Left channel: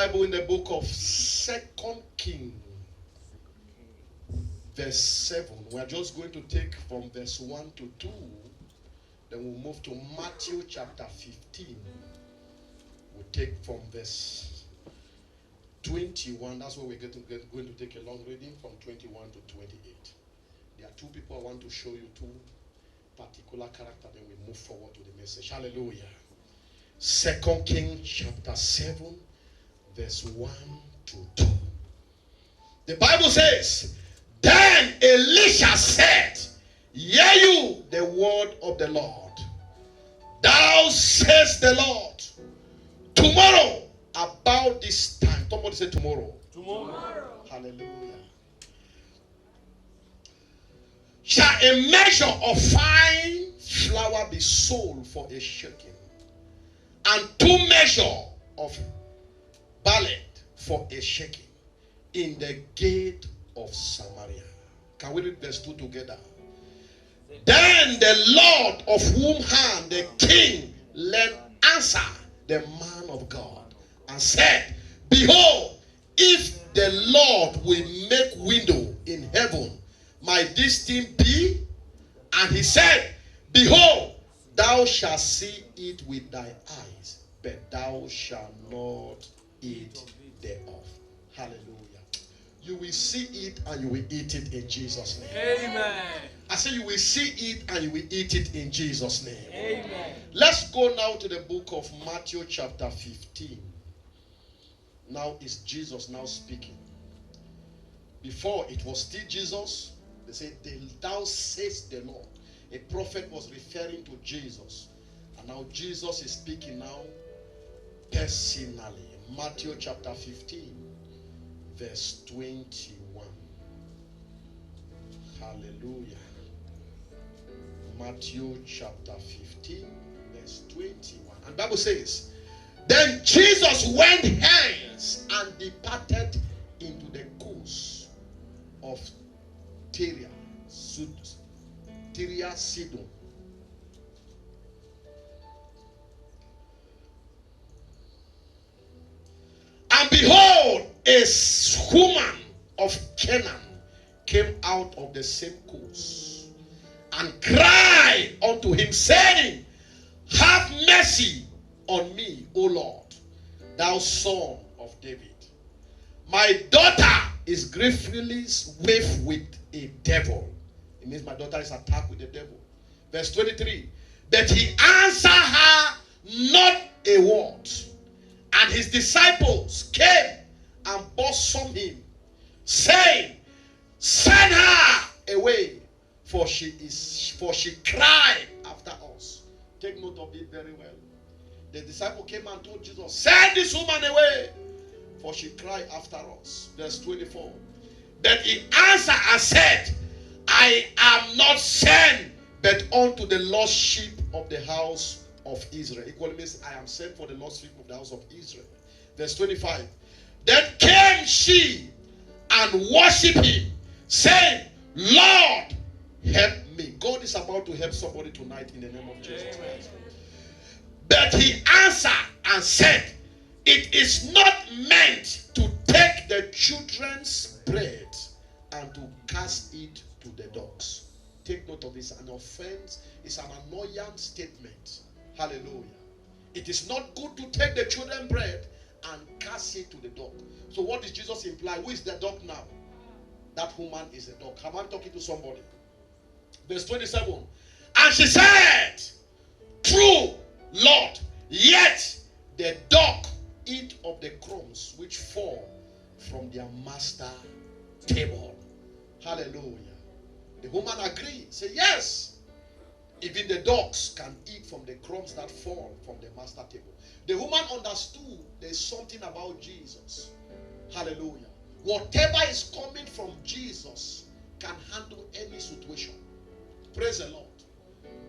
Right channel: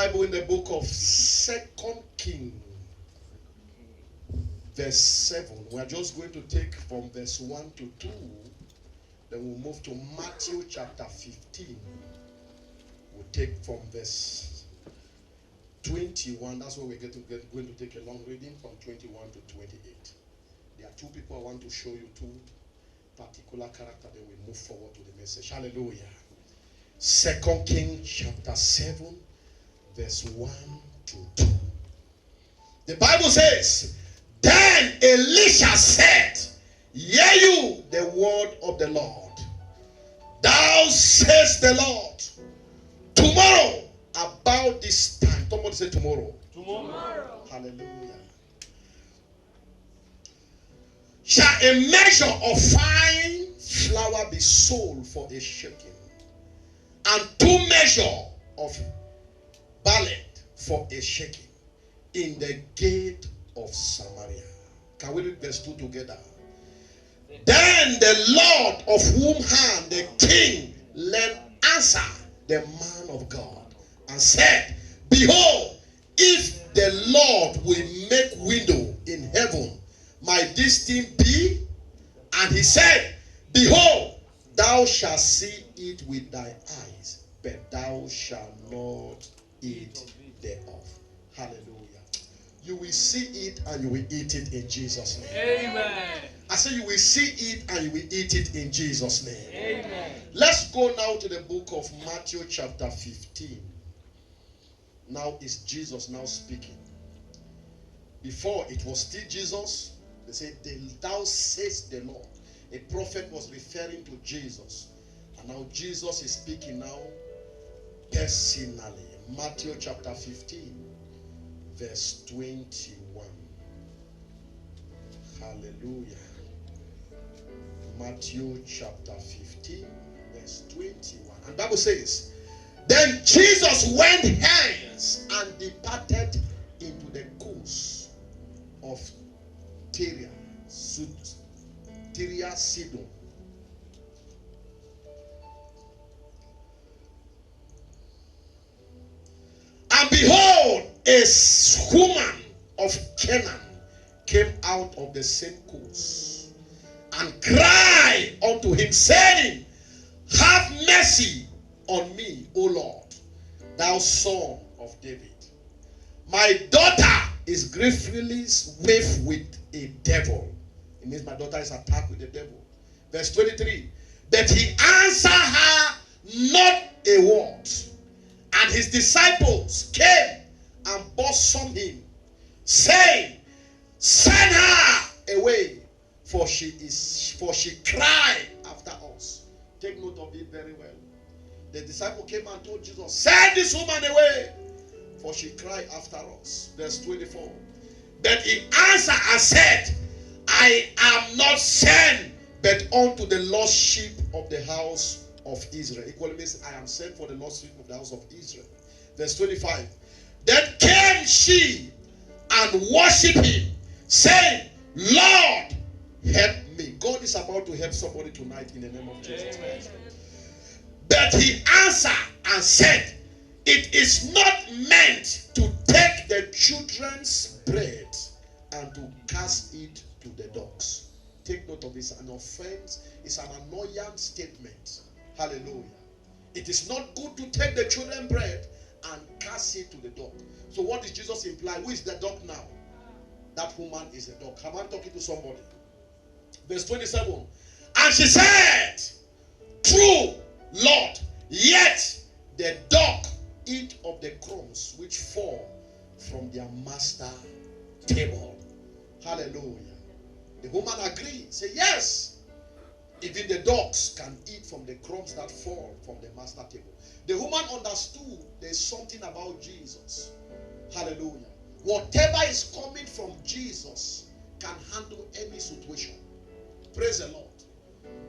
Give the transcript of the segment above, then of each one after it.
Bible in the book of 2 Kings, verse 7. We are just going to take from verse 1 to 2. Then we'll move to Matthew chapter 15. We'll take from verse 21. That's where we're going to take a long reading from 21 to 28. There are two people I want to show you, two particular characters. Then we move forward to the message. Hallelujah. 2 Kings chapter 7, verse 1 to 2. The Bible says, then Elisha said, hear you the word of the Lord. Thou says the Lord, tomorrow about this time. Somebody say tomorrow. Tomorrow. Hallelujah. Shall a measure of fine flour be sold for a shekel, and 2 measures of barley for a shekel in the gate of Samaria? Can we read verse 2 together? Then the Lord of whom hand the king let answer the man of God and said, behold, if the Lord will make window in heaven, might this thing be? And he said, behold, thou shalt see it with thy eyes, but thou shalt not eat thereof. Hallelujah. You will see it and you will eat it in Jesus' name. Amen. I say you will see it and you will eat it in Jesus' name. Amen. Let's go now to the book of Matthew chapter 15. Now is Jesus now speaking. Before it was still Jesus. They say, thou sayest the Lord. A prophet was referring to Jesus. And now Jesus is speaking now personally. Matthew chapter 15, verse 21. Hallelujah. Matthew chapter 15, verse 21. And the Bible says, then Jesus went hence and departed into the coast of Tyre, Sidon. And behold, a woman of Canaan came out of the same coast and cried unto him, saying, have mercy on me, O Lord, thou son of David. My daughter is griefully waived with a devil. It means my daughter is attacked with the devil. Verse 23. But he answered her not a word. And his disciples came and bosomed him, saying, send her away, for she cried after us. Take note of it very well. The disciple came and told Jesus, send this woman away, for she cried after us. Verse 24. But he answered and said, I am not sent but unto the lost sheep of the house of Israel. Equally means I am sent for the lost sheep of the house of Israel. Verse 25. Then came she and worshipped him, saying, Lord, help me. God is about to help somebody tonight in the name of Jesus Christ. But he answered and said, it is not meant to take the children's bread and to cast it to the dogs. Take note of this. An offense is an annoyance statement. Hallelujah. It is not good to take the children's bread and cast it to the dog. So what does Jesus imply? Who is the dog now? That woman is the dog. Am I talking to somebody? Verse 27. And she said, true, Lord, yet the dog eat of the crumbs which fall from their master table. Hallelujah. The woman agreed. Say, yes, even the dogs can eat from the crumbs that fall from the master table. The woman understood there's something about Jesus. Hallelujah. Whatever is coming from Jesus can handle any situation. Praise the Lord.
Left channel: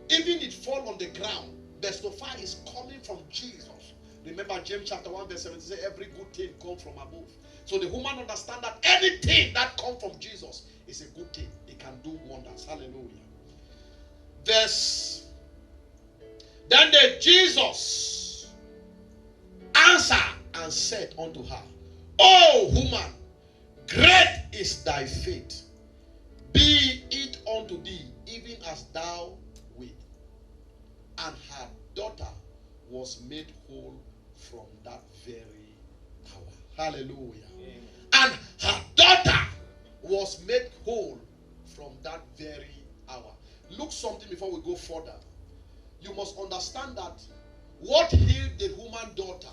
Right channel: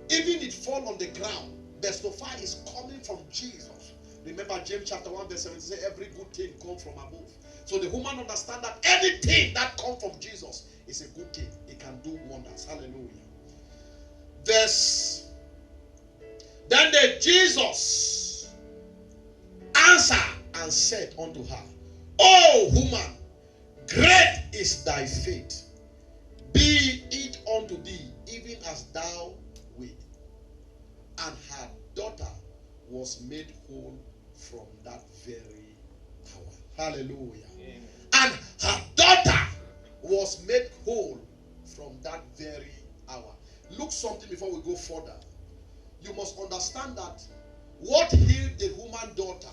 Even it fall on the ground, the sofa is coming from Jesus. Remember James chapter 1 verse 7 says every good thing comes from above. So the woman understand that anything that comes from Jesus is a good thing. It can do wonders. Hallelujah. Then the Jesus answered and said unto her, O woman, great is thy faith. Be it unto thee even as thou wilt. And her daughter was made whole from that very hour. Hallelujah. Amen. And her daughter was made whole from that very hour. Look something before we go further. You must understand that what healed the woman daughter,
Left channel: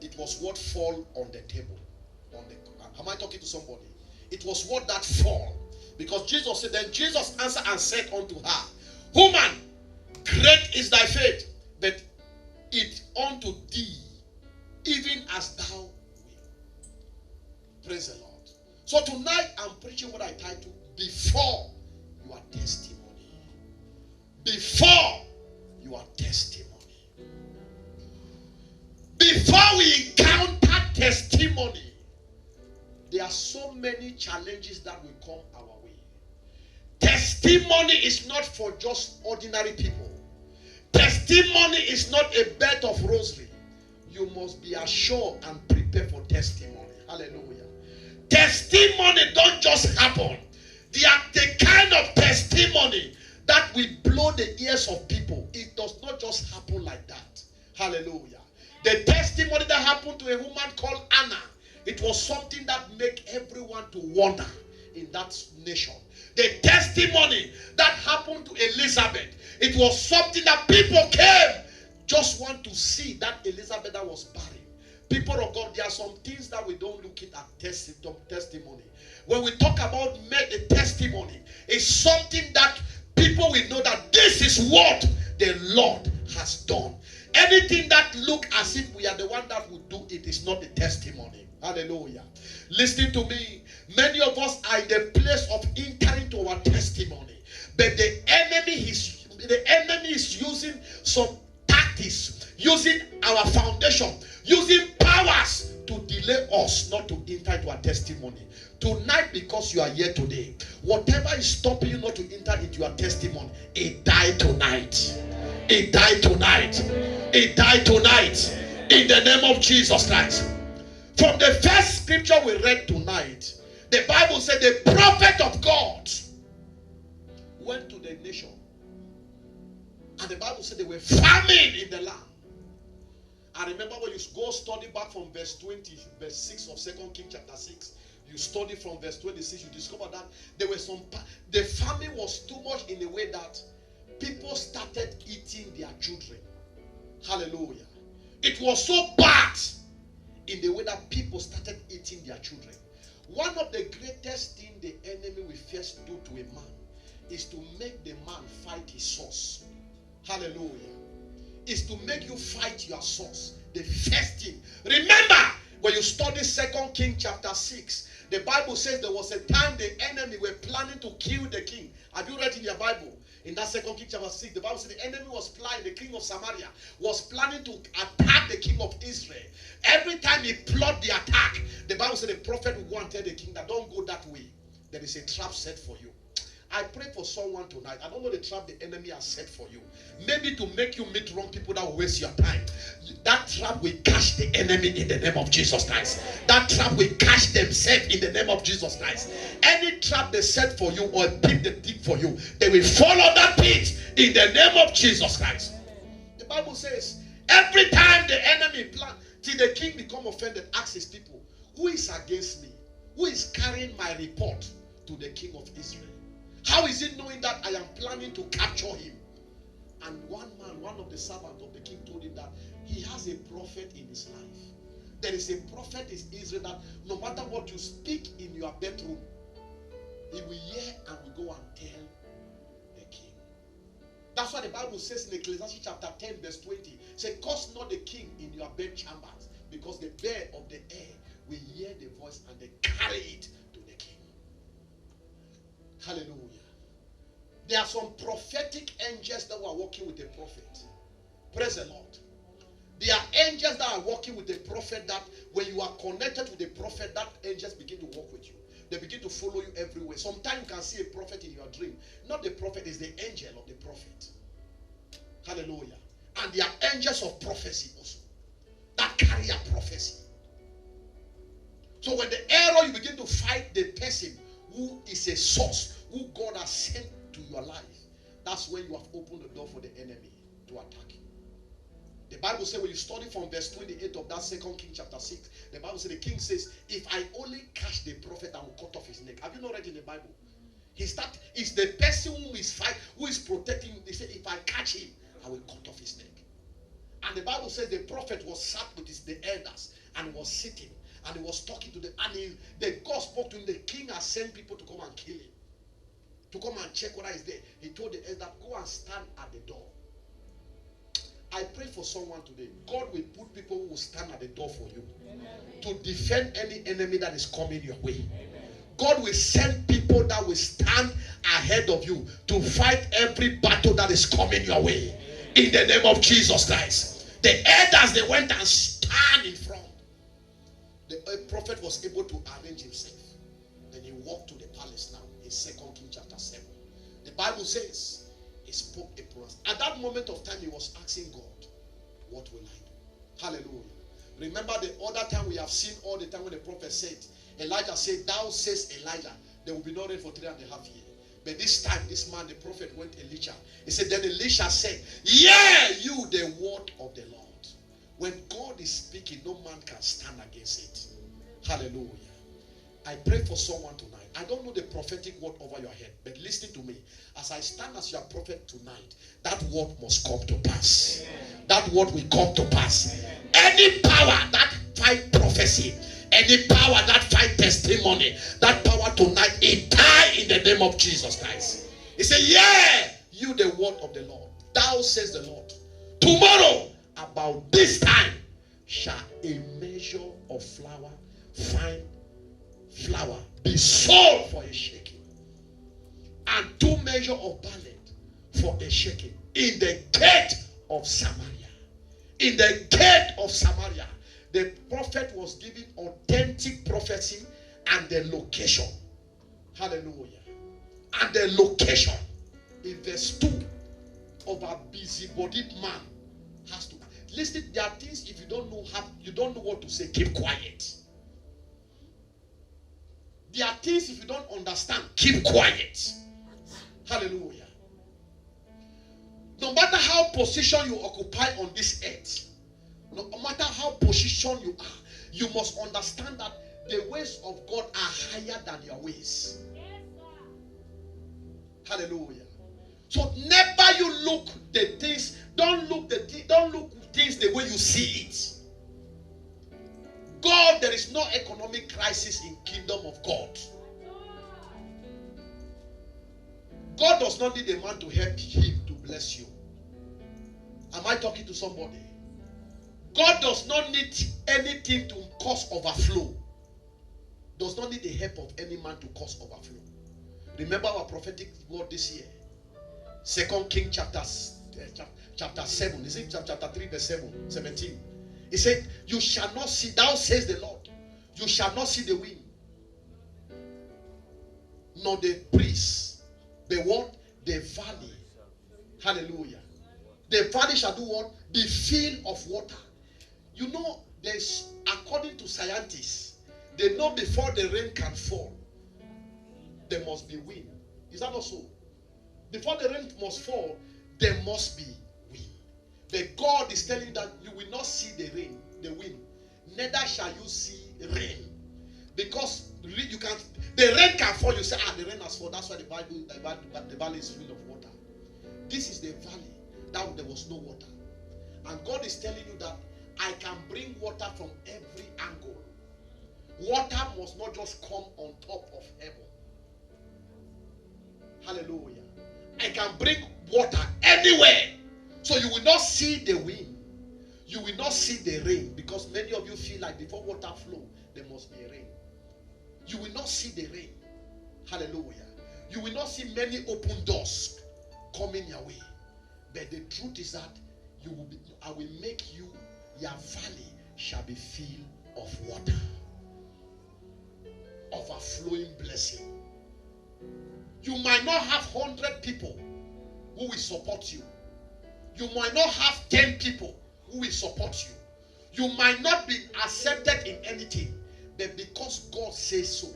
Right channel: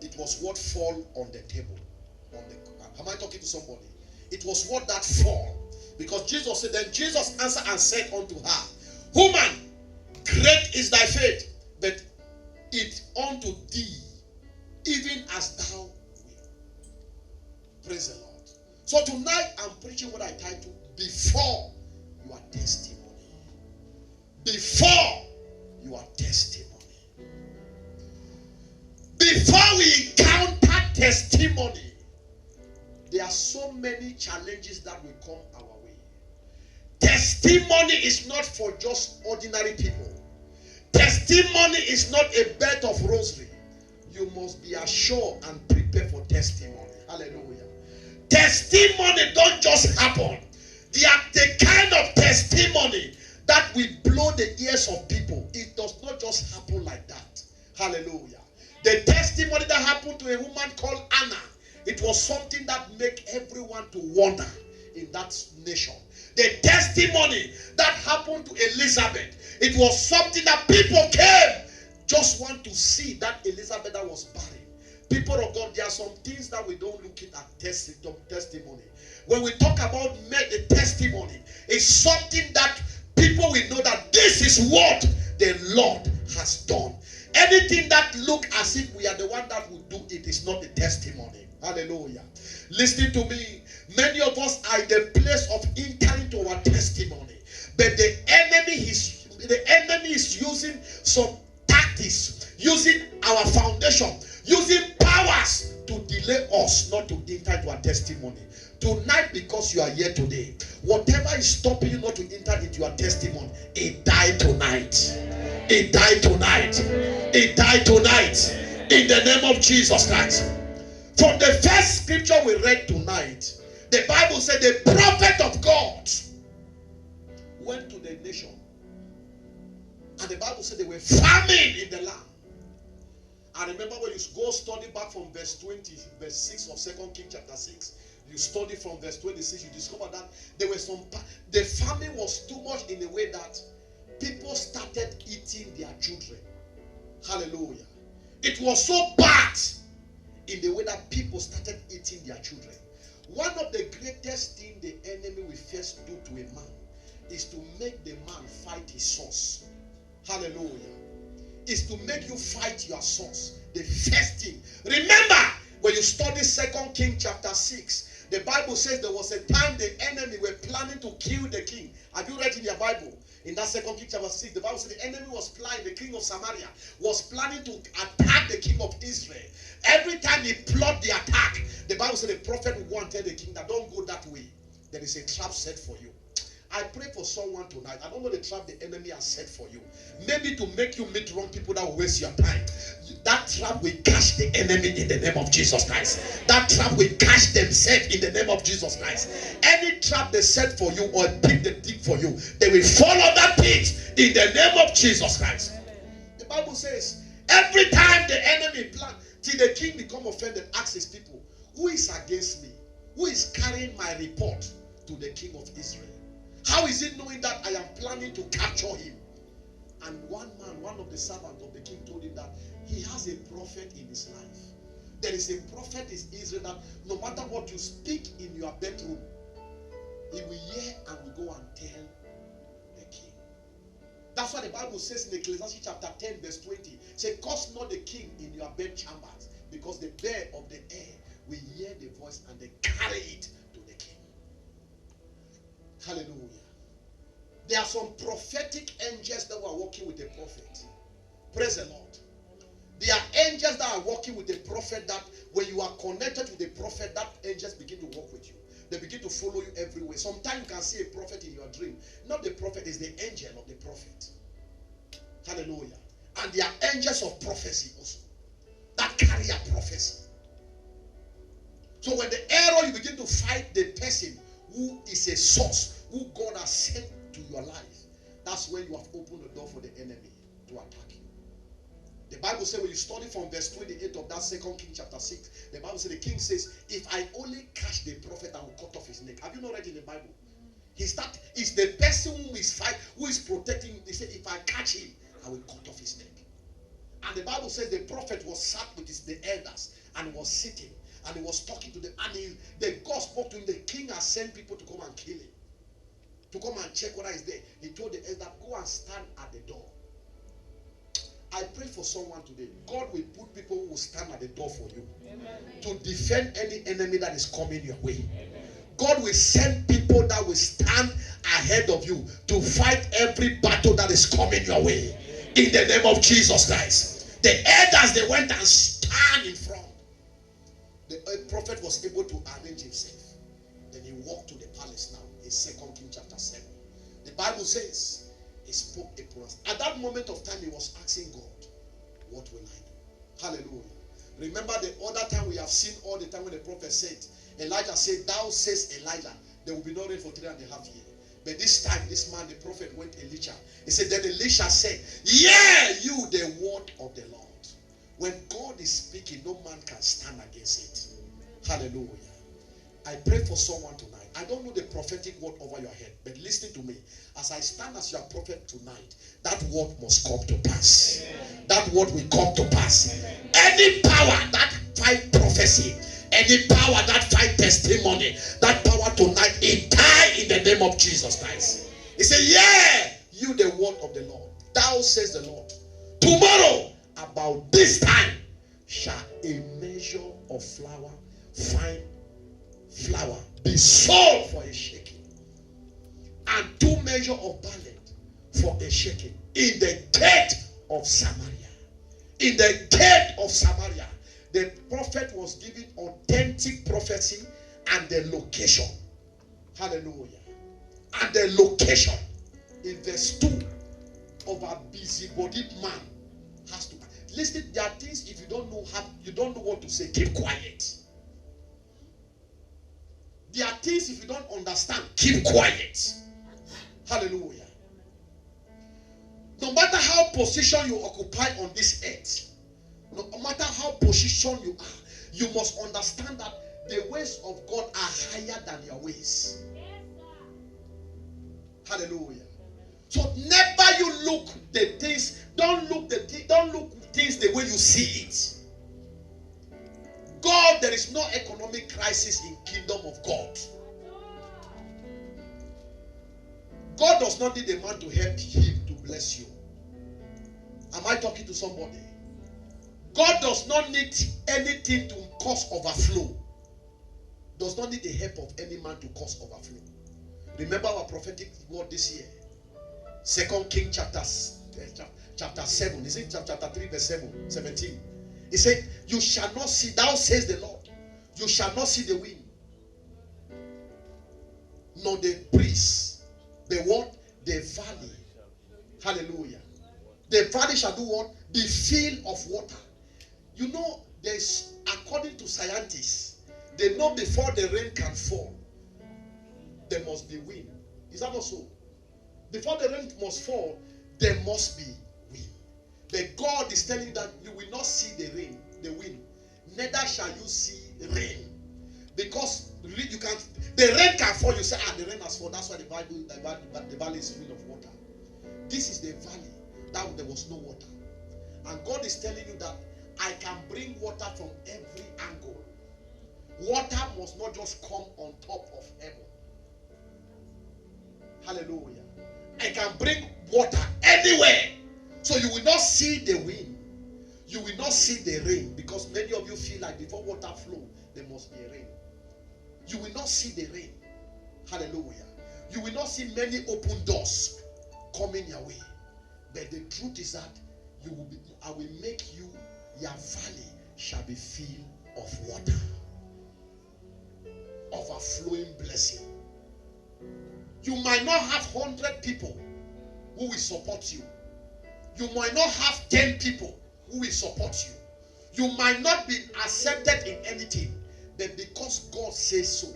it was what fall on the table. Am I talking to somebody? It was what that fall. Because Jesus said, then Jesus answered and said unto her, Woman, great is thy faith, but it unto thee, even as thou wilt. Praise the Lord. So tonight I'm preaching what I titled, Before Your Testimony. Before your testimony. Before we encounter testimony, there are so many challenges that will come our way. Testimony is not for just ordinary people. Testimony is not a bed of rosary. You must be assured and prepare for testimony. Hallelujah. Testimony don't just happen. They are the kind of testimony that will blow the ears of people. It does not just happen like that. Hallelujah. The testimony that happened to a woman called Anna, it was something that made everyone to wonder in that nation. The testimony that happened to Elizabeth, it was something that people came just want to see that Elizabeth that was barren. People of God, there are some things that we don't look at testimony. When we talk about the testimony, it's something that people will know that this is what the Lord has done. Anything that look as if we are the one that will do it is not a testimony. Hallelujah. Listen to me. Many of us are in the place of entering to our testimony, but the enemy is using some tactics, using our foundation, using powers to delay us not to enter into our testimony. Tonight, because you are here today, whatever is stopping you not to enter into your testimony, it died tonight. It died tonight. It died tonight. In the name of Jesus Christ. From the first scripture we read tonight, the Bible said the prophet of God went to the nation. And the Bible said they were famine in the land. I remember when you go study back from verse 20, verse 6 of 2 Kings chapter 6. You study from verse 26, you discover that there were the famine was too much in a way that people started eating their children. Hallelujah. It was so bad in the way that people started eating their children. One of the greatest things the enemy will first do to a man is to make the man fight his source. Hallelujah. Is to make you fight your source. The first thing. Remember, when you study 2 Kings chapter 6, the Bible says there was a time the enemy were planning to kill the king. Have you read in your Bible? In that 2 Kings chapter 6, the Bible said the enemy was planning, the king of Samaria was planning to attack the king of Israel. Every time he plotted the attack, the Bible said the prophet would go and tell the king that don't go that way. There is a trap set for you. I pray for someone tonight. I don't know the trap the enemy has set for you. Maybe to make you meet wrong people that will waste your time. That trap will catch the enemy in the name of Jesus Christ. That trap will catch themselves in the name of Jesus Christ. Any trap they set for you or a pit they dig for you, they will follow that pit in the name of Jesus Christ. The Bible says, every time the enemy plans, till the king become offended, asks his people, who is against me? Who is carrying my report to the king of Israel? How is it knowing that I am planning to capture him? And one man, one of the servants of the king told him that he has a prophet in his life. There is a prophet in Israel that no matter what you speak in your bedroom, he will hear and will go and tell the king. That's why the Bible says in Ecclesiastes chapter 10 verse 20, say, curse not the king in your bed chambers, because the bird of the air will hear the voice and they carry it to the king. Hallelujah. There are some prophetic angels that were working with the prophet. Praise the Lord. There are angels that are working with the prophet that when you are connected with the prophet, that angels begin to work with you. They begin to follow you everywhere. Sometimes you can see a prophet in your dream. Not the prophet, it's the angel of the prophet. Hallelujah. And there are angels of prophecy also. that carry a prophecy. So when the error, you begin to fight the person who is a source, who God has sent to your life, that's when you have opened the door for the enemy to attack you. The Bible says, when you study from verse 28 of that 2 Kings chapter 6, the Bible says, the king says, if I only catch the prophet, I will cut off his neck. Have you not read in the Bible? It's the person who is protecting him. They say, if I catch him, I will cut off his neck. And the Bible says the prophet was sat with the elders and was sitting and he was talking to them. And the God spoke to him. The king has sent people to come and kill him, to come and check whether he's there. He told the elder, go and stand at the door. I pray for someone today. God will put people who will stand at the door for you. Amen. To defend any enemy that is coming your way. Amen. God will send people that will stand ahead of you to fight every battle that is coming your way. In the name of Jesus Christ. The elders, they went and stand in front. The prophet was able to arrange himself. Then he walked to the palace now. In 2 Kings chapter 7. The Bible says, he spoke a promise. At that moment of time, he was asking God, what will I do? Hallelujah. Remember the other time we have seen all the time when the prophet said, Elijah said, thou says Elijah, there will be no rain for 3.5 years. But this time, this man, the prophet, went Elisha. He said, then Elisha said, yeah, you, the word of the Lord. When God is speaking, no man can stand against it. Hallelujah. I pray for someone tonight. I don't know the prophetic word over your head, but listen to me. As I stand as your prophet tonight, that word must come to pass. That word will come to pass. Any power that fight prophecy, any power that fight testimony, that power tonight, it die in the name of Jesus Christ. He said, yeah, you the word of the Lord. Thou says the Lord, tomorrow about this time shall a measure of flour, fine flour, be sold for a shekel, and 2 measures of barley for a shekel in the gate of Samaria. In the gate of Samaria, the prophet was giving authentic prophecy and the location. Hallelujah. And the location in verse 2 of a busybodied man has to. Listen, there are things if you don't know what to say, keep quiet. There are things if you don't understand, keep quiet. Hallelujah. No matter how position you occupy on this earth, no matter how position you are, you must understand that the ways of God are higher than your ways. Hallelujah. So never you look the things, don't look things the way you see it. God, there is no economic crisis in kingdom of God. God does not need a man to help him to bless you. Am I talking to somebody? God does not need anything to cause overflow. Does not need the help of any man to cause overflow. Remember our prophetic word this year. 2 Kings chapter 7. Is it chapter 3 verse 17? He said, you shall not see, thou says the Lord, you shall not see the wind, nor the breeze, the what? The valley. Hallelujah. The valley shall do what? Be filled of water. You know, there's, according to scientists, they know before the rain can fall, there must be wind. Is that not so? Before the rain must fall, there must be wind. But God is telling you that you will not see the rain, the wind. Neither shall you see rain. Because you can't, the rain can fall. You say, the rain has fallen. That's why the valley is full of water. This is the valley that there was no water. And God is telling you that I can bring water from every angle. Water must not just come on top of heaven. Hallelujah. I can bring water anywhere. So you will not see the wind. You will not see the rain. Because many of you feel like before water flow, there must be a rain. You will not see the rain. Hallelujah. You will not see many open doors coming your way. But the truth is that I will make you, your valley shall be filled of water. Overflowing blessing. You might not have 100 people who will support you. You might not have 10 people who will support you. You might not be accepted in anything, but because God says so,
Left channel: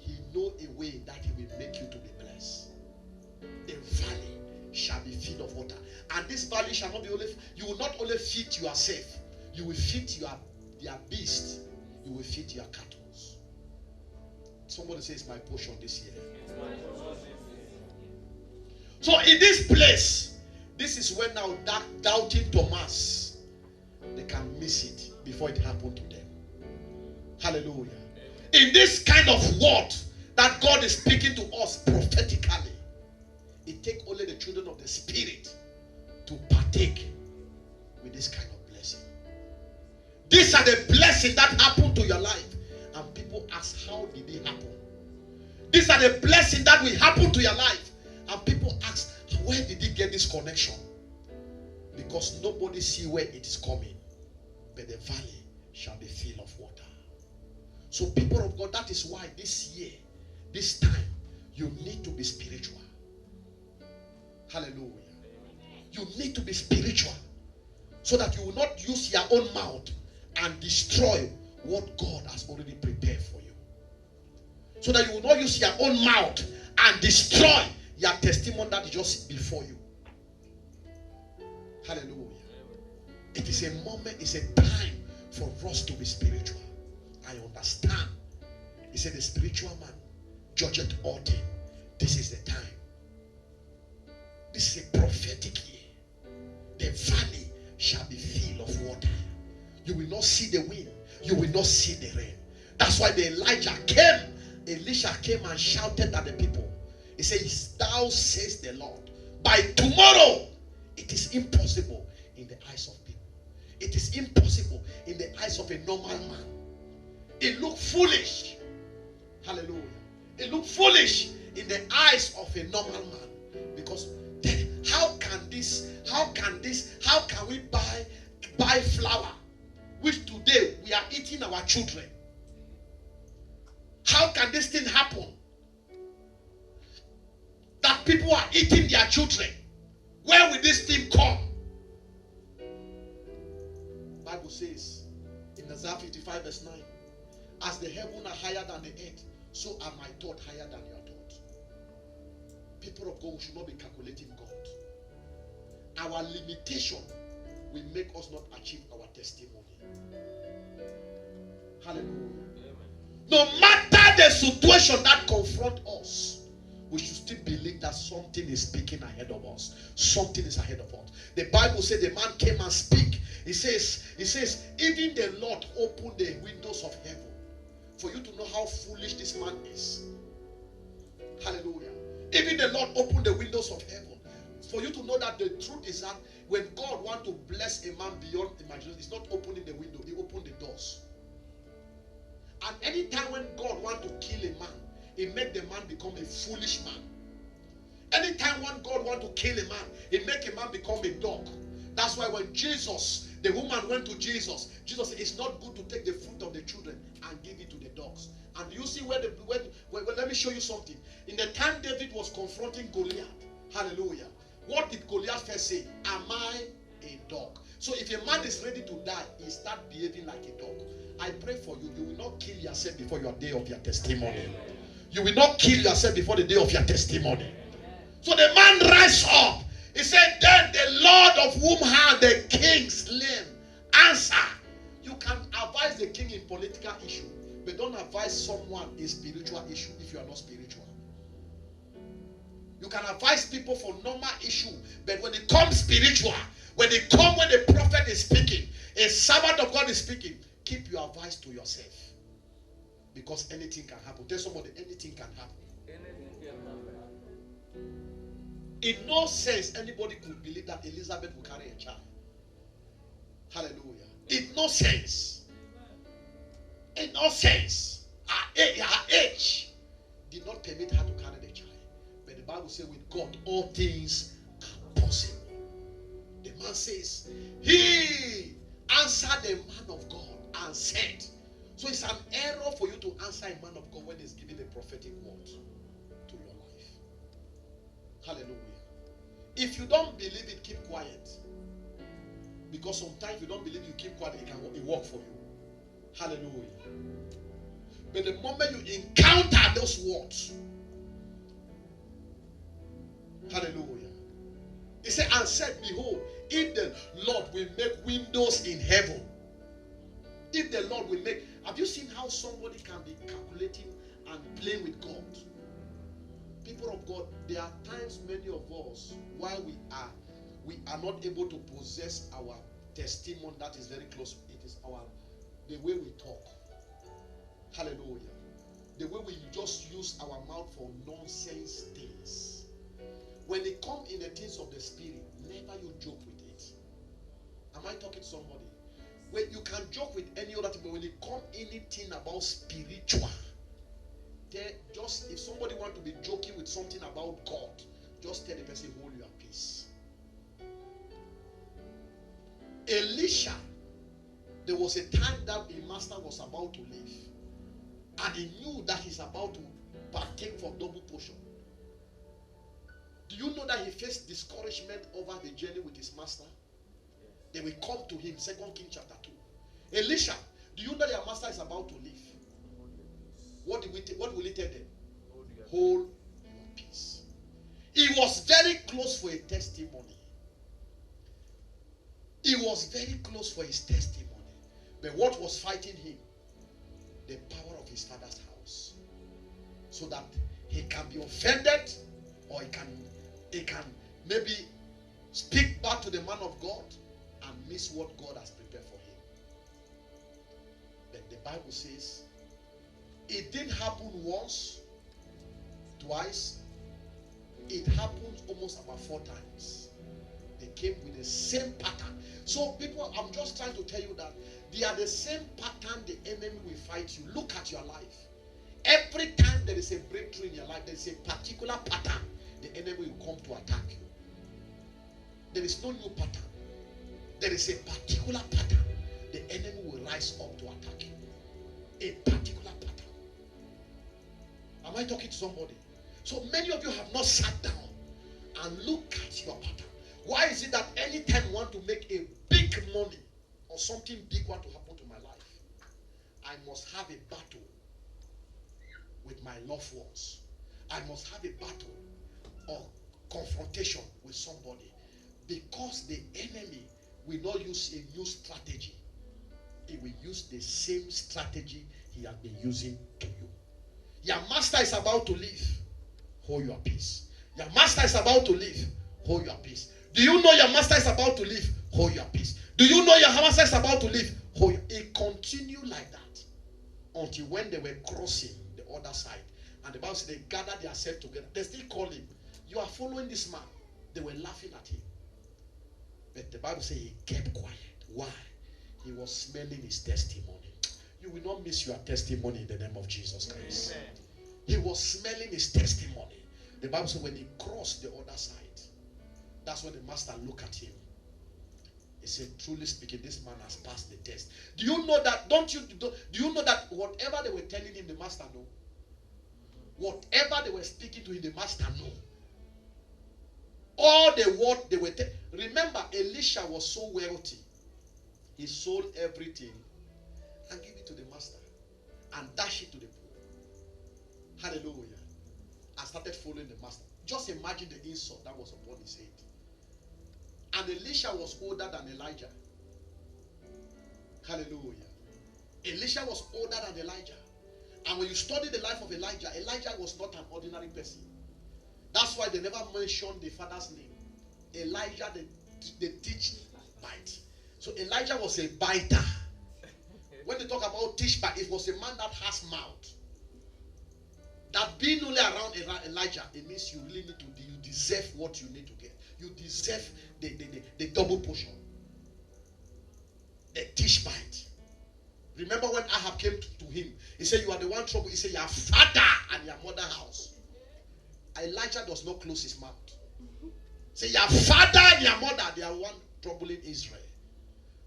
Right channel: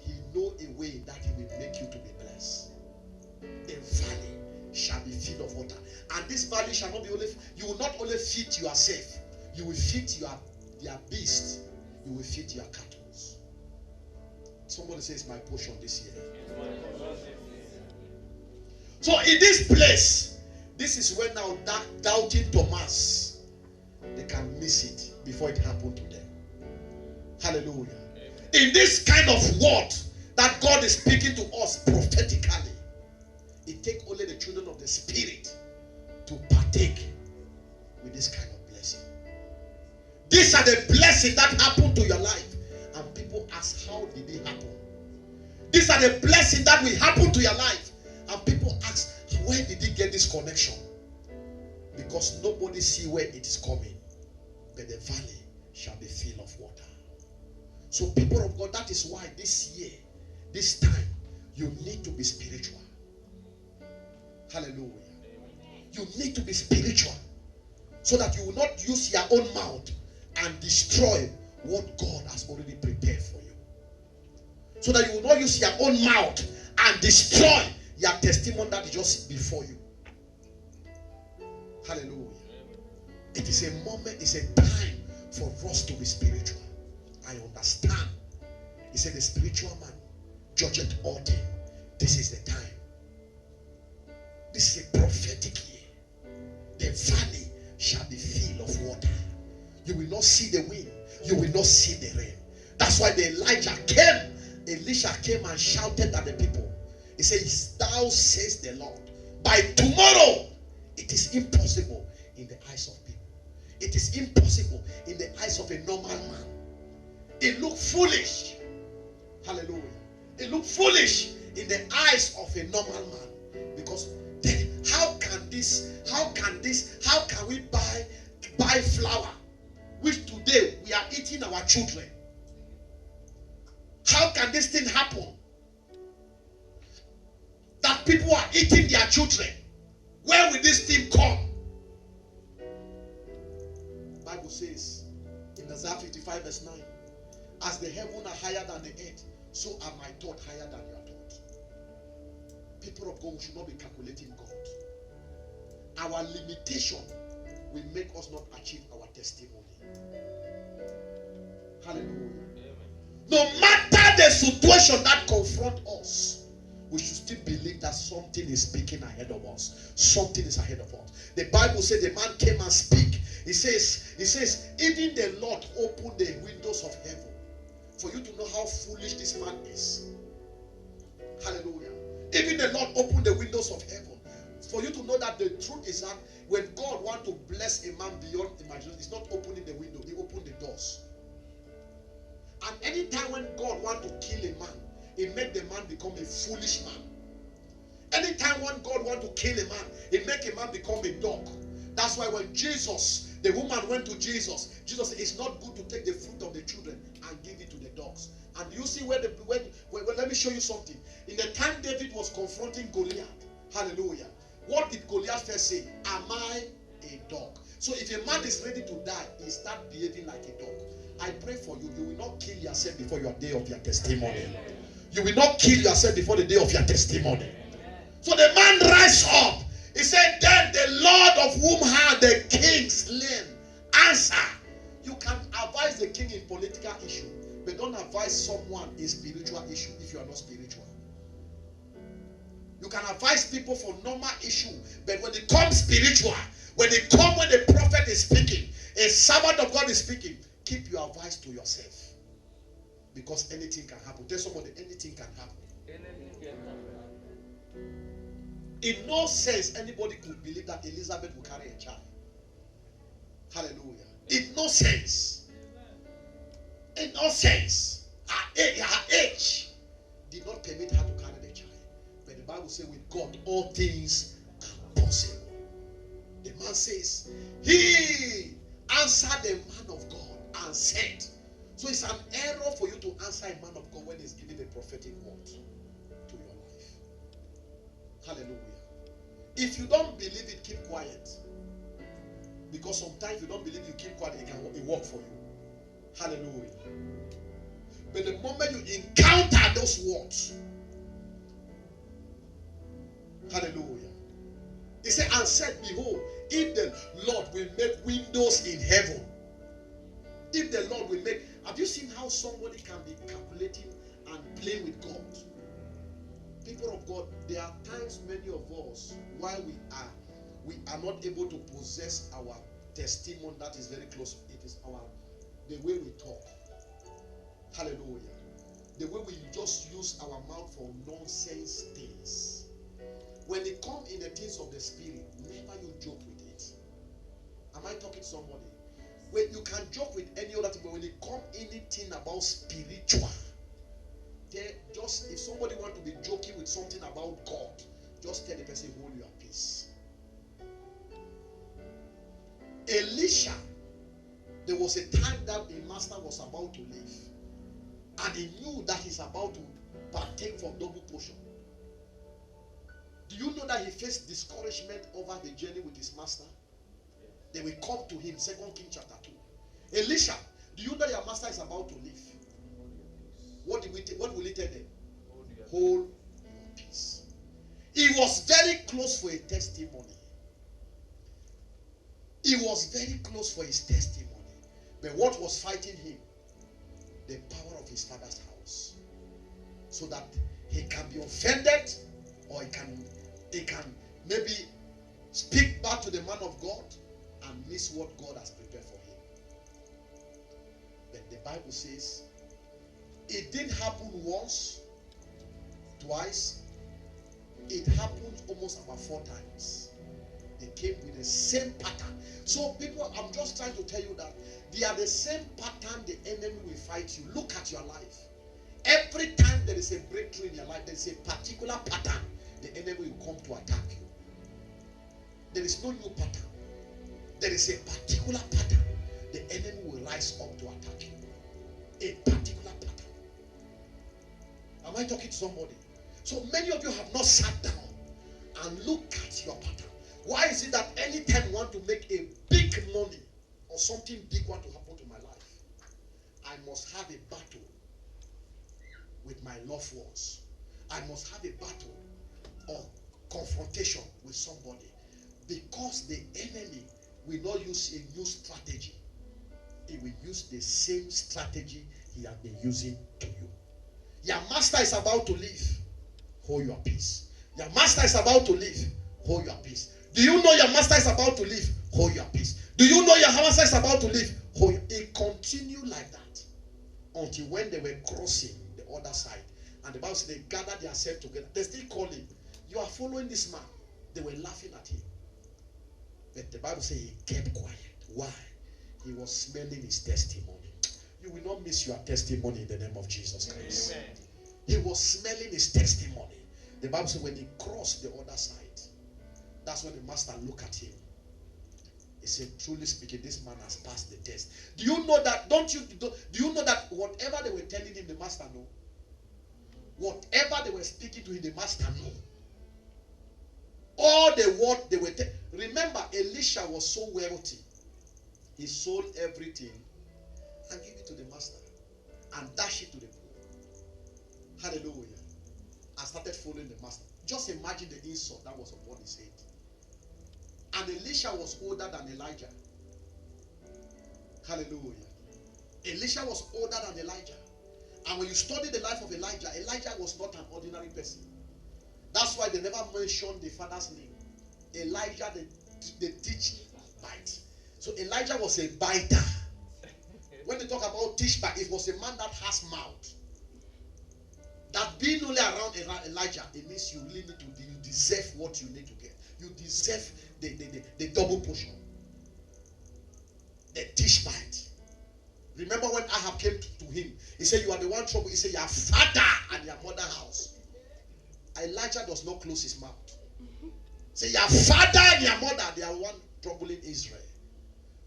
He knows a way that He will make you to be blessed. The valley shall be filled of water. And this valley shall not be only, you will not only feed yourself, you will feed their beast, you will feed your cattle. Somebody says my portion this year. So in this place, this is when now that doubting Thomas, they can miss it before it happened to them. Hallelujah. In this kind of word that God is speaking to us prophetically, it takes only the children of the Spirit to partake with this kind of blessing. These are the blessings that happen to your life. And people ask, how did it happen? These are the blessings that will happen to your life. And people ask, where did he get this connection? Because nobody see where it is coming. But the valley shall be filled of water. So people of God, that is why this year, this time, you need to be spiritual. Hallelujah. You need to be spiritual. So that you will not use your own mouth and destroy what God has already prepared for you. So that you will not use your own mouth and destroy your testimony that is just before you. Hallelujah. It is a moment, it's a time for us to be spiritual. I understand. He said the spiritual man judgeth all things. This is the time. This is a prophetic year. The valley shall be filled of water. You will not see the wind. You will not see the rain. That's why the Elisha came and shouted at the people. He says, thou says the Lord, by tomorrow it is impossible in the eyes of people. It is impossible in the eyes of a normal man. It looked foolish. Hallelujah. It looked foolish in the eyes of a normal man. Because then how can we buy flour, which today we are eating our children? How can this thing happen? That people are eating their children. Where will this thing come? Bible says in Isaiah 55 verse 9, as the heavens are higher than the earth, so are my thoughts higher than your thoughts. People of God, we should not be calculating God. Our limitation will make us not achieve our testimony. Hallelujah. No matter the situation that confronts us, we should still believe that something is speaking ahead of us. Something is ahead of us. The Bible says the man came and speak. He says, even the Lord opened the windows of heaven for you to know how foolish this man is. Hallelujah. Even the Lord opened the windows of heaven for you to know that the truth is that when God wants to bless a man beyond imagination, He's not opening the window, He opened the doors. And anytime when God wants to kill a man, He makes the man become a foolish man. Anytime when God wants to kill a man, He makes a man become a dog. That's why when Jesus, the woman went to Jesus, Jesus said, it's not good to take the fruit of the children and give it to the dogs. And you see where let me show you something. In the time David was confronting Goliath, hallelujah, what did Goliath first say? Am I a dog? So if a man is ready to die, he starts behaving like a dog. I pray for you, you will not kill yourself before your day of your testimony. You will not kill yourself before the day of your testimony. So the man rise up. He said, then the Lord of whom had the king slain answer. You can advise the king in political issue, but don't advise someone in spiritual issue if you are not spiritual. You can advise people for normal issue, but when it comes spiritual, when the prophet is speaking, a servant of God is speaking, keep your advice to yourself. Because anything can happen. Tell somebody, anything can happen. Anything can happen. In no sense, anybody could believe that Elizabeth will carry a child. Hallelujah. In no sense. In no sense. Her age did not permit her to carry the child. But the Bible says with God, all things are possible. The man says, he answered the man of God and said. So it's an error for you to answer a man of God when he's giving a prophetic word to your life. Hallelujah. If you don't believe it, keep quiet. Because sometimes you don't believe, you keep quiet, it work for you. Hallelujah. But the moment you encounter those words, hallelujah. He said, and said, behold, if the Lord will make windows in heaven, if the Lord will make, have you seen how somebody can be calculating and playing with God? People of God, there are times many of us, while we are not able to possess our testimony that is very close. It is the way we talk. Hallelujah. The way we just use our mouth for nonsense things. When it comes in the things of the spirit, never you joke with it. Am I talking to somebody? When you can joke with any other thing, but when it comes anything about spiritual, just if somebody want to be joking with something about God, just tell the person, hold your peace. Elisha, there was a time that a master was about to leave, and he knew that he's about to partake from double portion. Do you know that he faced discouragement over the journey with his master? They will come to him, 2 Kings chapter 2. Elisha, do you know your master is about to leave? What will he tell them? Hold your peace. He was very close for a testimony. He was very close for his testimony. But what was fighting him? The power of his father's house. So that he can be offended, or he can maybe speak back to the man of God and miss what God has prepared for him. But the Bible says it didn't happen once, twice. It happened almost about 4 times. They came with the same pattern. So people, I'm just trying to tell you that they are the same pattern the enemy will fight you. Look at your life. Every time there is a breakthrough in your life, there is a particular pattern the enemy will come to attack you. There is no new pattern. There is a particular pattern the enemy will rise up to attack you. A particular pattern. Am I talking to somebody? So many of you have not sat down and looked at your pattern. Why is it that anytime you want to make a big money or something big want to happen to my life, I must have a battle with my loved ones. I must have a battle or confrontation with somebody, because the enemy will not use a new strategy. He will use the same strategy he has been using to you. Your master is about to leave. Hold your peace. Your master is about to leave. Hold your peace. Do you know your master is about to leave? Hold your peace. Do you know your master is about to leave? Hold your peace. It continued like that until when they were crossing the other side. And the Bible said they gathered themselves together. They still call him. You are following this man. They were laughing at him. But the Bible says he kept quiet. Why? He was smelling his testimony. You will not miss your testimony in the name of Jesus Christ. Amen. He was smelling his testimony. The Bible says when he crossed the other side, that's when the master looked at him. He said, truly speaking, this man has passed the test. Do you know that? Do you know that whatever they were telling him, the master knew? Whatever they were speaking to him, the master knew. All the word they were telling. Remember, Elisha was so wealthy. He sold everything and gave it to the master and dashed it to the poor. Hallelujah. And started following the master. Just imagine the insult that was upon his head. And Elisha was older than Elijah. Hallelujah. Elisha was older than Elijah. And when you study the life of Elijah, Elijah was not an ordinary person. That's why they never mentioned the father's name. Elijah, they teach bite. So Elijah was a biter. When they talk about teach bite, it was a man that has mouth. That being only around Elijah, it means you really need to, you deserve what you need to get. You deserve the double portion. The Tishbite. Remember when Ahab came to him, he said, you are the one trouble. He said, your father and your mother house. Elijah does not close his mouth. Say, your father and your mother, they are one troubling Israel.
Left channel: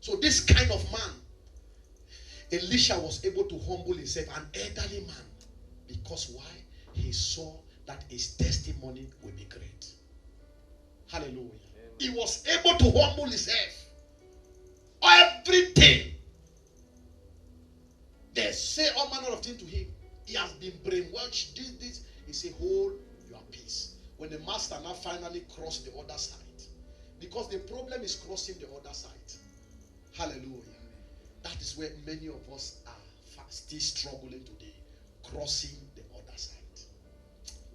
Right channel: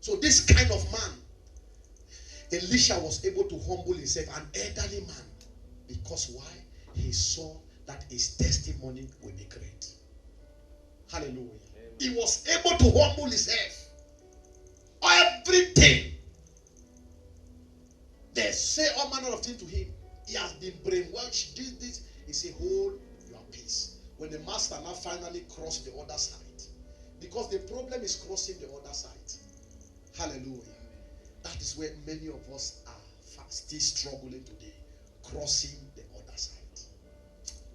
So this kind of man, Elisha was able to humble himself, an elderly man. Because why? He saw that his testimony will be great. Hallelujah. Amen. He was able to humble himself. say all manner of things to him. He has been brainwashed. This. He say, hold your peace. When the master now finally crossed the other side. Because the problem is crossing the other side. Hallelujah. That is where many of us are still struggling today. Crossing the other side.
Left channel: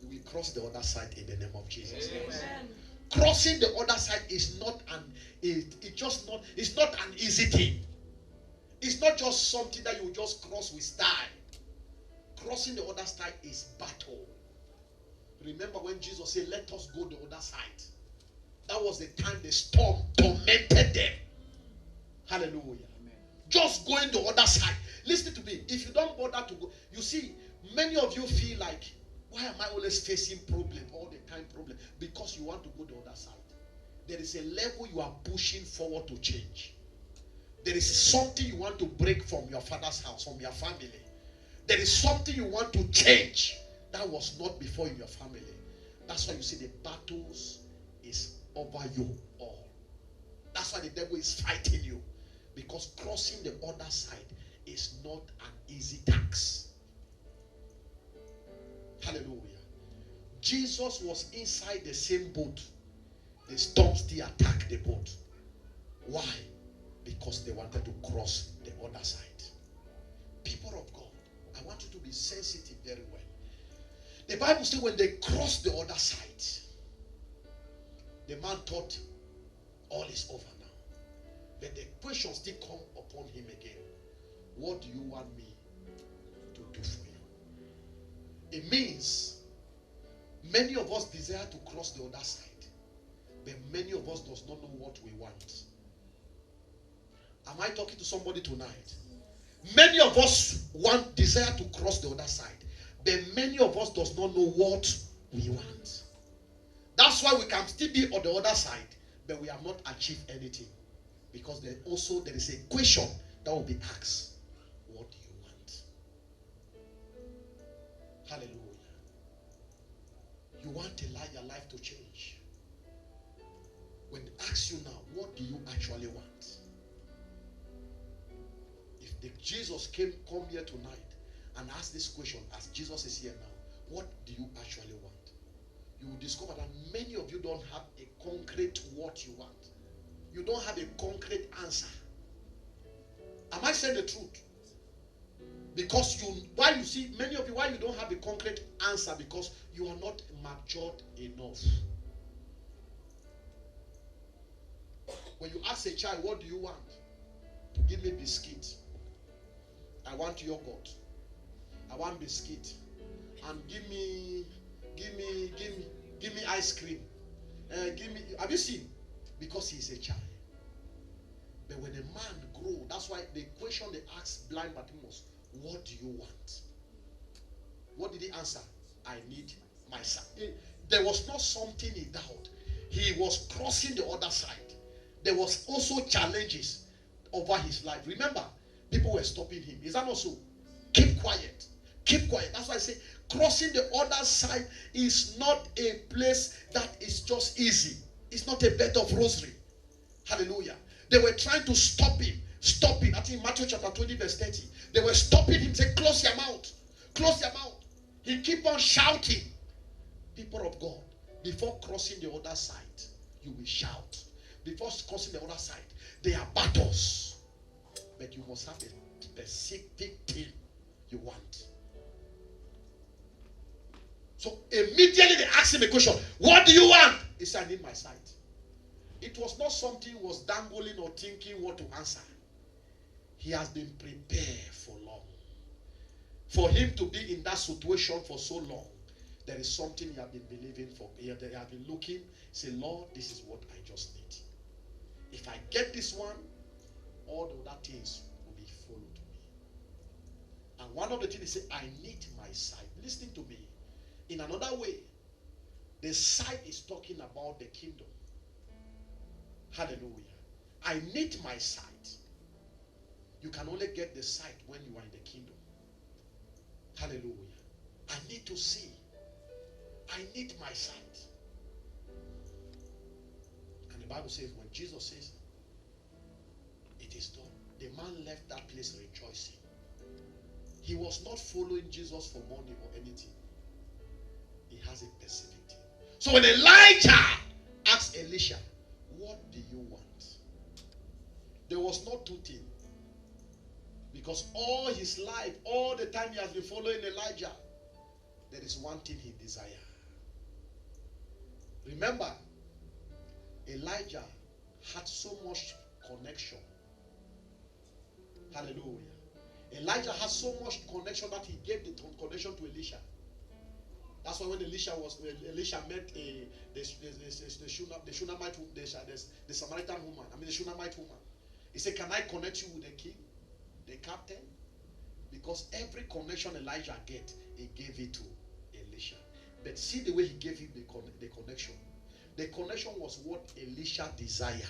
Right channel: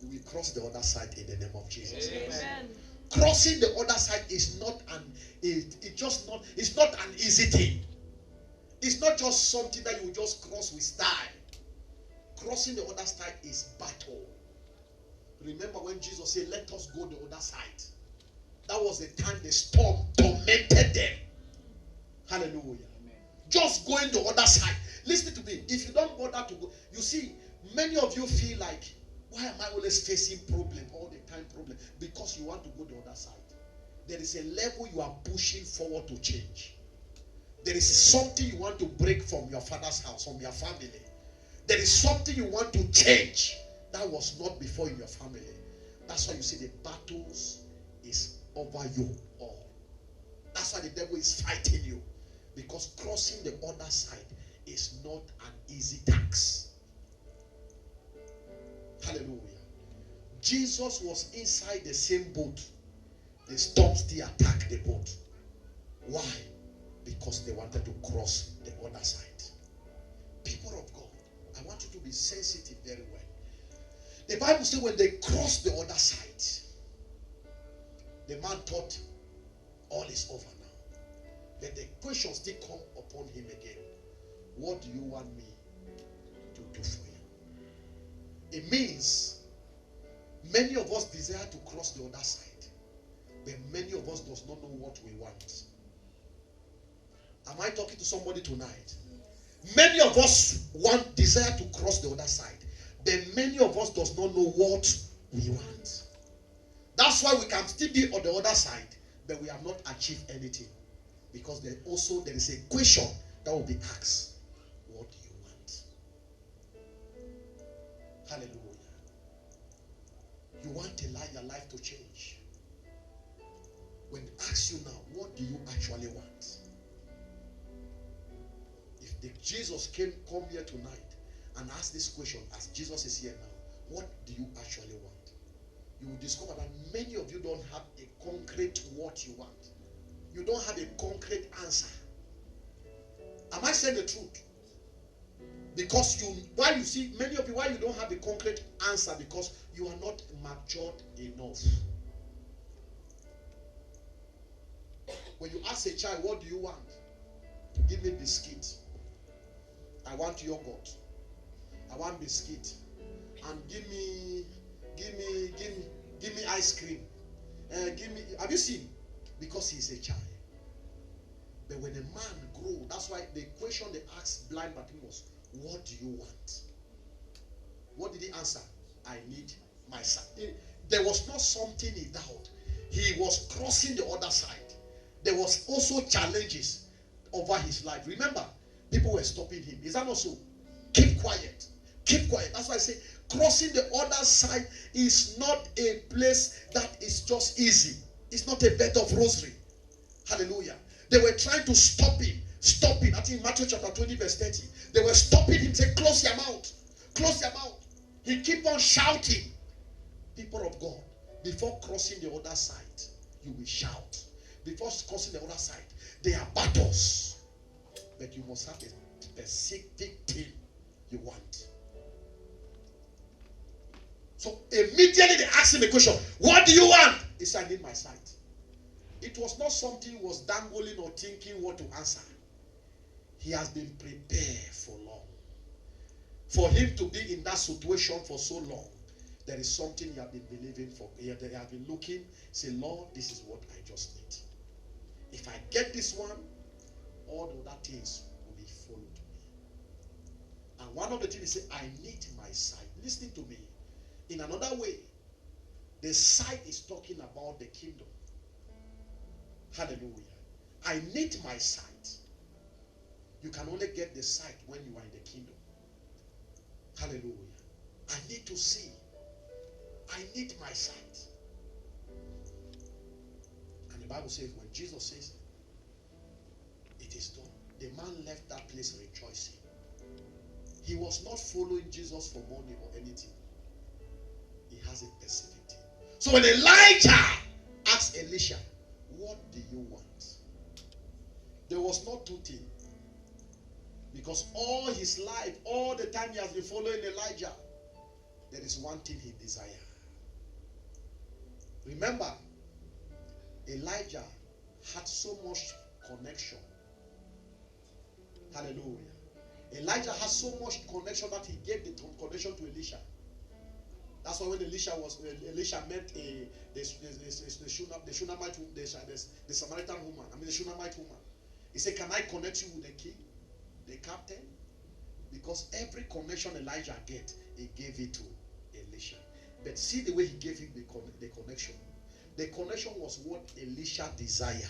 We will cross the other side in the name of Jesus. Amen. Crossing the other side is not it's not an easy thing. It's not just something that you just cross with style. Crossing the other side is battle. Remember when Jesus said, let us go the other side. That was the time the storm tormented them. Hallelujah. Amen. Just going the other side. Listen to me. If you don't bother to go, you see, many of you feel like, why am I always facing problem, all the time problem? Because you want to go the other side. There is a level you are pushing forward to change. There is something you want to break from your father's house, from your family. There is something you want to change that was not before in your family. That's why you see the battles is over you all. That's why the devil is fighting you. Because crossing the other side is not an easy task. Hallelujah. Jesus was inside the same boat. The storm still attacked the boat. Why? Because they wanted to cross the other side. People of God, I want you to be sensitive very well. The Bible says when they crossed the other side, the man thought all is over now. But the question still come upon him again. What do you want me to do for you? It means many of us desire to cross the other side, but many of us does not know what we want. Am I talking to somebody tonight? Many of us desire to cross the other side, but many of us does not know what we want. That's why we can still be on the other side, but we have not achieved anything. Because there is a question that will be asked. What do you want? Hallelujah. You want your life to change. When they ask you now, what do you actually want? If Jesus come here tonight and ask this question, as Jesus is here now, what do you actually want? You will discover that many of you don't have a concrete what you want. You don't have a concrete answer. Am I saying the truth? Because many of you, why you don't have a concrete answer? Because you are not matured enough. When you ask a child, what do you want? Give me biscuit. I want yogurt. I want biscuit. And give me ice cream. Have you seen? Because he is a child. But when a man grows, that's why the question they asked blind Bartimaeus, what do you want? What did he answer? I need my son. There was not something he doubted. He was crossing the other side. There was also challenges over his life. Remember, people were stopping him. Is that not so? Keep quiet. Keep quiet. That's why I say crossing the other side is not a place that is just easy. It's not a bed of rosary. Hallelujah. They were trying to stop him. Stop him. I think Matthew chapter 20 verse 30. They were stopping him. Say, close your mouth. Close your mouth. He keep on shouting. People of God, before crossing the other side, you will shout. Before crossing the other side, there are battles. But you must have a specific thing you want. So immediately they asked him the question, what do you want? He said, I need my sight. It was not something he was dangling or thinking what to answer. He has been prepared for long. For him to be in that situation for so long, there is something he has been believing for. They have been looking, say, Lord, this is what I just need. If I get this one, all the other things will be followed me. And one of the things he said, I need my sight. Listen to me. In another way, the sight is talking about the kingdom. Hallelujah. I need my sight. You can only get the sight when you are in the kingdom. Hallelujah. I need to see. I need my sight. And the Bible says when Jesus says, it is done, the man left that place rejoicing. He was not following Jesus for money or anything. He has a perseverity. So when Elijah asked Elisha, what do you want? There was not two things. Because all his life, all the time he has been following Elijah, there is one thing he desires. Remember, Elijah had so much connection. Hallelujah. Elijah had so much connection that he gave the connection to Elisha. That's why when Elisha met the Shunammite, the Samaritan woman, the Shunammite woman, he said, can I connect you with the king, the captain? Because every connection Elijah get, he gave it to Elisha. But see the way he gave him the connection. The connection was what Elisha desired.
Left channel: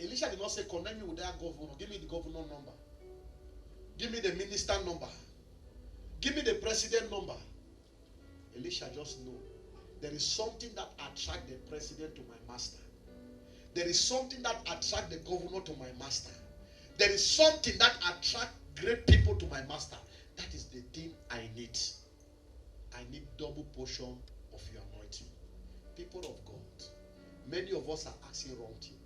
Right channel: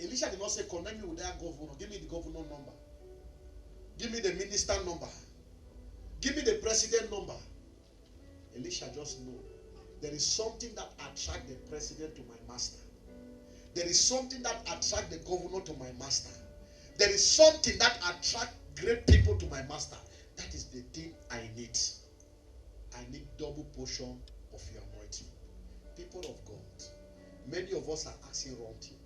Elisha did not say, connect me with that governor. Give me the governor number. Give me the minister number. Give me the president number. Elisha just know there is something that attracts the president to my master. There is something that attracts the governor to my master. There is something that attracts great people to my master. That is the thing I need. I need double portion of your anointing. People of God, many of us are asking wrong thing.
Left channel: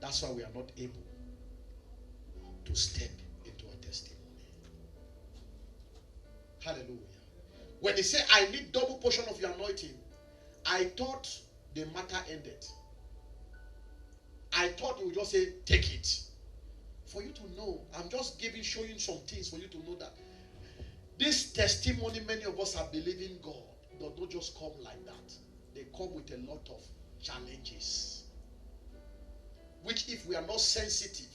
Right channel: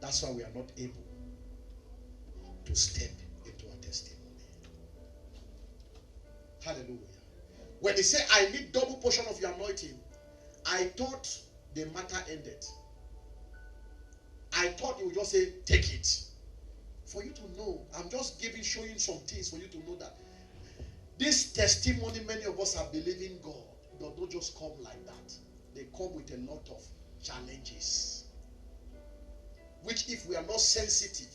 That's why we are not able to step into our testimony. Hallelujah. When they say, I need double portion of your anointing, I thought the matter ended. I thought you would just say, take it. For you to know, I'm just showing some things for you to know that this testimony many of us are believing God does not just come like that. They come with a lot of challenges, which if we are not sensitive,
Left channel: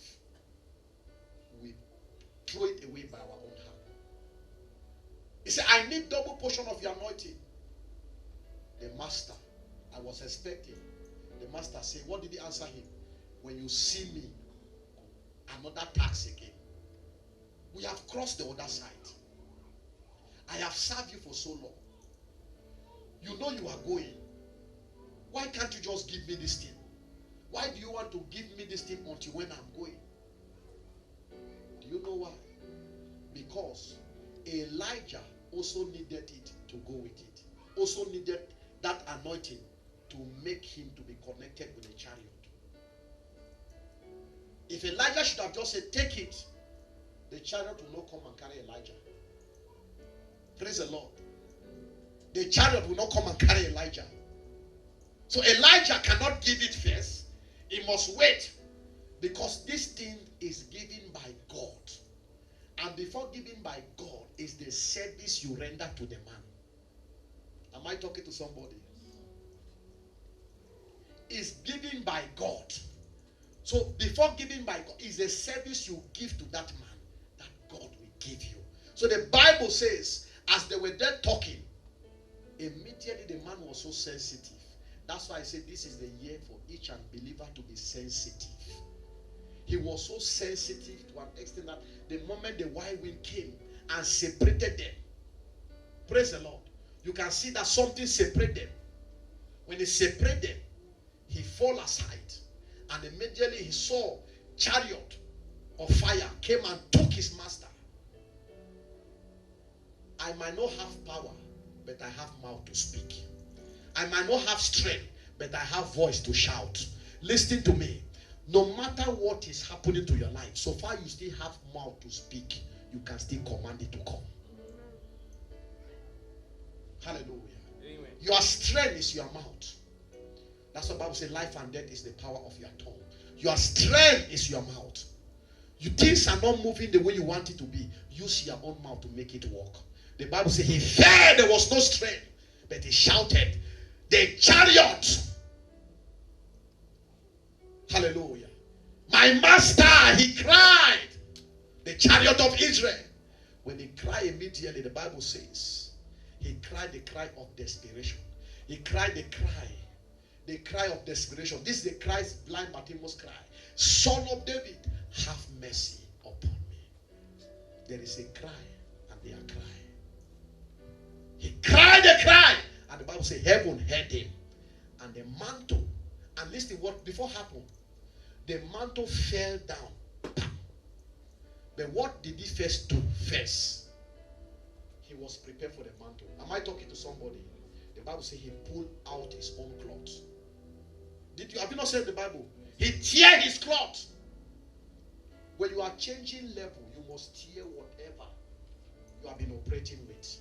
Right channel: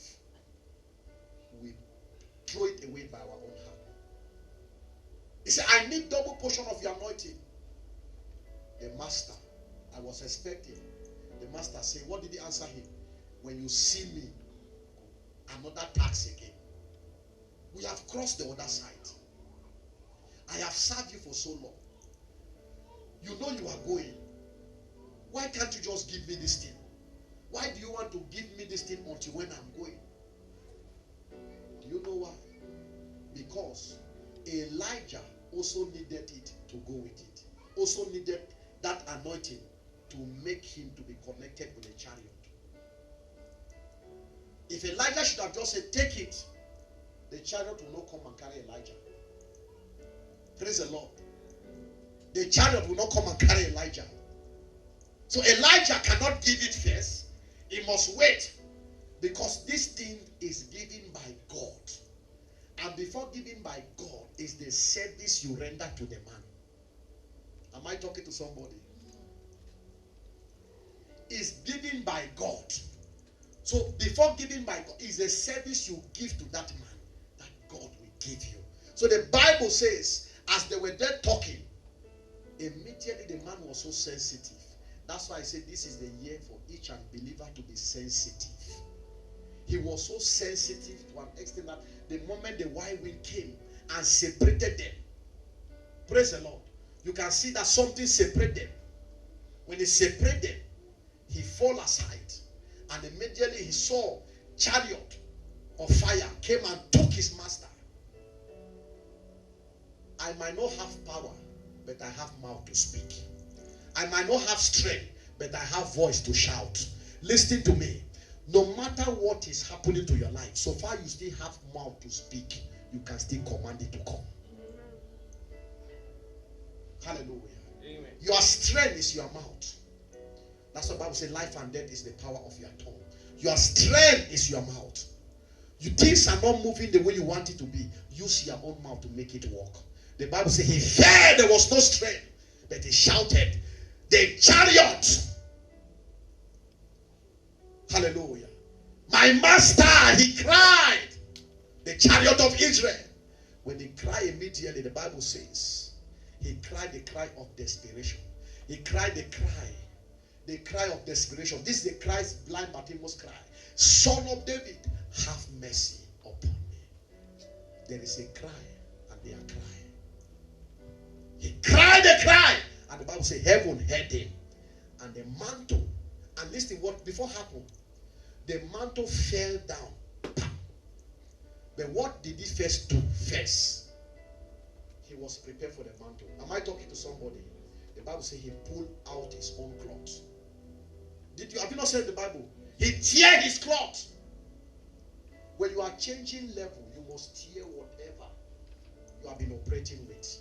we throw it away by our own hand. He said, I need double portion of your anointing. The master, I was expecting. The master said, what did he answer him? When you see me, another tax again. We have crossed the other side. I have served you for so long. You know you are going. Why can't you just give me this thing? Why do you want to give me this thing until when I'm going? Do you know why? Because Elijah also needed it to go with it. Also needed that anointing to make him to be connected with a chariot. If Elijah should have just said, take it, the chariot will not come and carry Elijah. Praise the Lord. The chariot will not come and carry Elijah. So Elijah cannot give it first. He must wait. Because this thing is given by God. And before given by God is the service you render to the man. Am I talking to somebody? It's given by God. So before giving by God is a service you give to that man that God will give you. So the Bible says, as they were there talking, immediately the man was so sensitive. That's why I said this is the year for each unbeliever to be sensitive. He was so sensitive to an extent that the moment the wild wind came and separated them, praise the Lord, you can see that something separated them. When he separated them, he fell aside. And immediately he saw chariot of fire came and took his master. I might not have power, but I have mouth to speak. I might not have strength, but I have voice to shout. Listen to me. No matter what is happening to your life, so far you still have mouth to speak, you can still command it to come. Hallelujah. Amen. Your strength is your mouth. That's what the Bible says, life and death is the power of your tongue. Your strength is your mouth. Your things are not moving the way you want it to be. Use your own mouth to make it work. The Bible says he fell, there was no strength, but he shouted, the chariot. Hallelujah. My master, he cried. The chariot of Israel. When he cried immediately, the Bible says, he cried the cry of desperation. He cried the cry of desperation. This is the cry blind Bartimaeus cried. Son of David, have mercy upon me. There is a cry, and they are crying. He cried the cry, and the Bible says heaven heard him. And the mantle, and listen what before happened. The mantle fell down. But what did he first do? First, he was prepared for the mantle. Am I talking to somebody? The Bible says he pulled out his own cloth. Have you not said the Bible? He tear his cloth. When you are changing level, you must tear whatever you have been operating with.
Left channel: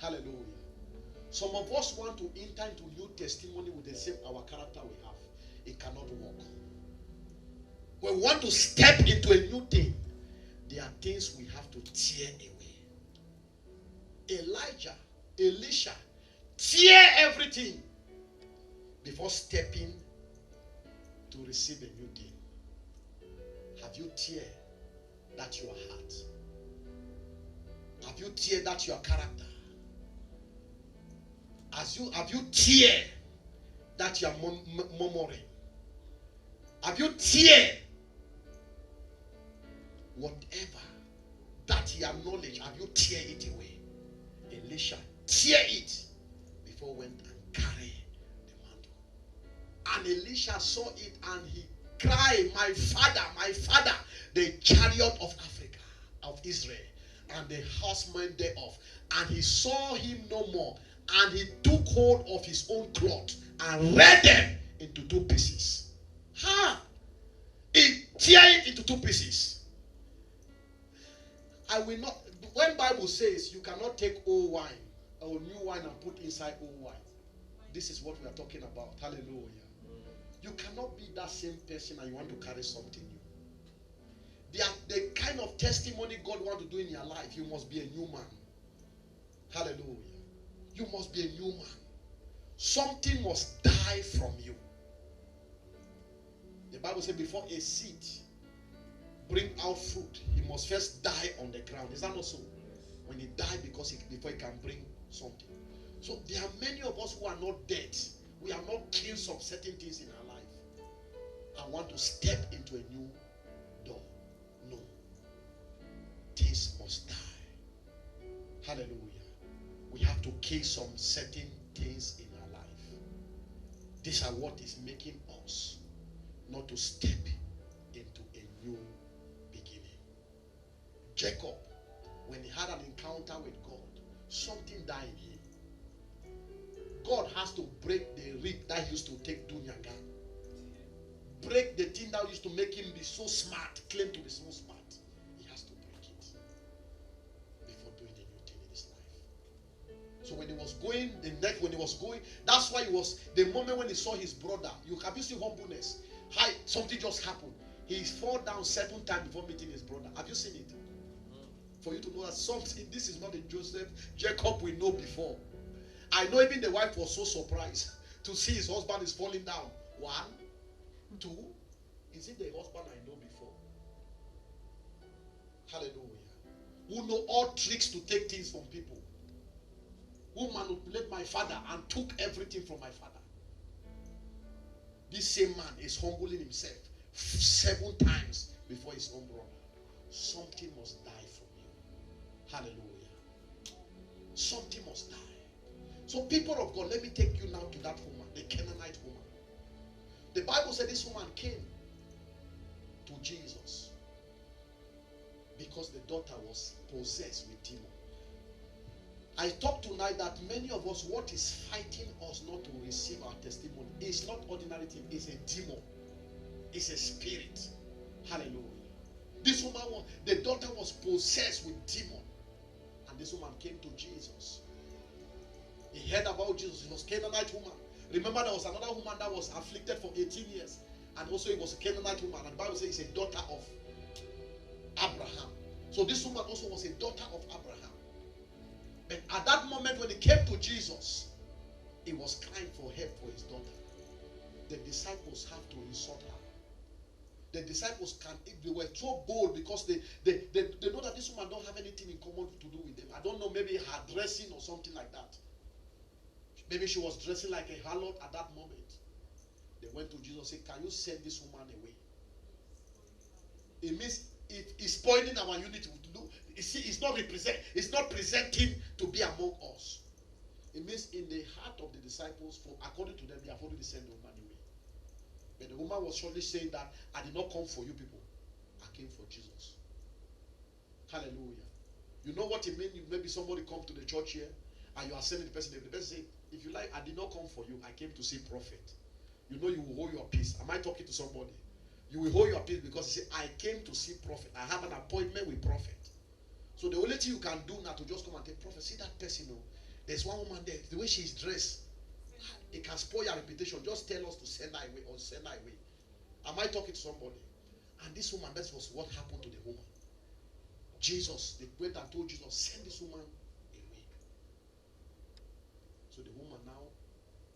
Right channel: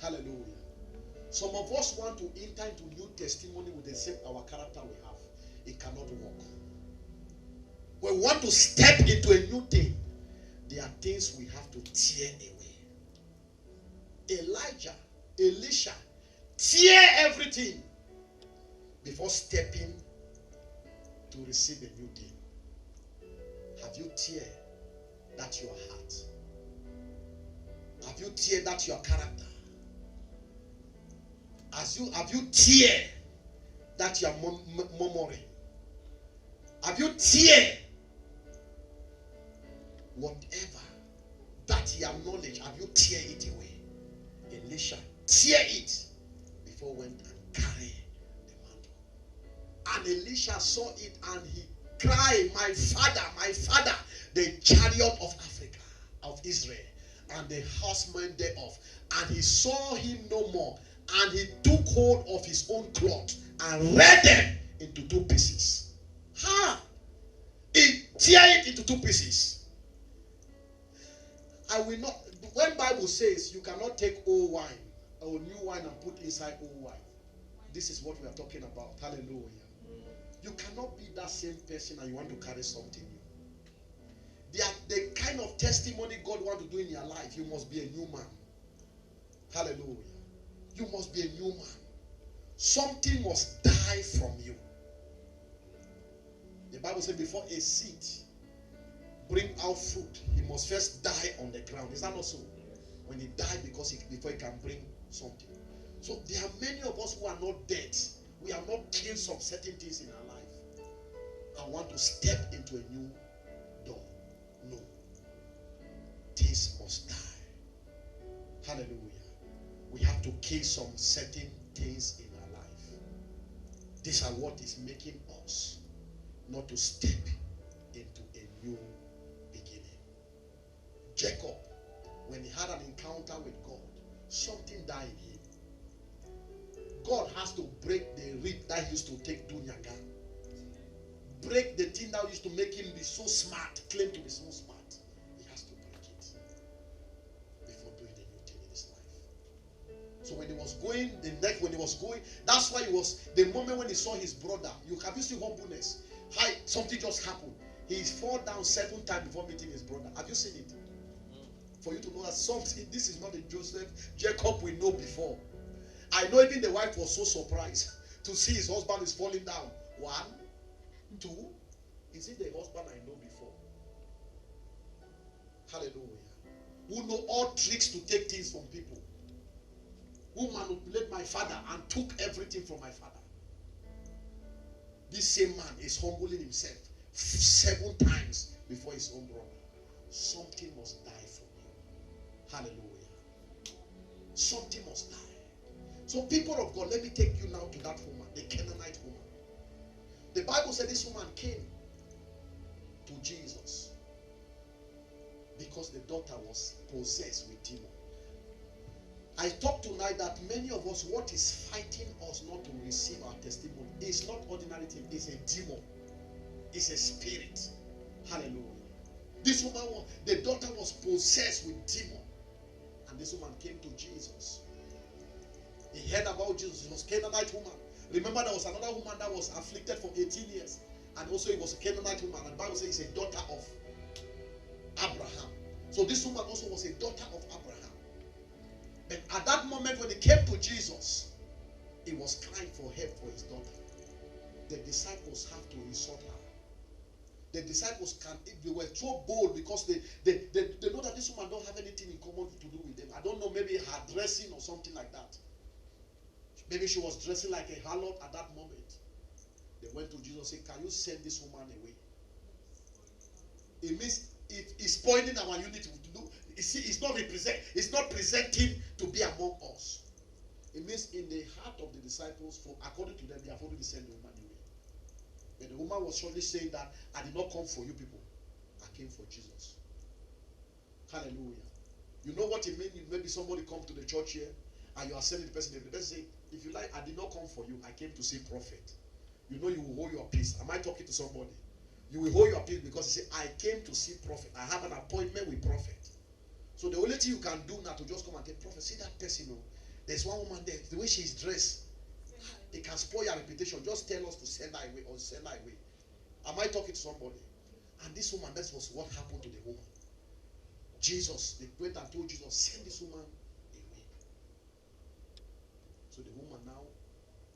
Hallelujah. Some of us want to enter into new testimony with the same our character we have. It cannot work. When we want to step into a new thing, there are things we have to tear away. Elijah, Elisha, tear everything before stepping to receive a new thing. Have you tear that your heart? Have you tear that your character? Have you tear that your murmuring? Have you tear whatever that your knowledge? Have you tear it away? Elisha tear it before went and carry the mantle. And Elisha saw it and he cried, my father, the chariot of Africa, of Israel, and the horsemen thereof. And he saw him no more. And he took hold of his own cloth and rent them into 2 pieces. He tear it into 2 pieces. I will not. When Bible says you cannot take old wine or new wine and put inside old wine, this is what we are talking about. Hallelujah. You cannot be that same person and you want to carry something new. The kind of testimony God wants to do in your life, you must be a new man. Hallelujah. You must be a new man. Something must die from you. The Bible says before a seed bring out fruit, he must first die on the ground. Is that not so? When he died before he can bring something. So there are many of us who are not dead. We have not killed some certain things in our life. I want to step into a new door. No. Things must die. Hallelujah. We have to kill some certain things in our life. These are what is making us not to step into a new beginning. Jacob, when he had an encounter with God, something died in him. God has to break the rib that used to take Dunyaga. Break the thing that used to make him be so smart, claim to be so smart. He has to break it before doing a new thing in his life. So when he was going, that's why he was, the moment when he saw his brother, have you seen humbleness? Something just happened. He fall down 7 times before meeting his brother. Have you seen it? For you to know that something, this is not the Jacob we know before. I know even the wife was so surprised to see his husband is falling down. 1, 2, is it the husband I know before? Hallelujah. Who know all tricks to take things from people. Who manipulated my father and took everything from my father. This same man is humbling himself 7 times before his own brother. Something must die from you. Hallelujah. Something must die. So people of God, let me take you now to that woman, the Canaanite woman. The Bible said this woman came to Jesus because the daughter was possessed with demon. I talk tonight that many of us, what is fighting us not to receive our testimony is not ordinary thing, it's a demon. It's a spirit. Hallelujah. This woman, the daughter was possessed with demon. And this woman came to Jesus. He heard about Jesus. It was a Canaanite woman. Remember, there was another woman that was afflicted for 18 years. And also it was a Canaanite woman. And the Bible says it's a daughter of Abraham. So this woman also was a daughter of Abraham. But at that moment when he came to Jesus, he was crying for help for his daughter. The disciples have to insult her. The disciples they were so bold because they know that this woman don't have anything in common to do with them. I don't know, maybe her dressing or something like that. Maybe she was dressing like a harlot at that moment. They went to Jesus and said, can you send this woman away? It means it's spoiling our unity. It's not presenting to be among us. It means in the heart of the disciples, according to them, they have already sent the woman away. But the woman was surely saying that I did not come for you people. I came for Jesus. Hallelujah. You know what it means? Maybe somebody come to the church here and you are sending the person. The person say, if you like, I did not come for you. I came to see prophet. You know you will hold your peace. Am I talking to somebody? You will hold your peace because you say, I came to see prophet. I have an appointment with prophet. So the only thing you can do now to just come and tell prophet, see that person, you know, there's one woman there, the way she's dressed, it can spoil your reputation. Just tell us to send her away or send her away. Am I talking to somebody? And this woman, that was what happened to the woman. Jesus, they went and told Jesus, send this woman away. So the woman now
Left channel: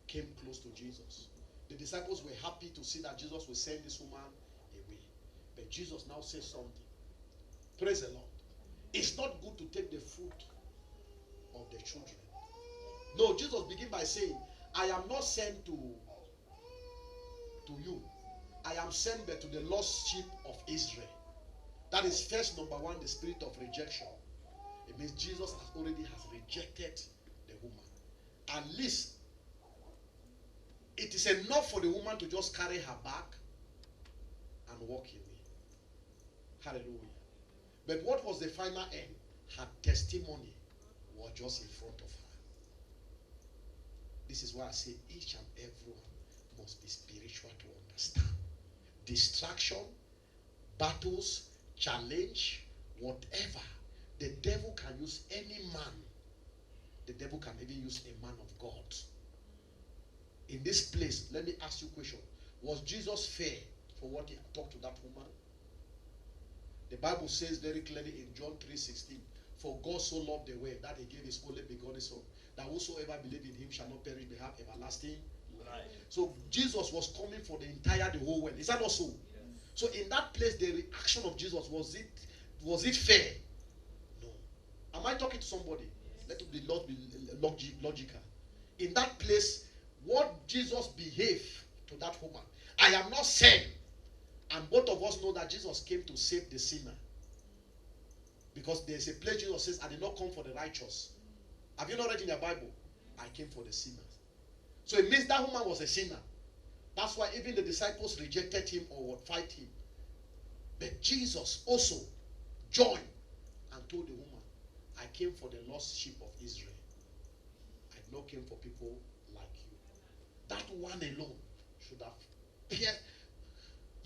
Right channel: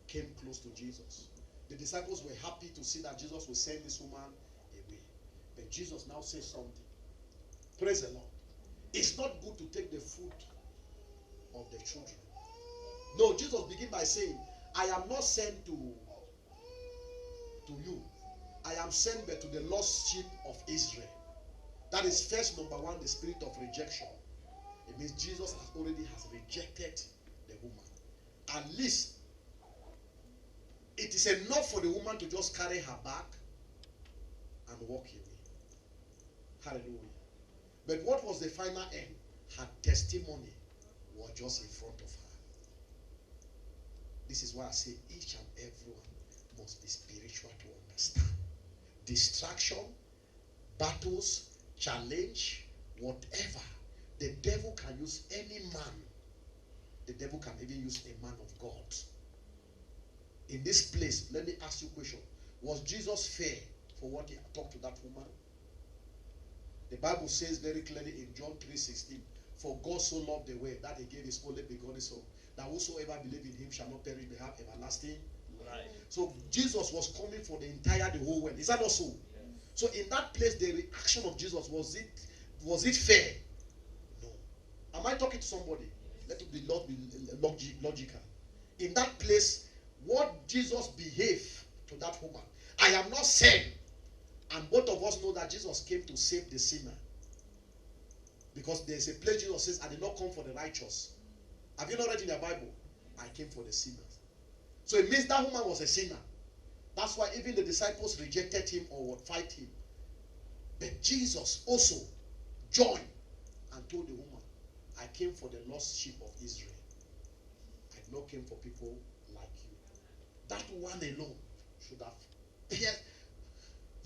came close to Jesus. The disciples were happy to see that Jesus would send this woman away. But Jesus now says something. Praise the Lord. It's not good to take the food of the children. No, Jesus began by saying, I am not sent to you. I am sent but to the lost sheep of Israel. That is first, number one, the spirit of rejection. It means Jesus has rejected the woman. At least it is enough for the woman to just carry her bag and walk away. Hallelujah. But what was the final end? Her testimony was just in front of her. This is why I say each and everyone must be spiritual to understand. Distraction, battles, challenge, whatever. The devil can use any man. The devil can even use a man of God. In this place, let me ask you a question. Was Jesus fair for what he talked to that woman? The Bible says very clearly in John 3:16, for God so loved the world that he gave his only begotten son, that whosoever believe in him shall not perish but have everlasting life. So Jesus was coming for the whole world. Is that not so? Yes. So in that place, the reaction of Jesus, was it fair? No. Am I talking to somebody? Let it be logical. In that place, what Jesus behaved to that woman, I am not sent. And both of us know that Jesus came to save the sinner. Because there's a place Jesus says, I did not come for the righteous. Have you not read in your Bible? I came for the sinners. So it means that woman was a sinner. That's why even the disciples rejected him or would fight him. But Jesus also joined and told the woman, I came for the lost sheep of Israel. I did not came for people like you. That one alone should have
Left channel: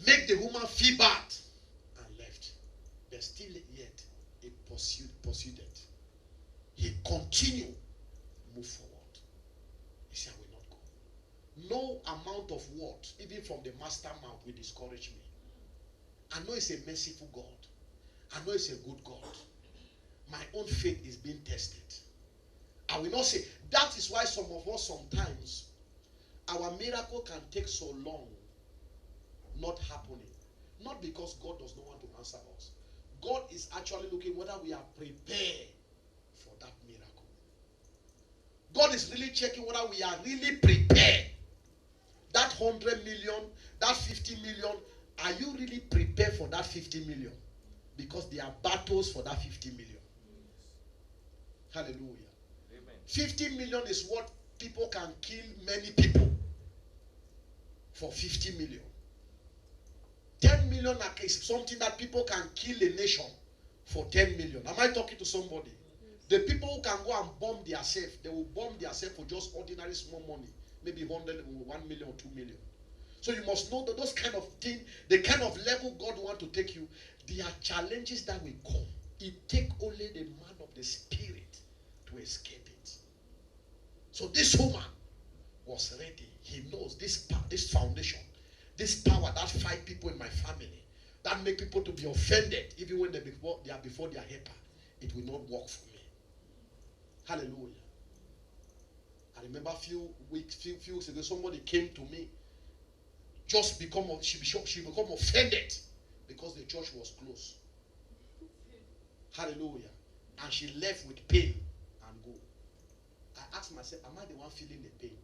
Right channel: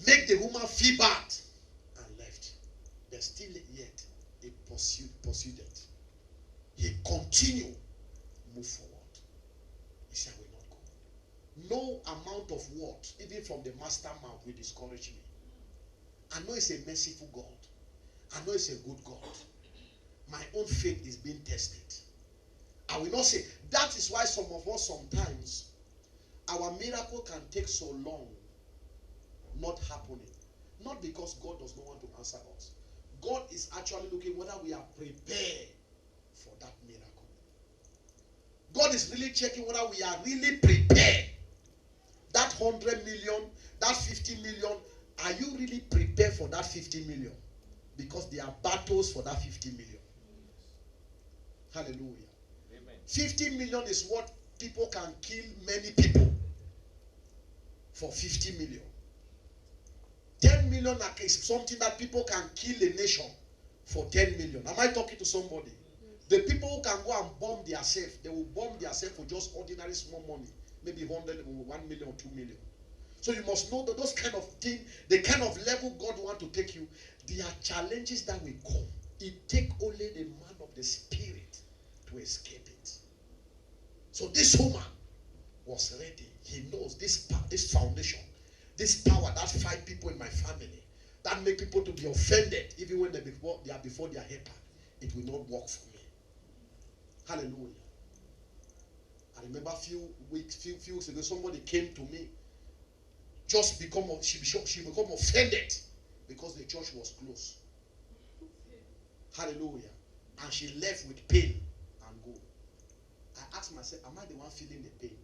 make the woman feel bad and left. But still yet, he pursued it. He continued, move forward. He said, I will not go. No amount of words, even from the master mouth, will discourage me. I know it's a merciful God. I know it's a good God. My own faith is being tested. I will not say. That is why some of us sometimes, our miracle can take so long not happening. Not because God does not want to answer us. God is actually looking whether we are prepared for that miracle. God is really checking whether we are really prepared. That 100 million, that 50 million, are you really prepared for that 50 million? Because there are battles for that 50 million. Hallelujah. Amen. 50 million is what people can kill many people for 50 million. 10 million is something that people can kill a nation for 10 million. Am I talking to somebody? Yes. The people who can go and bomb themselves, they will bomb themselves for just ordinary small money. Maybe 1 million or 2 million. So you must know that those kind of things, the kind of level God wants to take you, there are challenges that will come. It takes only the man of the spirit to escape it. So this woman was ready. He knows this foundation. This power that fight people in my family, that make people to be offended, even when they are before their helper, it will not work for me. Hallelujah. I remember a few weeks ago, somebody came to me, just she become offended because the church was closed. Hallelujah. And she left with pain and go. I asked myself, am I the one feeling the pain?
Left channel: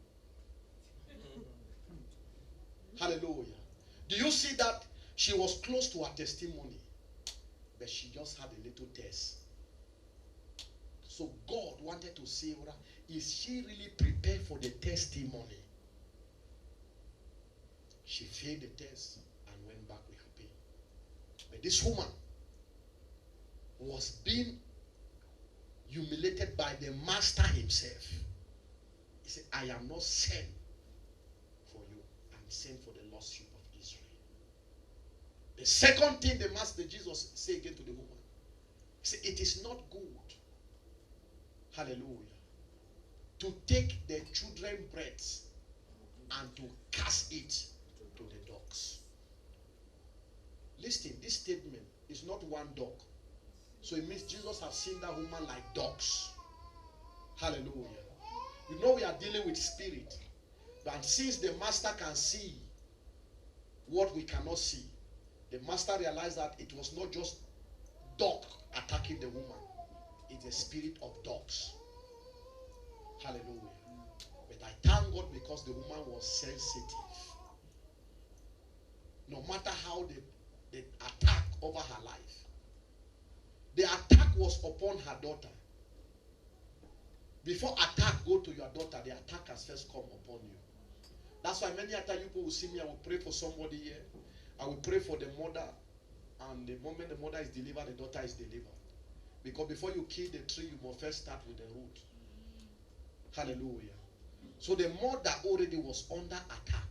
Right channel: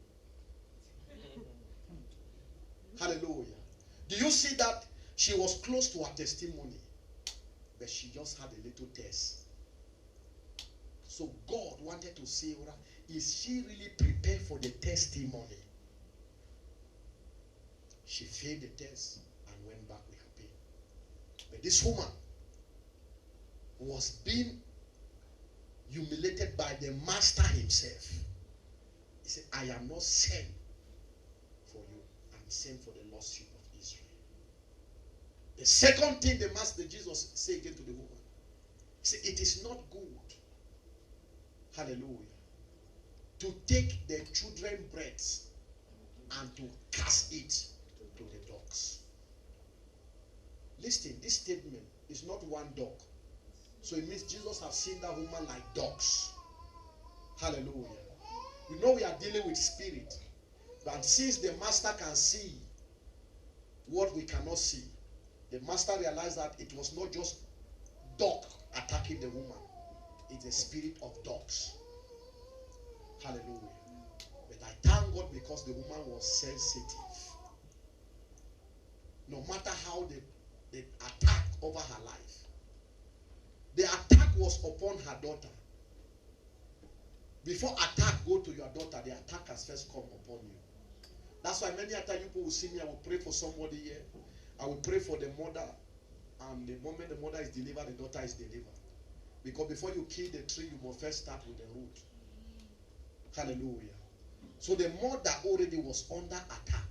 Hallelujah. Do you see that she was close to her testimony, but she just had a little test? So God wanted to see her. Is she really prepared for the testimony? She failed the test and went back with her pain. But this woman was being humiliated by the master himself. He said, I am not sent for you. I'm sent for the lost sheep of Israel. The second thing the master Jesus said again to the woman, he said, it is not good, hallelujah, to take the children's breads and to cast it to the dogs. Listen, this statement is not one dog. So it means Jesus has seen that woman like dogs. Hallelujah. You know we are dealing with spirit. But since the master can see what we cannot see, the master realized that it was not just dog attacking the woman. It's a spirit of dogs. Hallelujah. But I thank God because the woman was sensitive. No matter how the attack over her life, the attack was upon her daughter. Before attack go to your daughter, the attack has first come upon you. That's why many times people will see me, I will pray for somebody here. I will pray for the mother, and the moment the mother is delivered, the daughter is delivered. Because before you kill the tree, you must first start with the root. Hallelujah. So the mother already was under attack.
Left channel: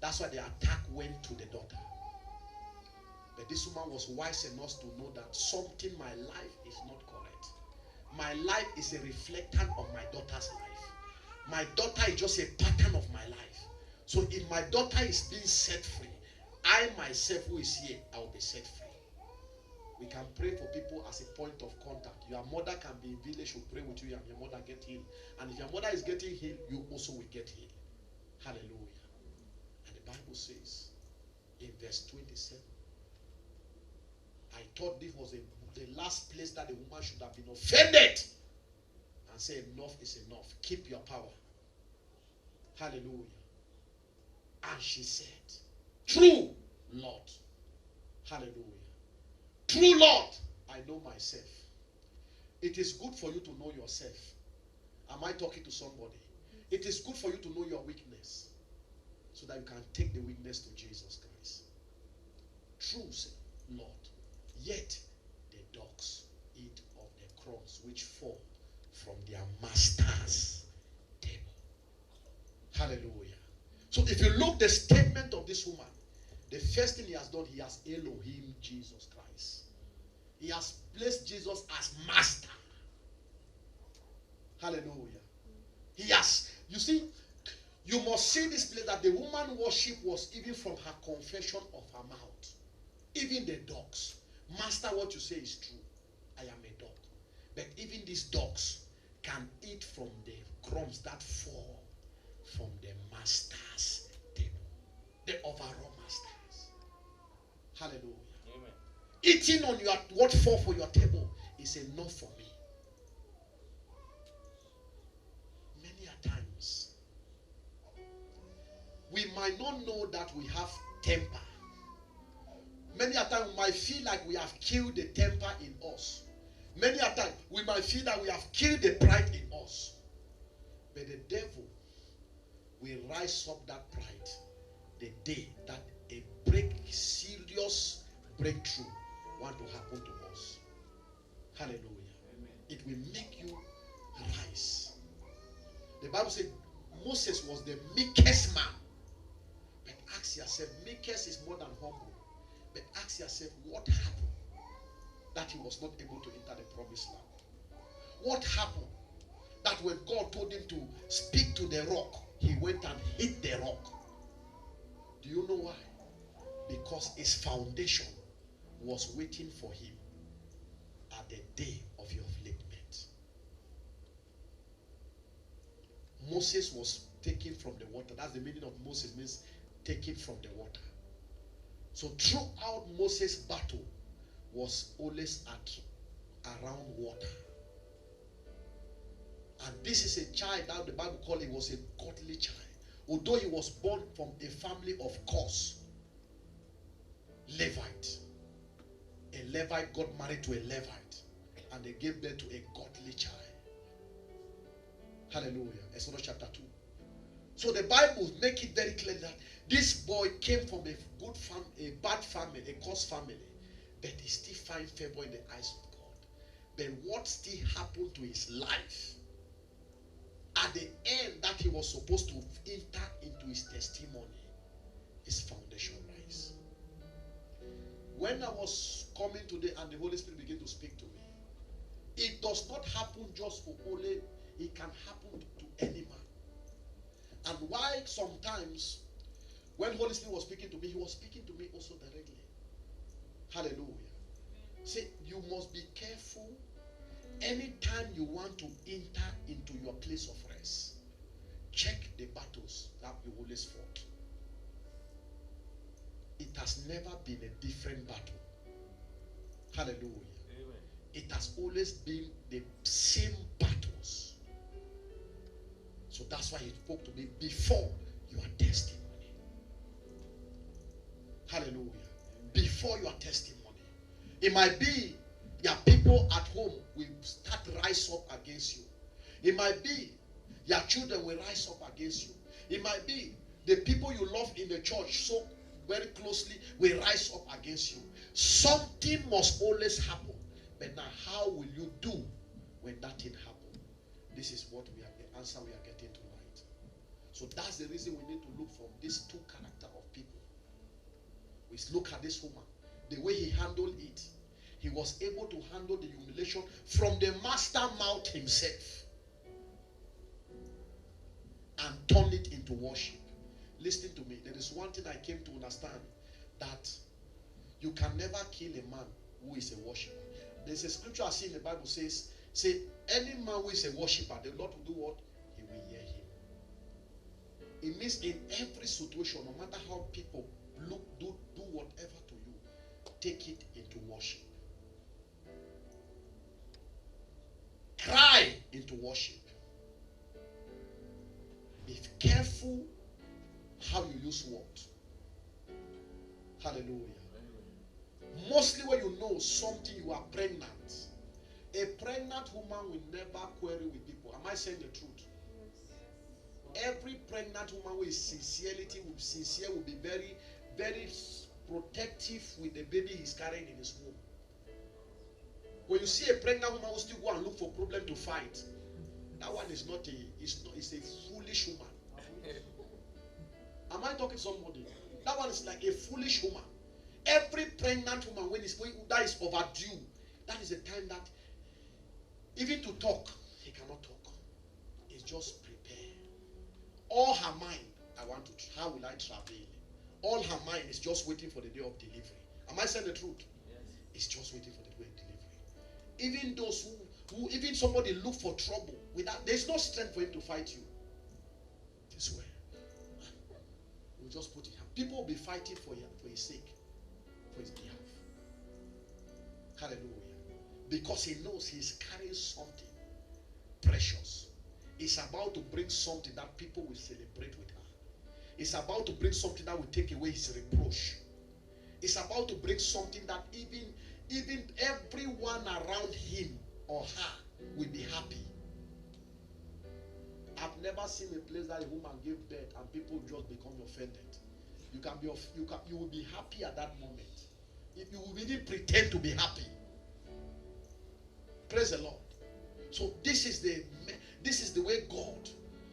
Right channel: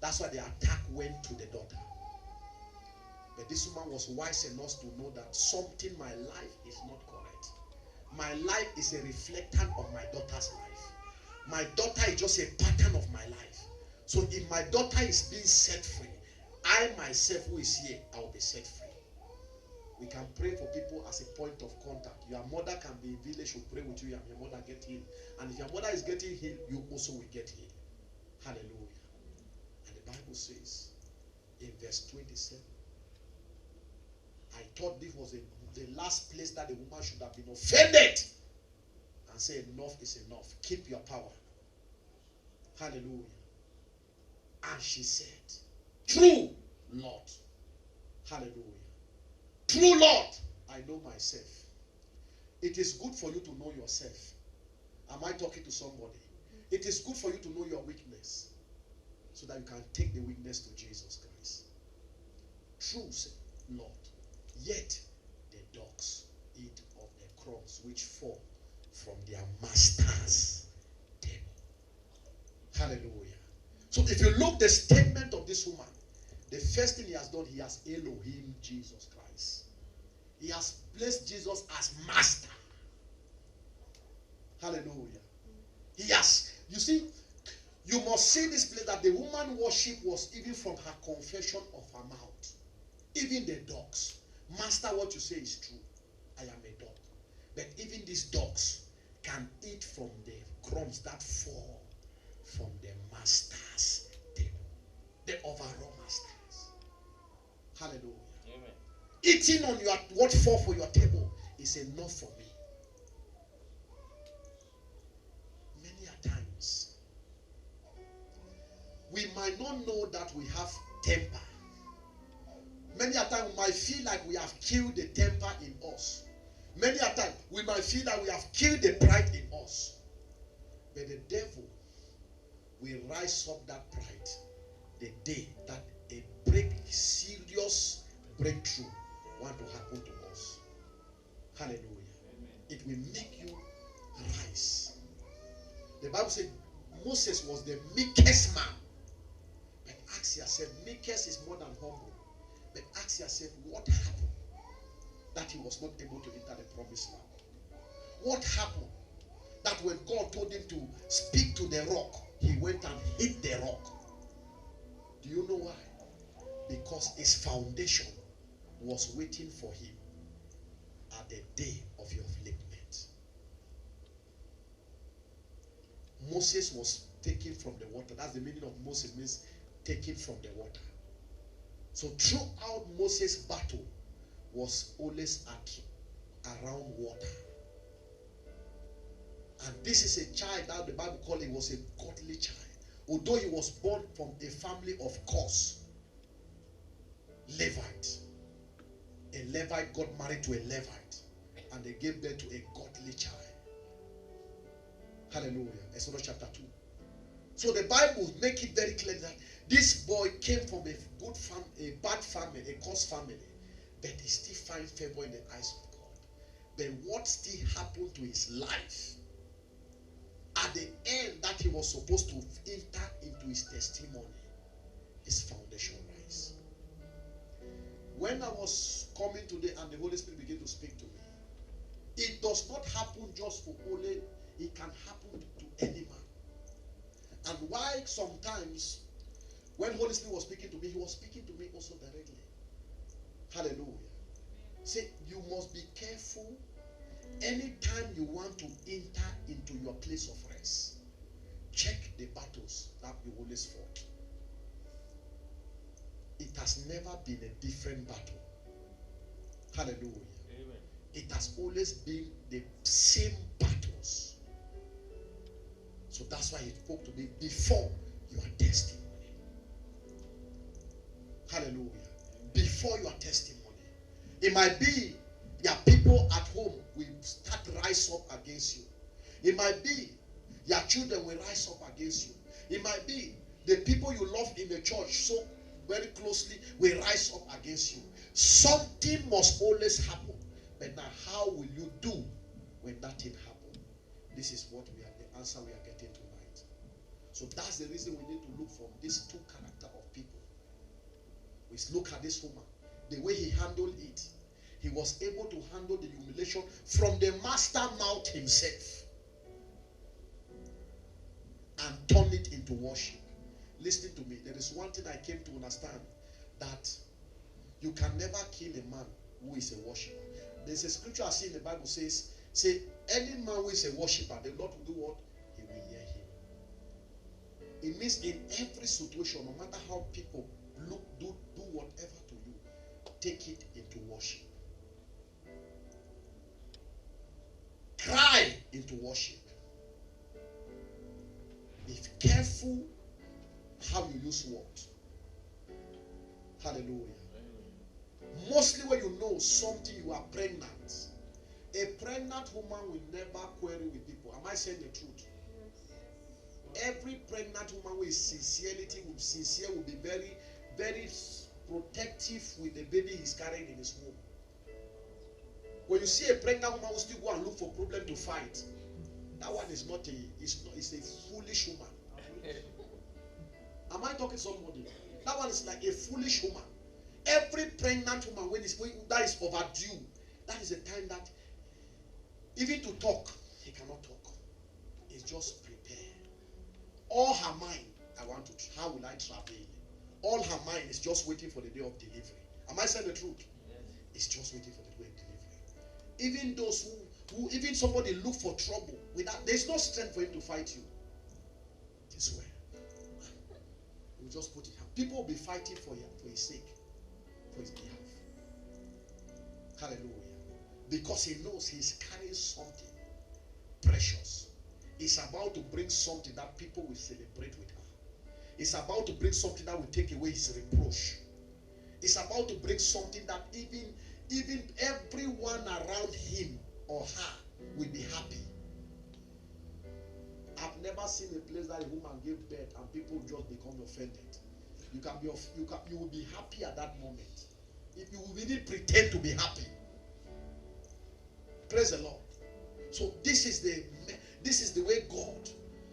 That's why the attack went to the daughter. But this woman was wise enough to know that something in my life is not correct. My life is a reflection of my daughter's life. My daughter is just a pattern of my life. So if my daughter is being set free, I myself who is here, I will be set free. We can pray for people as a point of contact. Your mother can be in village, will pray with you, and your mother get healed. And if your mother is getting healed, you also will get healed. Hallelujah. And the Bible says in verse 27, I thought this was the last place that the woman should have been offended and say enough is enough. Keep your power. Hallelujah. And she said, true Lord. Hallelujah. True Lord, I know myself. It is good for you to know yourself. Am I talking to somebody? It is good for you to know your weakness so that you can take the weakness to Jesus Christ. True, Lord. Yet the dogs eat of the crumbs which fall from their master's table. Hallelujah. So if you look the statement of this woman, the first thing he has done, he has Elohim Jesus Christ. He has placed Jesus as master. Hallelujah. He has, you see, you must see this place that the woman worship was even from her confession of her mouth. Even the dogs. Master, what you say is true. I am a dog. But even these dogs can eat from the crumbs that fall from the master's table. The overall masters. Hallelujah. Amen. Eating on your what fall for your table is enough for me. Many a times we might not know that we have temper. Many a time we might feel like we have killed the temper in us. Many a time we might feel that we have killed the pride in us. But the devil will rise up that pride the day that a serious breakthrough want to happen to us. Hallelujah. Amen. It will make you rise. The Bible said Moses was the meekest man. But ask yourself, meekest is more than humble. But ask yourself, what happened that he was not able to enter the promised land? What happened that when God told him to speak to the rock, he went and hit the rock? Do you know why? Because his foundation was waiting for him at the day of your upliftment. Moses was taken from the water. That's the meaning of Moses, means taken from the water. So throughout Moses' battle was always around water. And this is a child that the Bible calls it was a godly child. Although he was born from a family of Cush, Levite. A Levite got married to a Levite. And they gave birth to a godly child. Hallelujah. Exodus chapter 2. So the Bible make it very clear that this boy came from a good family, a bad family, a Cush family. but he still find favor in the eyes of God. But what still happened to his life at the end that he was supposed to enter into his testimony, his foundation rise. When I was coming today and the Holy Spirit began to speak to me, it does not happen just for Ole, it can happen to any man. And why sometimes when Holy Spirit was speaking to me, he was speaking to me also directly. Hallelujah. Say, you must be careful anytime you want to enter into your place of rest. Check the battles that you always fought. It has never been a different battle. Hallelujah. Amen. It has always been the same battles. So that's why he spoke to me before your testimony. Hallelujah. Before your testimony. It might be your people at home will start to rise up against you. It might be your children will rise up against you. It might be the people you love in the church so very closely will rise up against you. Something must always happen. But now, how will you do when that thing happens? This is what we are the answer we are getting tonight. So that's the reason we need to look from these two characters of people. We look at this woman, the way he handled it. He was able to handle the humiliation from the master mouth himself and turn it into worship. Listen to me. There is one thing I came to understand, that you can never kill a man who is a worshiper. There's a scripture I see in the Bible says, any man who is a worshiper, the Lord will do what? He will hear him. It means in every situation, no matter how people do whatever to you, take it into worship. Cry into worship. Be careful how you use words. Hallelujah. Mostly when you know something, you are pregnant. A pregnant woman will never quarrel with people. Am I saying the truth? Every pregnant woman with sincerity, will be very, very protective with the baby he's carrying in his womb. When you see a pregnant woman who still go and look for problem to fight, that one is not it's a foolish woman. Am I talking to somebody? That one is like a foolish woman. Every pregnant woman, when that is overdue, that is the time that even to talk, he cannot talk. It's just prepared. All her mind, how will I travel? All her mind is just waiting for the day of delivery. Am I saying the truth? Yes. It's just waiting for the day of delivery. Even those who even somebody look for trouble without, there's no strength for him to fight you. This way. We just put it. People will be fighting for his sake, for his behalf. Hallelujah. Because he knows he's carrying something precious. It's about to bring something that people will celebrate with her. It's about to bring something that will take away his reproach. It's about to bring something that even everyone around him or her will be happy. I've never seen a place that a woman gave birth and people just become offended. You will be happy at that moment. If you really pretend to be happy. Praise the Lord. So this is the way God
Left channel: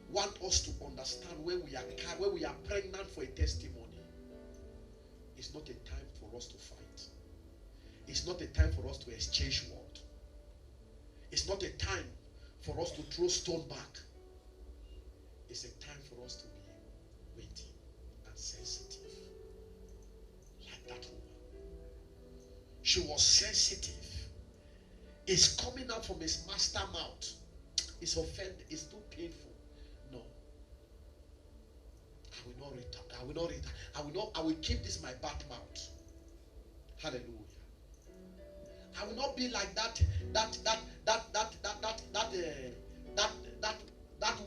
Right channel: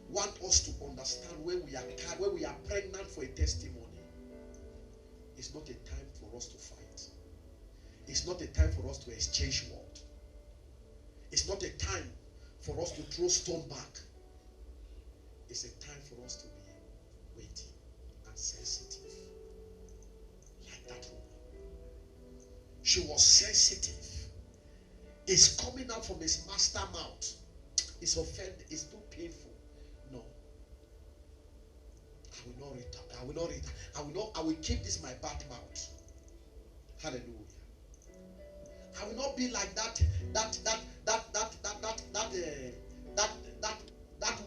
wants us to understand when we are pregnant for a testimony. It's not a time for us to fight. It's not a time for us to exchange words. It's not a time for us to throw stone back. It's a time for us to be waiting and sensitive. Like that woman. She was sensitive. It's coming out from his master mouth. It's offended. It's too painful. No. I will not read that. I will not read that. I will keep this my bad mouth. Hallelujah. I will not be like that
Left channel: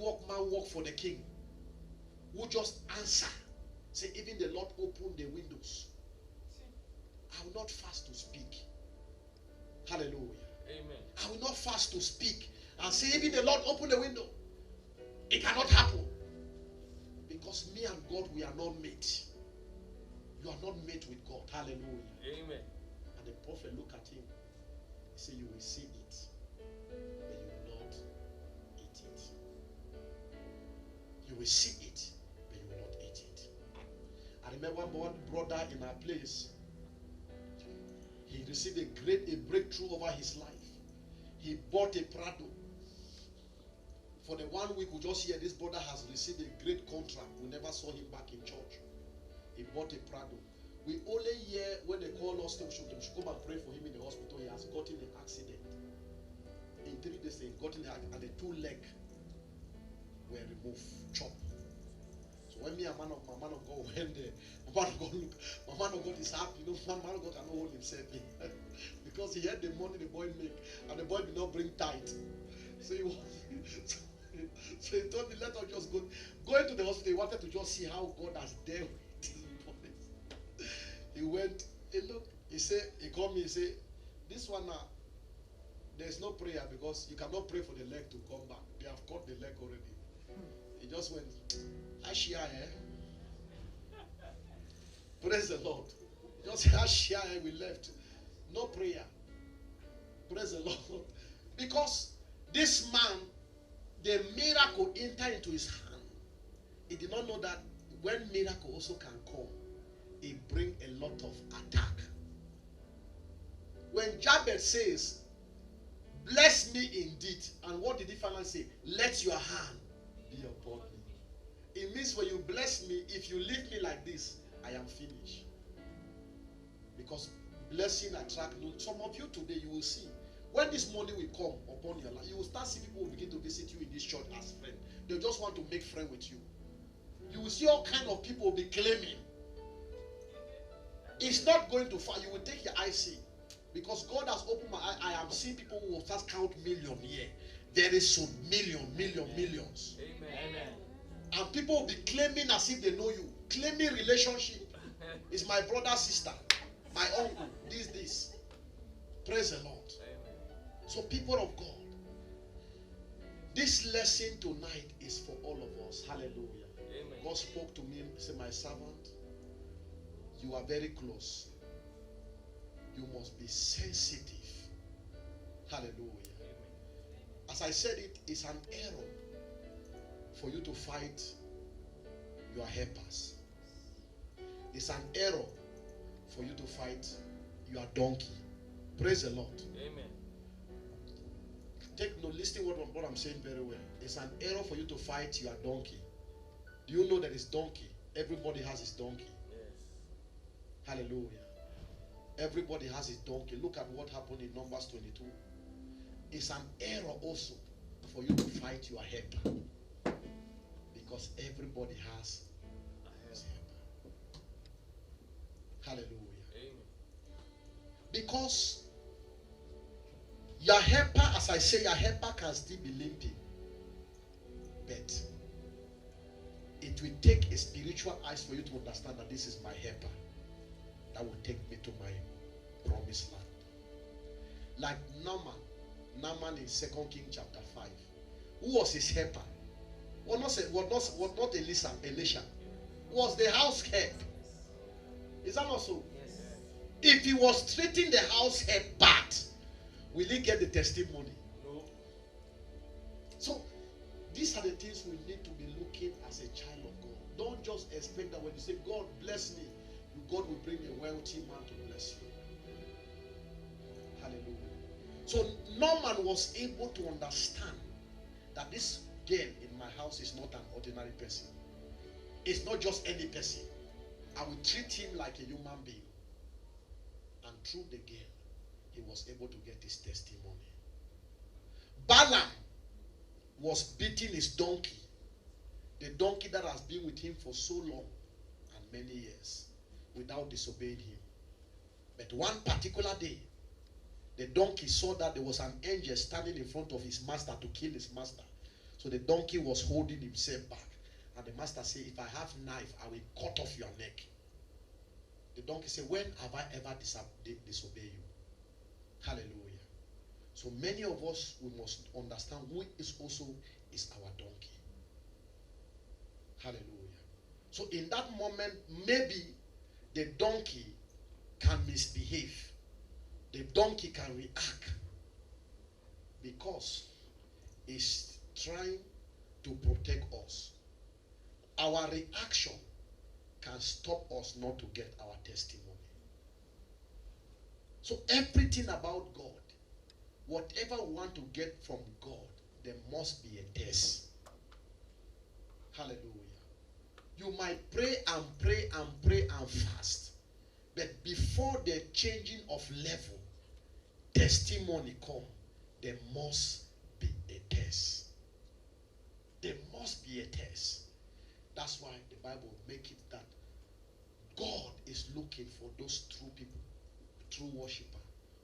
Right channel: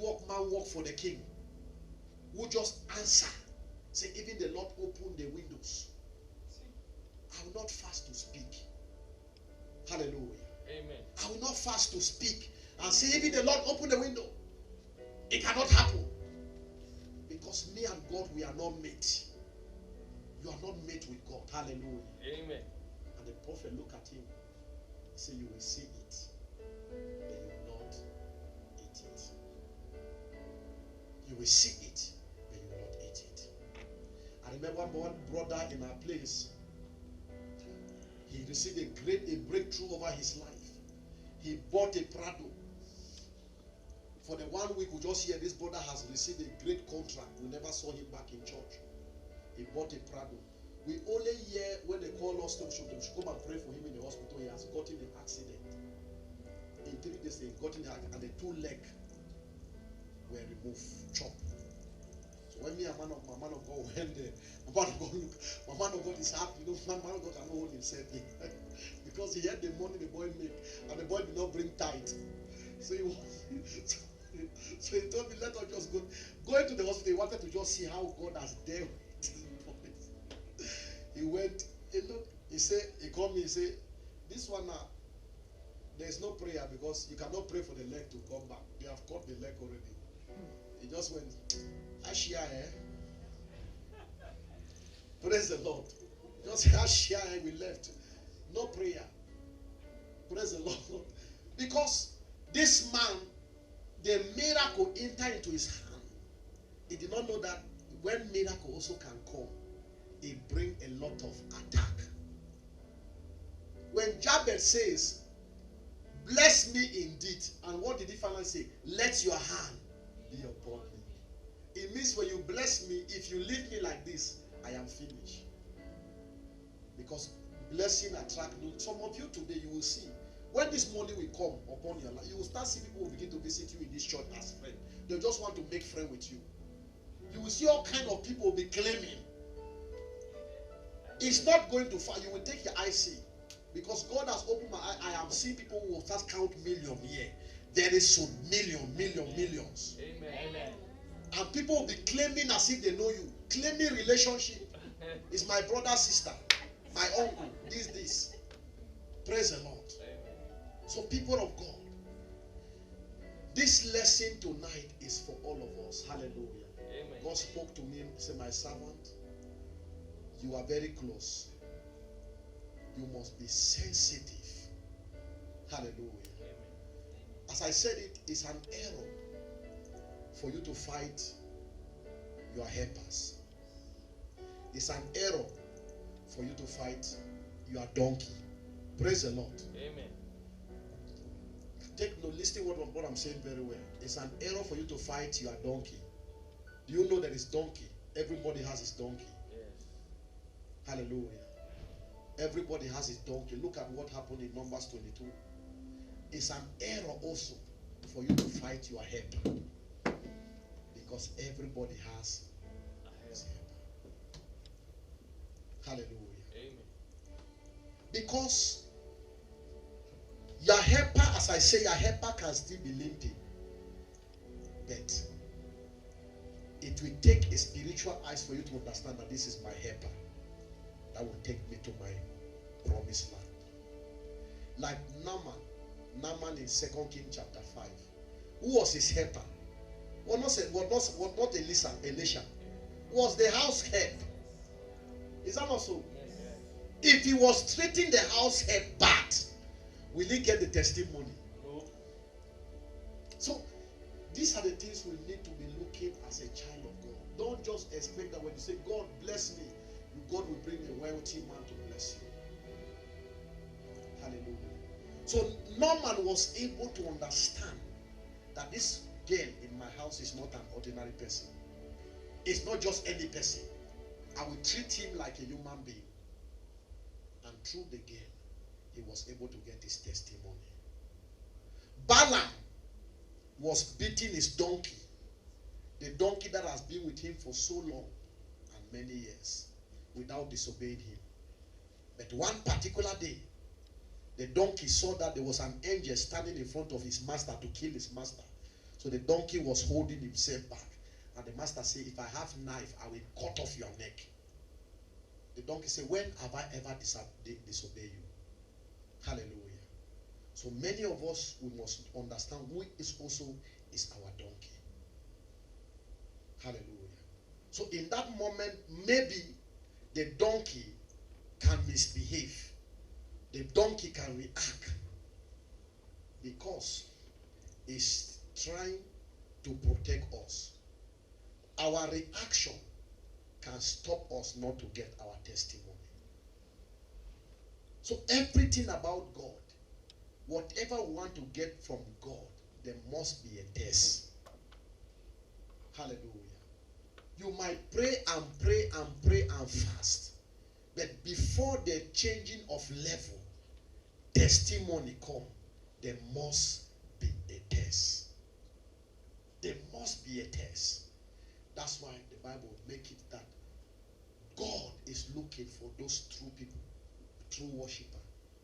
workman work for the king who just answer. Say, even the Lord opened the windows. I will not fast to speak. Hallelujah. Amen. I will not fast to speak and say, even the Lord opened the window. It cannot happen. Because me and God, we are not mate. You are not mate with God. Hallelujah. Amen. And the prophet looked at him. He said, you will see it, but you will not eat it. You will see it, but you will not eat it. I remember one brother in our place. He received a breakthrough over his life. He bought a Prado. For the 1 week, we just hear this brother has received a great contract. We never saw him back in church. He bought a Prado. We only hear when they call us, they should come and pray for him in the hospital. He has gotten an accident. In 3 days, he got in the accident, and the 2 legs were removed, chopped. So when me and my man of God went there, my man of God look, my man of God is happy. You know, my man of God cannot hold himself in because he had the money the boy make, and the boy did not bring tithe. So he was. So he told me, let us just go into the hospital. He wanted to just see how God has dealt with his boys. He went, he looked, he said, he called me, he said, this one now, there's no prayer because you cannot pray for the leg to come back. They have cut the leg already. He just went, Ashia, praise the Lord. Just Ashia, we left. No prayer. Praise the Lord. Because this man, the miracle entered into his hand. He did not know that when miracle also can come, it brings a lot of attack. When Jabez says, bless me indeed, and what did he finally say? Let your hand be upon me. It means when you bless me, if you leave me like this, I am finished. Because blessing attracts. Some of you today, you will see. When this money will come upon your life, you will start seeing people will begin to visit you in this church as friends. They just want to make friends with you. You will see all kind of people will be claiming. It's not going to far. You will take your eye see. Because God has opened my eye. I am seeing people who will start count million here. Very soon, millions. Amen. And people will be claiming as if they know you. Claiming relationship. It's my brother, sister, my uncle, this. Praise the Lord. So people of God, this lesson tonight is for all of us. Hallelujah. Amen. God spoke to me and said, my servant, you are very close. You must be sensitive. Hallelujah. Amen. As I said, it's an error for you to fight your helpers. It's an error for you to fight your donkey. Praise the Lord. Amen. Listen what I'm saying very well. It's an error for you to fight your donkey. Do you know that it's donkey? Everybody has his donkey. Yes. Hallelujah. Everybody has his donkey. Look at what happened in Numbers 22. It's an error also for you to fight your helper. Because everybody has his helper. Hallelujah. Amen. Because your helper, as I say, your helper can still be limping. But it will take a spiritual eyes for you to understand that this is my helper. That will take me to my promised land. Like Naaman in 2 Kings chapter 5. Who was his helper? Was not Elisha. Was the house help. Is that not so? Yes. If he was treating the house help bad, will he get the testimony? No. So, these are the things we need to be looking as a child of God. Don't just expect that when you say, God bless me, God will bring a wealthy man to bless you. Hallelujah. So, Naaman was able to understand that this girl in my house is not an ordinary person. It's not just any person. I will treat him like a human being. And through the girl, he was able to get his testimony. Balaam was beating his donkey. The donkey that has been with him for so long and many years without disobeying him. But one particular day, the donkey saw that there was an angel standing in front of his master to kill his master. So the donkey was holding himself back. And the master said, if I have knife, I will cut off your neck. The donkey said, when have I ever disobeyed you? Hallelujah. So many of us, we must understand who is also is our donkey. Hallelujah. So in that moment, maybe the donkey can misbehave. The donkey can react because it's trying to protect us. Our reaction can stop us not to get our testimony. So everything about God, whatever we want to get from God, there must be a test. Hallelujah. You might pray and pray and pray and fast, but before the changing of level, testimony come, there must be a test. There must be a test. That's why the Bible make it that God is looking for those true people, true worshiper,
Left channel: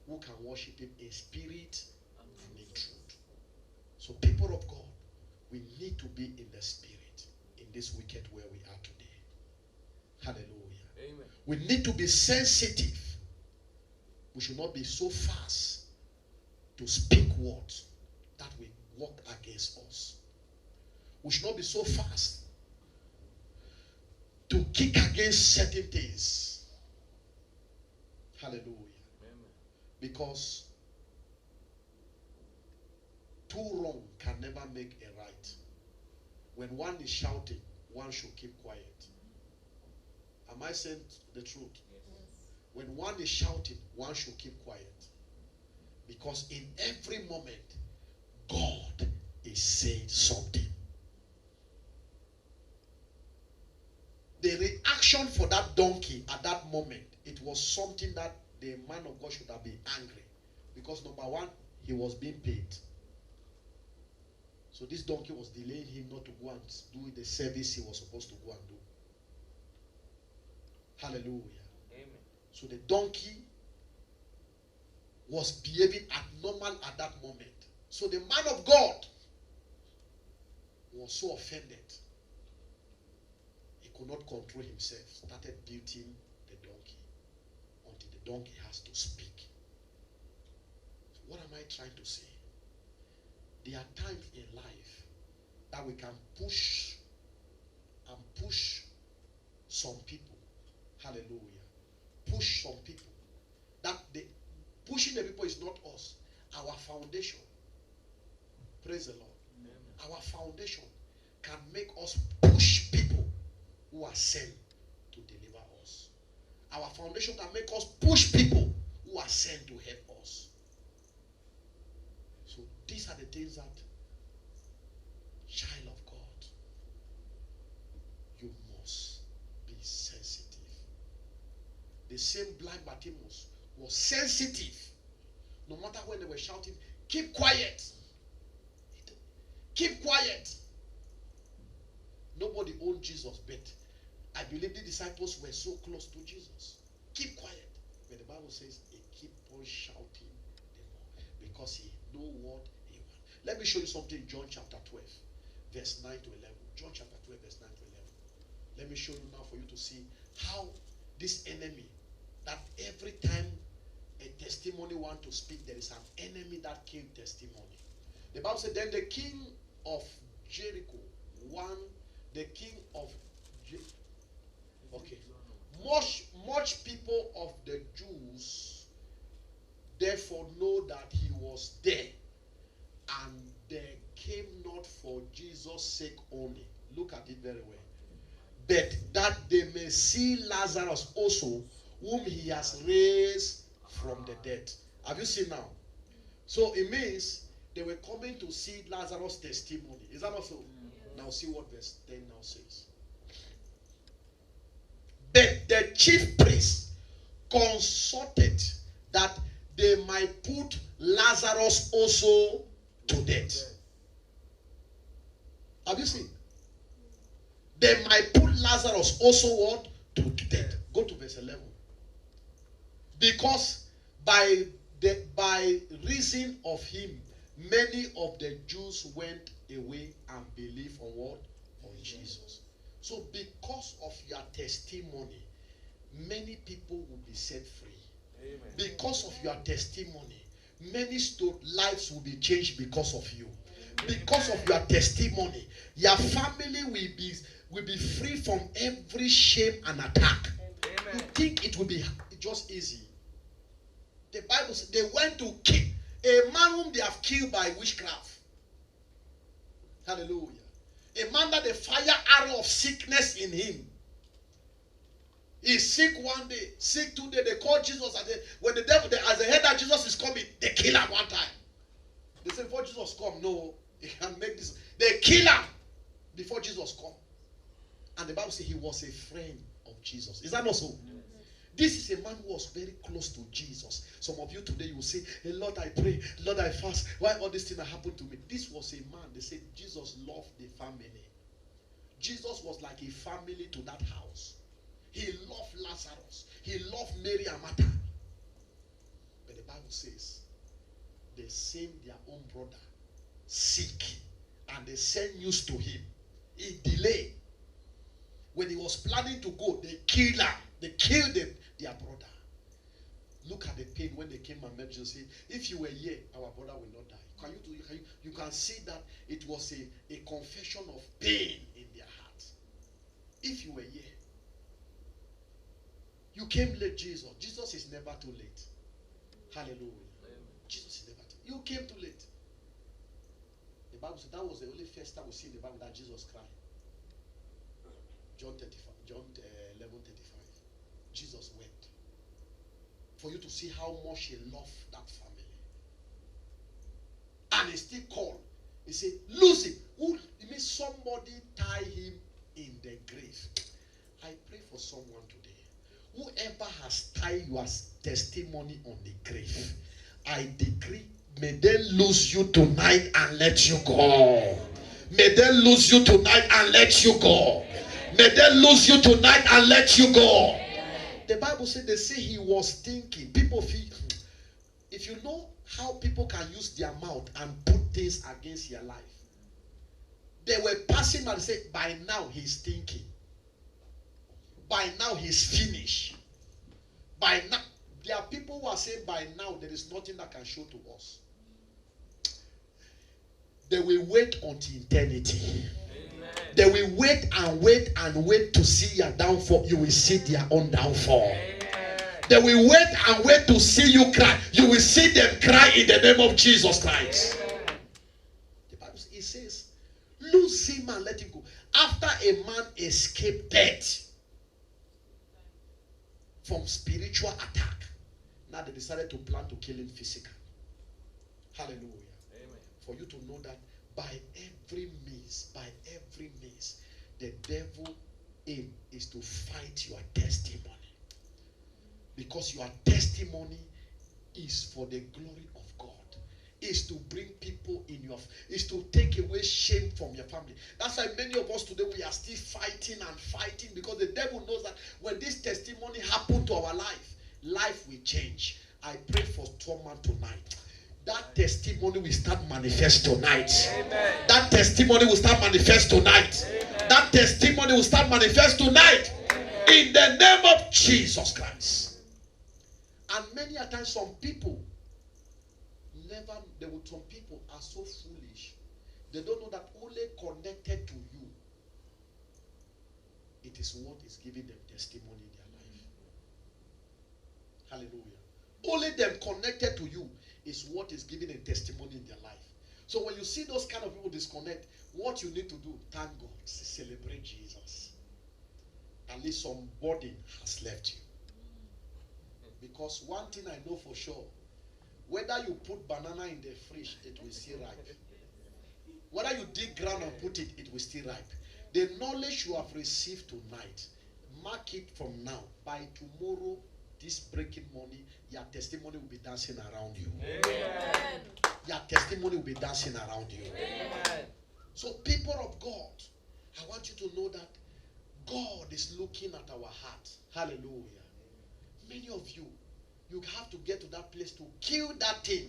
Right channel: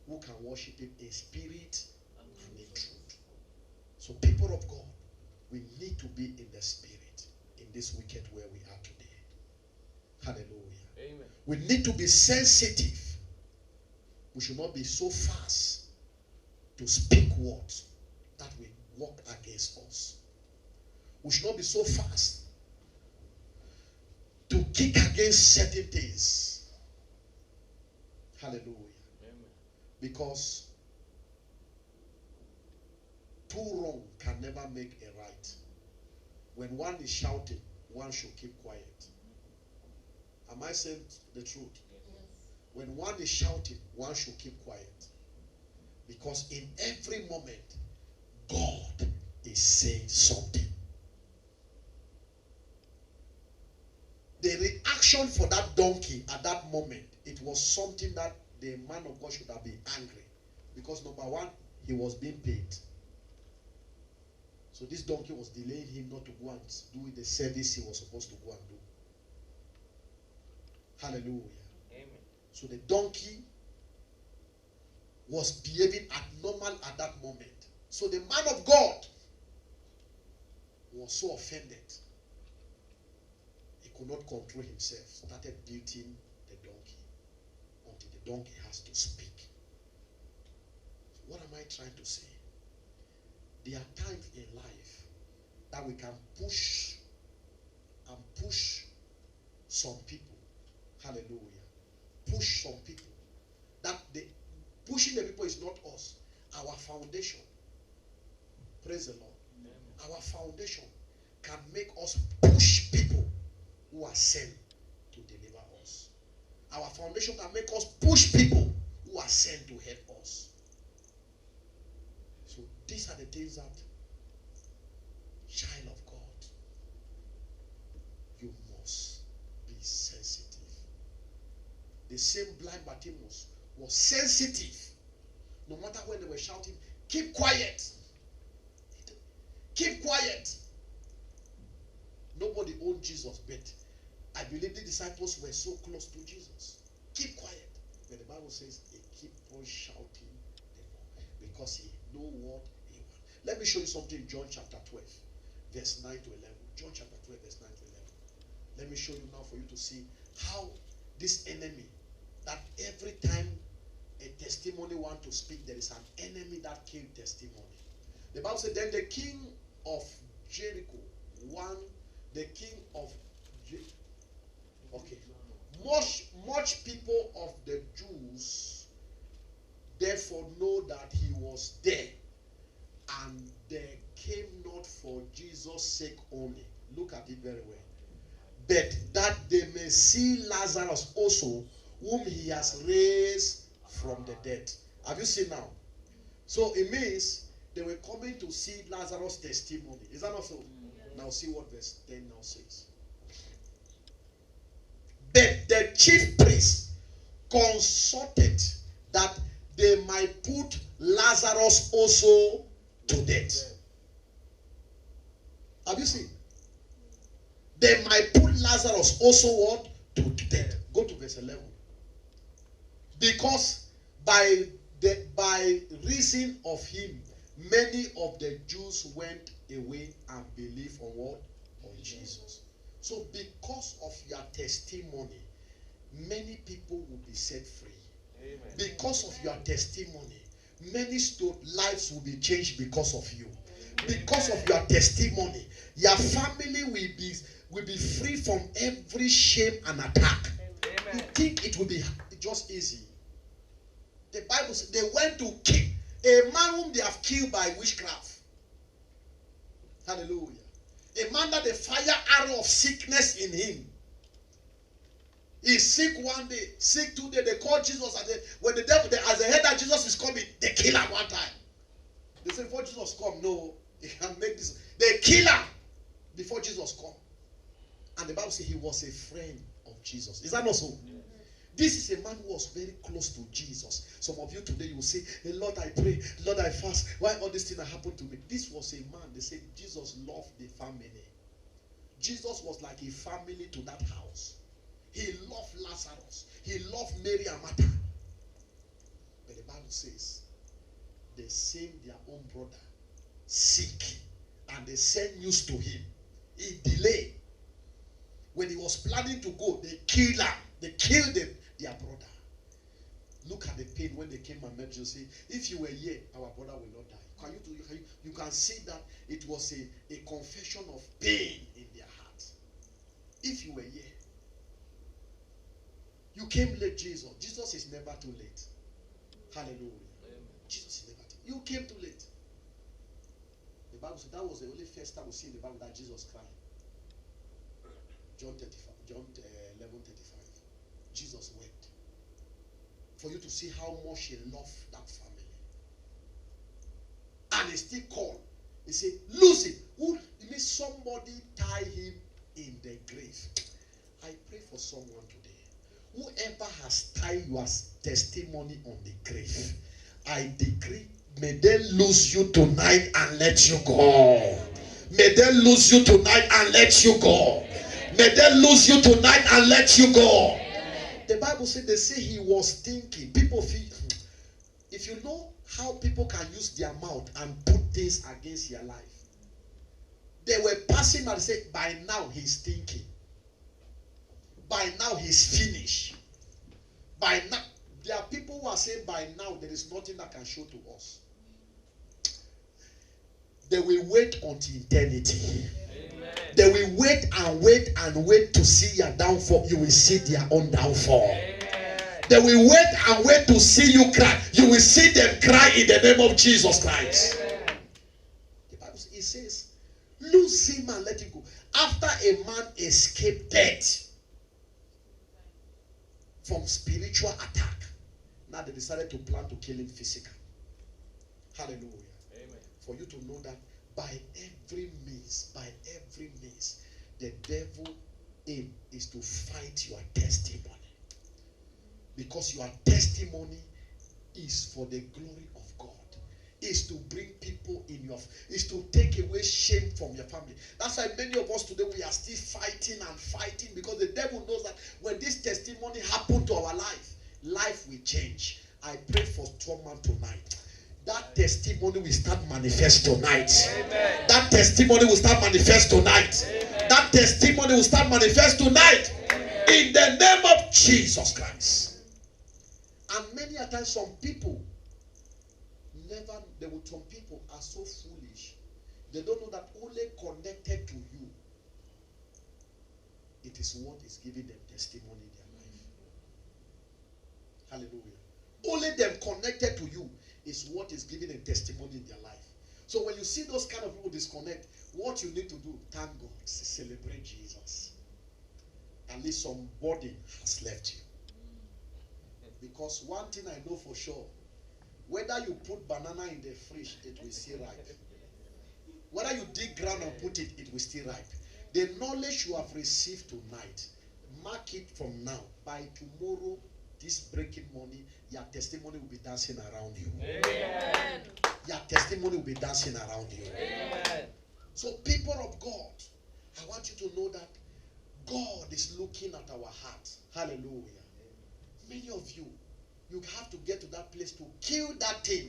who can worship him in spirit and in truth. So people of God, we need to be in the spirit in this wicked where we are today. Hallelujah. Amen. We need to be sensitive. We should not be so fast to speak words that will work against us. We should not be so fast to kick against certain things. Hallelujah. Amen. Because two wrong can never make a right. When one is shouting, one should keep quiet. Am I saying the truth? Yes. When one is shouting, one should keep quiet. Because in every moment, God is saying something. The reaction for that donkey at that moment, it was something that the man of God should have been angry. Because number one, he was being paid. So this donkey was delaying him not to go and do the service he was supposed to go and do. Hallelujah. Amen. So the donkey was behaving abnormal at that moment. So the man of God was so offended. He could not control himself. Started beating the donkey until the donkey has to speak. So what am I trying to say? There are times in life that we can push some people. Hallelujah. Push some people. That the pushing the people is not us. Our foundation. Praise the Lord. Amen. Our foundation can make us push people who are sent to deliver us. Our foundation can make us push people who are sent to help us. So these are the things that, child of God, you must be sensitive. The same blind Bartimaeus was sensitive. No matter when they were shouting, keep quiet. Keep quiet. Nobody owned Jesus, but I believe the disciples were so close to Jesus. Keep quiet. But the Bible says he keep on shouting the more because he know what he wants. Let me show you something in John chapter 12, verse 9 to 11. John chapter 12, verse 9 to 11. Let me show you now for you to see how this enemy, that every time a testimony want to speak, there is an enemy that killed testimony. The Bible said, then the king of Jericho, the king of much people of the Jews therefore know that he was there, and they came not for Jesus' sake only. Look at it very well. But that they may see Lazarus also, whom he has raised from the dead. Have you seen now? So it means they were coming to see Lazarus' testimony. Is that not so? Yeah. Now see what verse 10 now says. But the chief priests consulted that they might put Lazarus also to death. Have you seen? They might put Lazarus also what? To death. Go to verse 11. Because by reason of him, many of the Jews went away and believed on what? On Jesus. So because of your testimony, many people will be set free. Amen. Because of your testimony, many lives will be changed because of you. Because of your testimony, your family will be free from every shame and attack. Amen. You think it will be just easy. The Bible says they went to kill a man whom they have killed by witchcraft. Hallelujah. A man that the fire arrow of sickness in him. He's sick one day, sick 2 days. They call Jesus. When the devil, as they heard that Jesus is coming, they kill him one time. They say, before Jesus come, no, he can make this. They kill him before Jesus come. And the Bible says he was a friend of Jesus. Is that not so? This is a man who was very close to Jesus. Some of you today, you will say, hey, Lord, I pray, Lord, I fast. Why all these things happened to me? This was a man. They said Jesus loved the family. Jesus was like a family to that house. He loved Lazarus. He loved Mary and Martha. But the Bible says they sent their own brother sick, and they sent news to him. He delayed. When he was planning to go, they killed him. They killed their brother. Look at the pain when they came and met you. Say, if you were here, our brother will not die. You can see that it was a confession of pain in their heart. If you were here, you came late, Jesus. Jesus is never too late. Hallelujah. Amen. Jesus is never too late. You came too late. The Bible said that was the only first time we see in the Bible that Jesus cried. John 11:35. Jesus wept. For you to see how much he loved that family. And he still called. He said, lose it. It means somebody tie him in the grave. I pray for someone today. Whoever has tied your testimony on the grave, I decree, may they lose you tonight and let you go. May they lose you tonight and let you go. May they lose you tonight and let you go. The Bible said, they say he was thinking. People feel, if you know how people can use their mouth and put things against your life. They were passing and say, by now he's thinking. By now he's finished. By now, there are people who are saying by now there is nothing that can show to us. They will wait until eternity. Amen. They will wait and wait and wait to see your downfall. You will see their own downfall. Amen. They will wait and wait to see you cry. You will see them cry in the name of Jesus Christ. Amen. The Bible says, lose him and let him go. After a man escaped death from spiritual attack, now they decided to plan to kill him physically. Hallelujah. Amen. For you to know that by every means, the devil aim is to fight your testimony. Because your testimony is for the glory of God. Is to bring people in your, is to take away shame from your family. That's why many of us today, we are still fighting and fighting, because the devil knows that when this testimony happened to our life will change. I pray for someone tonight. That testimony will start manifest tonight. Amen. That testimony will start manifest tonight. Amen. That testimony will start manifest tonight. Amen. In the name of Jesus Christ. And many a times some people some people are so foolish. They don't know that only connected to you, it is what is giving them testimony in their life. Hallelujah. Only them connected to you is what is giving them testimony in their life. So when you see those kind of people disconnect, what you need to do, thank God, celebrate Jesus. At least somebody has left you. Because one thing I know for sure, whether you put banana in the fridge, it will still ripe. Whether you dig ground and put it, it will still ripe. The knowledge you have received tonight, mark it from now. By tomorrow, this breaking morning, your testimony will be dancing around you. Amen. Your testimony will be dancing around you. Amen. So people of God, I want you to know that God is looking at our heart. Hallelujah. Many of you, you have to get to that place to kill that thing.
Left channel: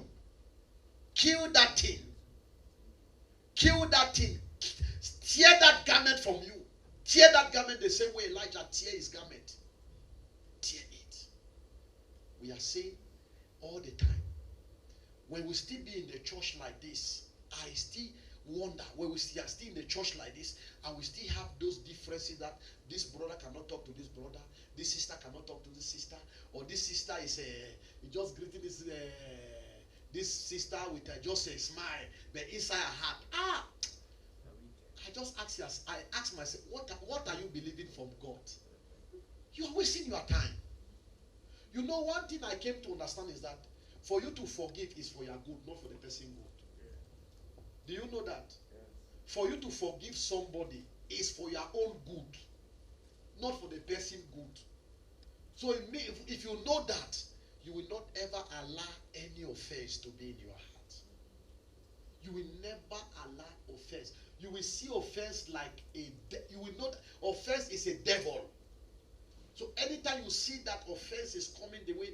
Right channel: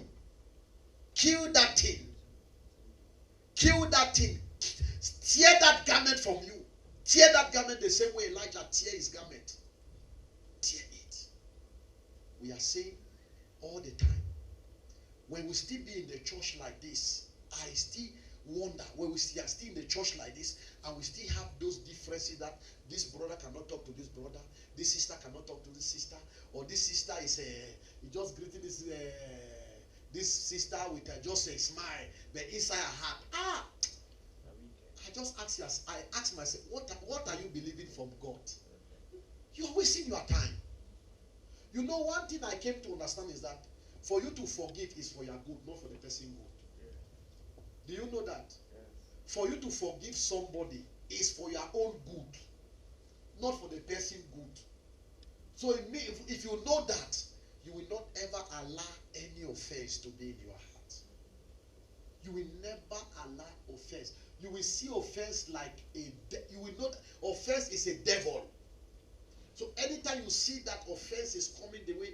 Kill that thing. Kill that thing. Tear that garment from you. Tear that garment the same way Elijah tear his garment. Tear it. We are saying all the time, when we still be in the church like this, I still wonder, when we are still in the church like this, and we still have those differences that this brother cannot talk to this brother, this sister cannot talk to this sister, or this sister is He just greeting this sister with just a smile, but inside her heart, I just ask myself, what are you believing from God? You are wasting your time. You know, one thing I came to understand is that for you to forgive is for your good, not for the person good. Do you know that? For you to forgive somebody is for your own good, not for the person good. So if you know that, you will not ever allow any offense to be in your heart. You will never allow offense. You will see offense like you will not. Offense is a devil. So anytime you see that offense is coming the way,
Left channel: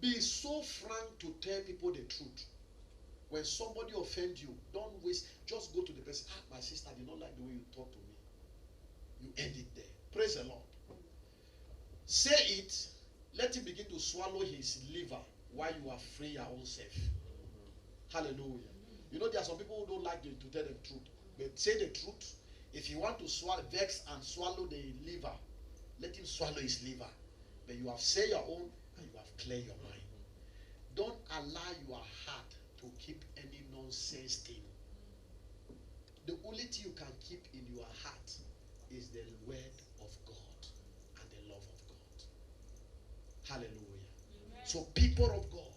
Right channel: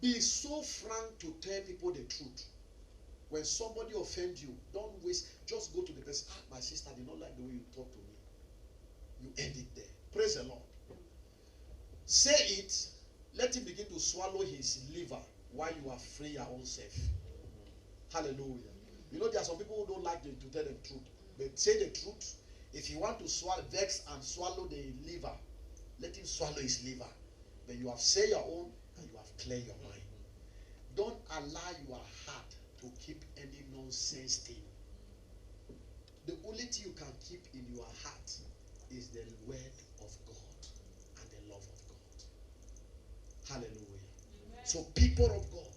be so frank to tell people the truth. When somebody offends you, don't waste. Just go to the person. My sister did not like the way you talk to me. You end it there. Praise the Lord. Say it. Let him begin to swallow his liver while you are free your own self. Hallelujah. You know, there are some people who don't like to tell the truth. But say the truth. If you want to vex and swallow the liver, let him swallow his liver. But you have said your own and you have cleared your mind. Don't allow your heart to keep any nonsense thing. The only thing you can keep in your heart is the word of God and the love of God. Hallelujah. Amen. So people of God,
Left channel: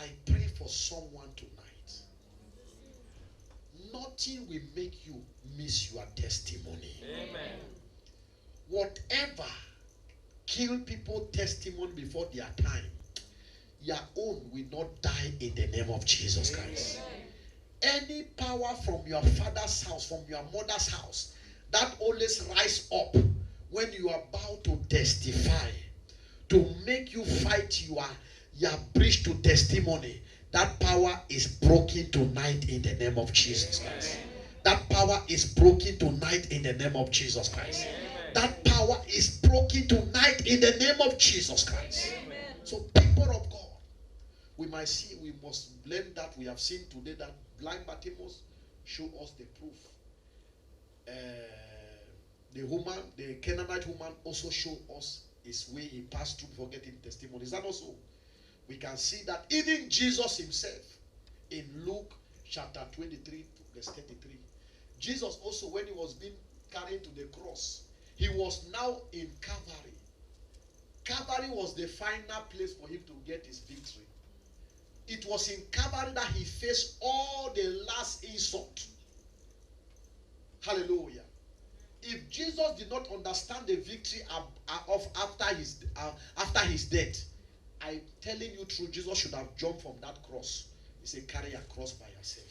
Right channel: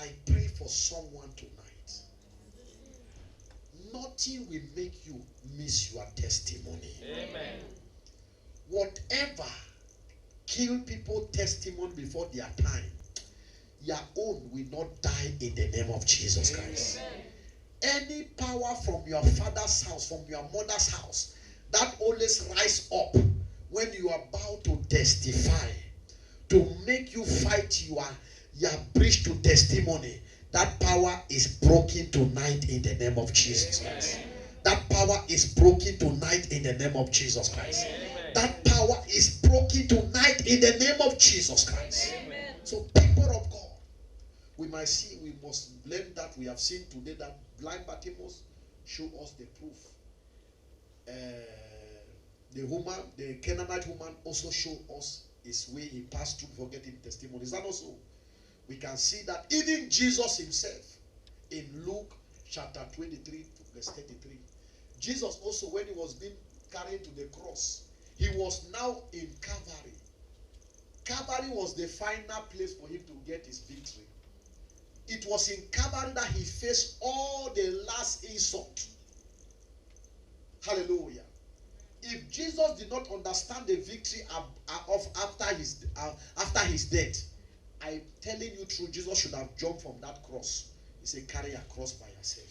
I pray for someone tonight. Nothing will make you miss your testimony. Amen. Whatever kill people testimony before their time, your own will not die in the name of Jesus Christ. Amen. Any power from your father's house, from your mother's house, that always rise up when you are about to testify, to make you fight your bridge to testimony, that power is broken tonight in the name of Jesus Christ. That power is broken tonight in the name of Jesus Christ. That power is broken tonight in the name of Jesus Christ. Amen. So people of God, we must learn that. We have seen today that blind Bartimaeus show us the proof. The Canaanite woman also showed us his way he passed through for getting testimony. Is that also? We can see that even Jesus himself in Luke chapter 23 verse 33. Jesus also, when he was being carried to the cross, he was now in Calvary. Calvary was the final place for him to get his victory. It was in Calvary that he faced all the last insult. Hallelujah. If Jesus did not understand the victory after his death, I'm telling you true, Jesus should have jumped from that cross. He said, carry your cross by yourself.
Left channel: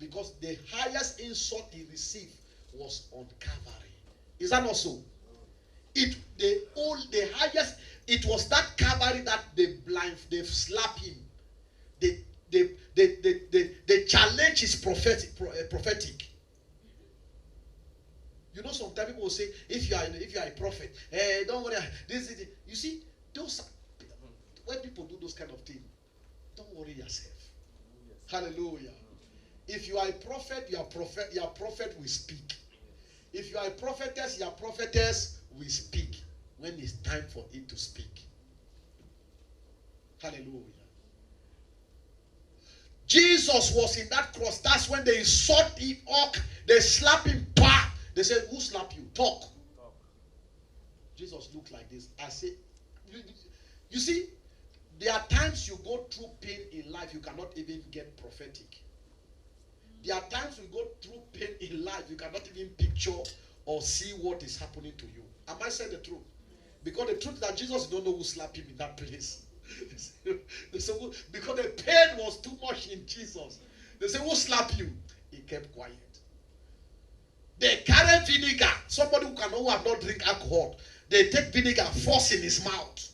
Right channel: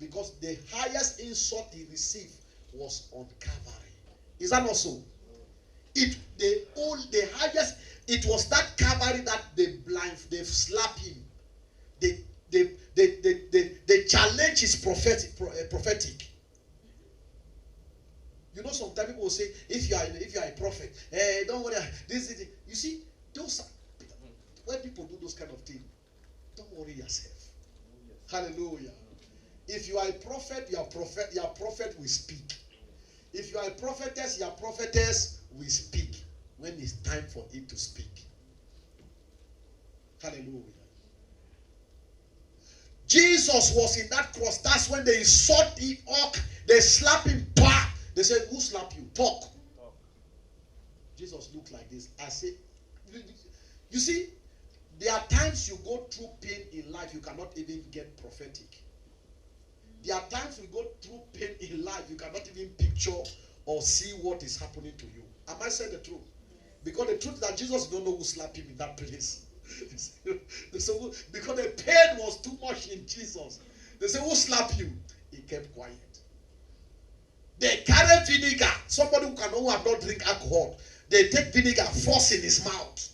Because the highest insult he received was on Calvary. Is that not so? The highest, it was that Calvary that they slap him. The challenge is prophetic. You know, sometimes people will say, if you are a prophet, don't worry. You see, when people do those kind of things, don't worry yourself. Hallelujah. If you are a prophet, your prophet will speak. If you are a prophetess, your prophetess will speak when it's time for it to speak. Hallelujah. Jesus was in that cross. That's when they sought him up. They slapped him back. They said, who slapped you? Talk. Jesus looked like this. I say, you see, there are times you go through pain in life, you cannot even get prophetic. There are times you go through pain in life, you cannot even picture or see what is happening to you. Am I saying the truth? Because the truth is that Jesus don't know who slapped him in that place. So, because the pain was too much in Jesus. They say, who slapped you? He kept quiet. They carry vinegar. Somebody who have not drink alcohol. They take vinegar, force in his mouth.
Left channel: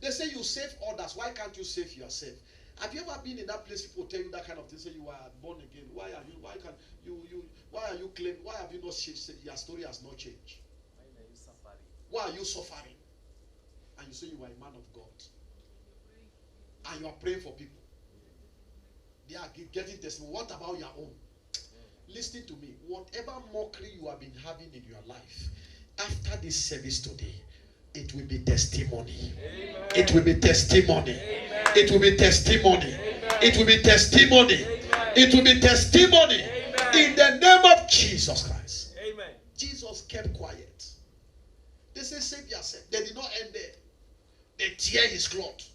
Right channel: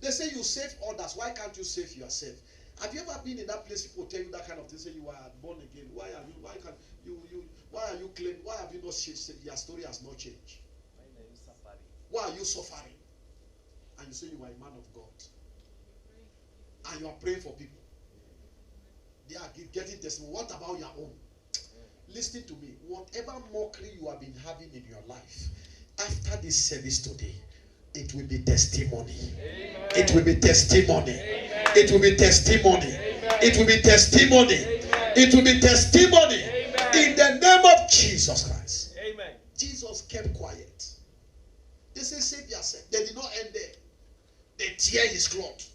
They say you save others. Why can't you save yourself? Have you ever been in that place? People tell you that kind of thing. Say you are born again. Why are you? Why can't you? Why are you claiming? Why have you not changed? Your story has not changed. Why are you suffering? And you say you are a man of God. And you are praying for people. They are getting testimony. What about your own? Listen to me. Whatever mockery you have been having in your life, after this service today, it will be testimony. Amen. It will be testimony. Amen. It will be testimony. Amen. It will be testimony. Amen. It will be testimony. Amen. In the name of Jesus Christ. Amen. Jesus kept quiet. They say, save yourself. They did not end there. They tear his cloth.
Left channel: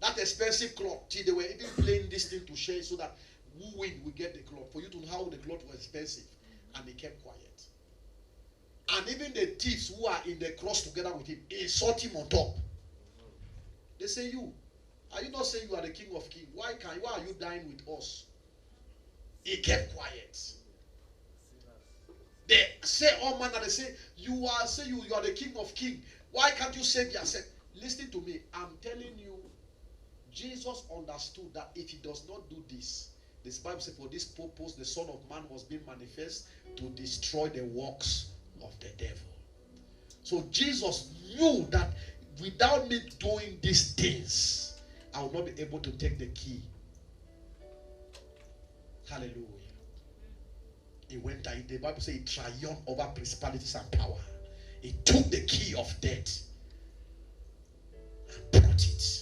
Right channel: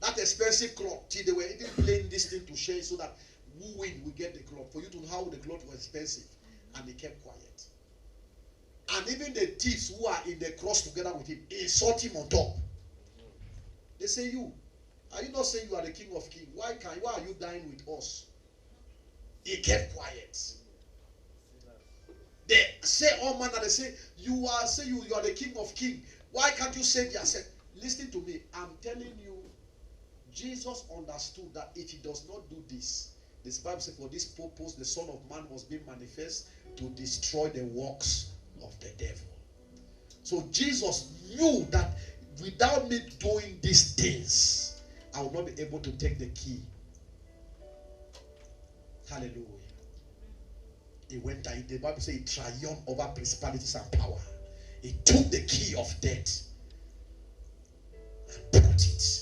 That expensive cloth. See, they were even playing this thing to share so that who win will get the cloth. For you to know how the cloth was expensive. And they kept quiet. And even the thieves who are in the cross together with him insult him on top. They say, you, are you not saying you are the King of Kings? Why are you dying with us? He kept quiet. They say all manner. They say you are the King of Kings. Why can't you save yourself? Listen to me. I'm telling you, Jesus understood that if he does not do this Bible says, for this purpose the Son of Man must be manifest to destroy the works of the devil. So Jesus knew that without me doing these things, I will not be able to take the key. Hallelujah. He went and the Bible says he triumphed over principalities and power. He took the key of death and brought it.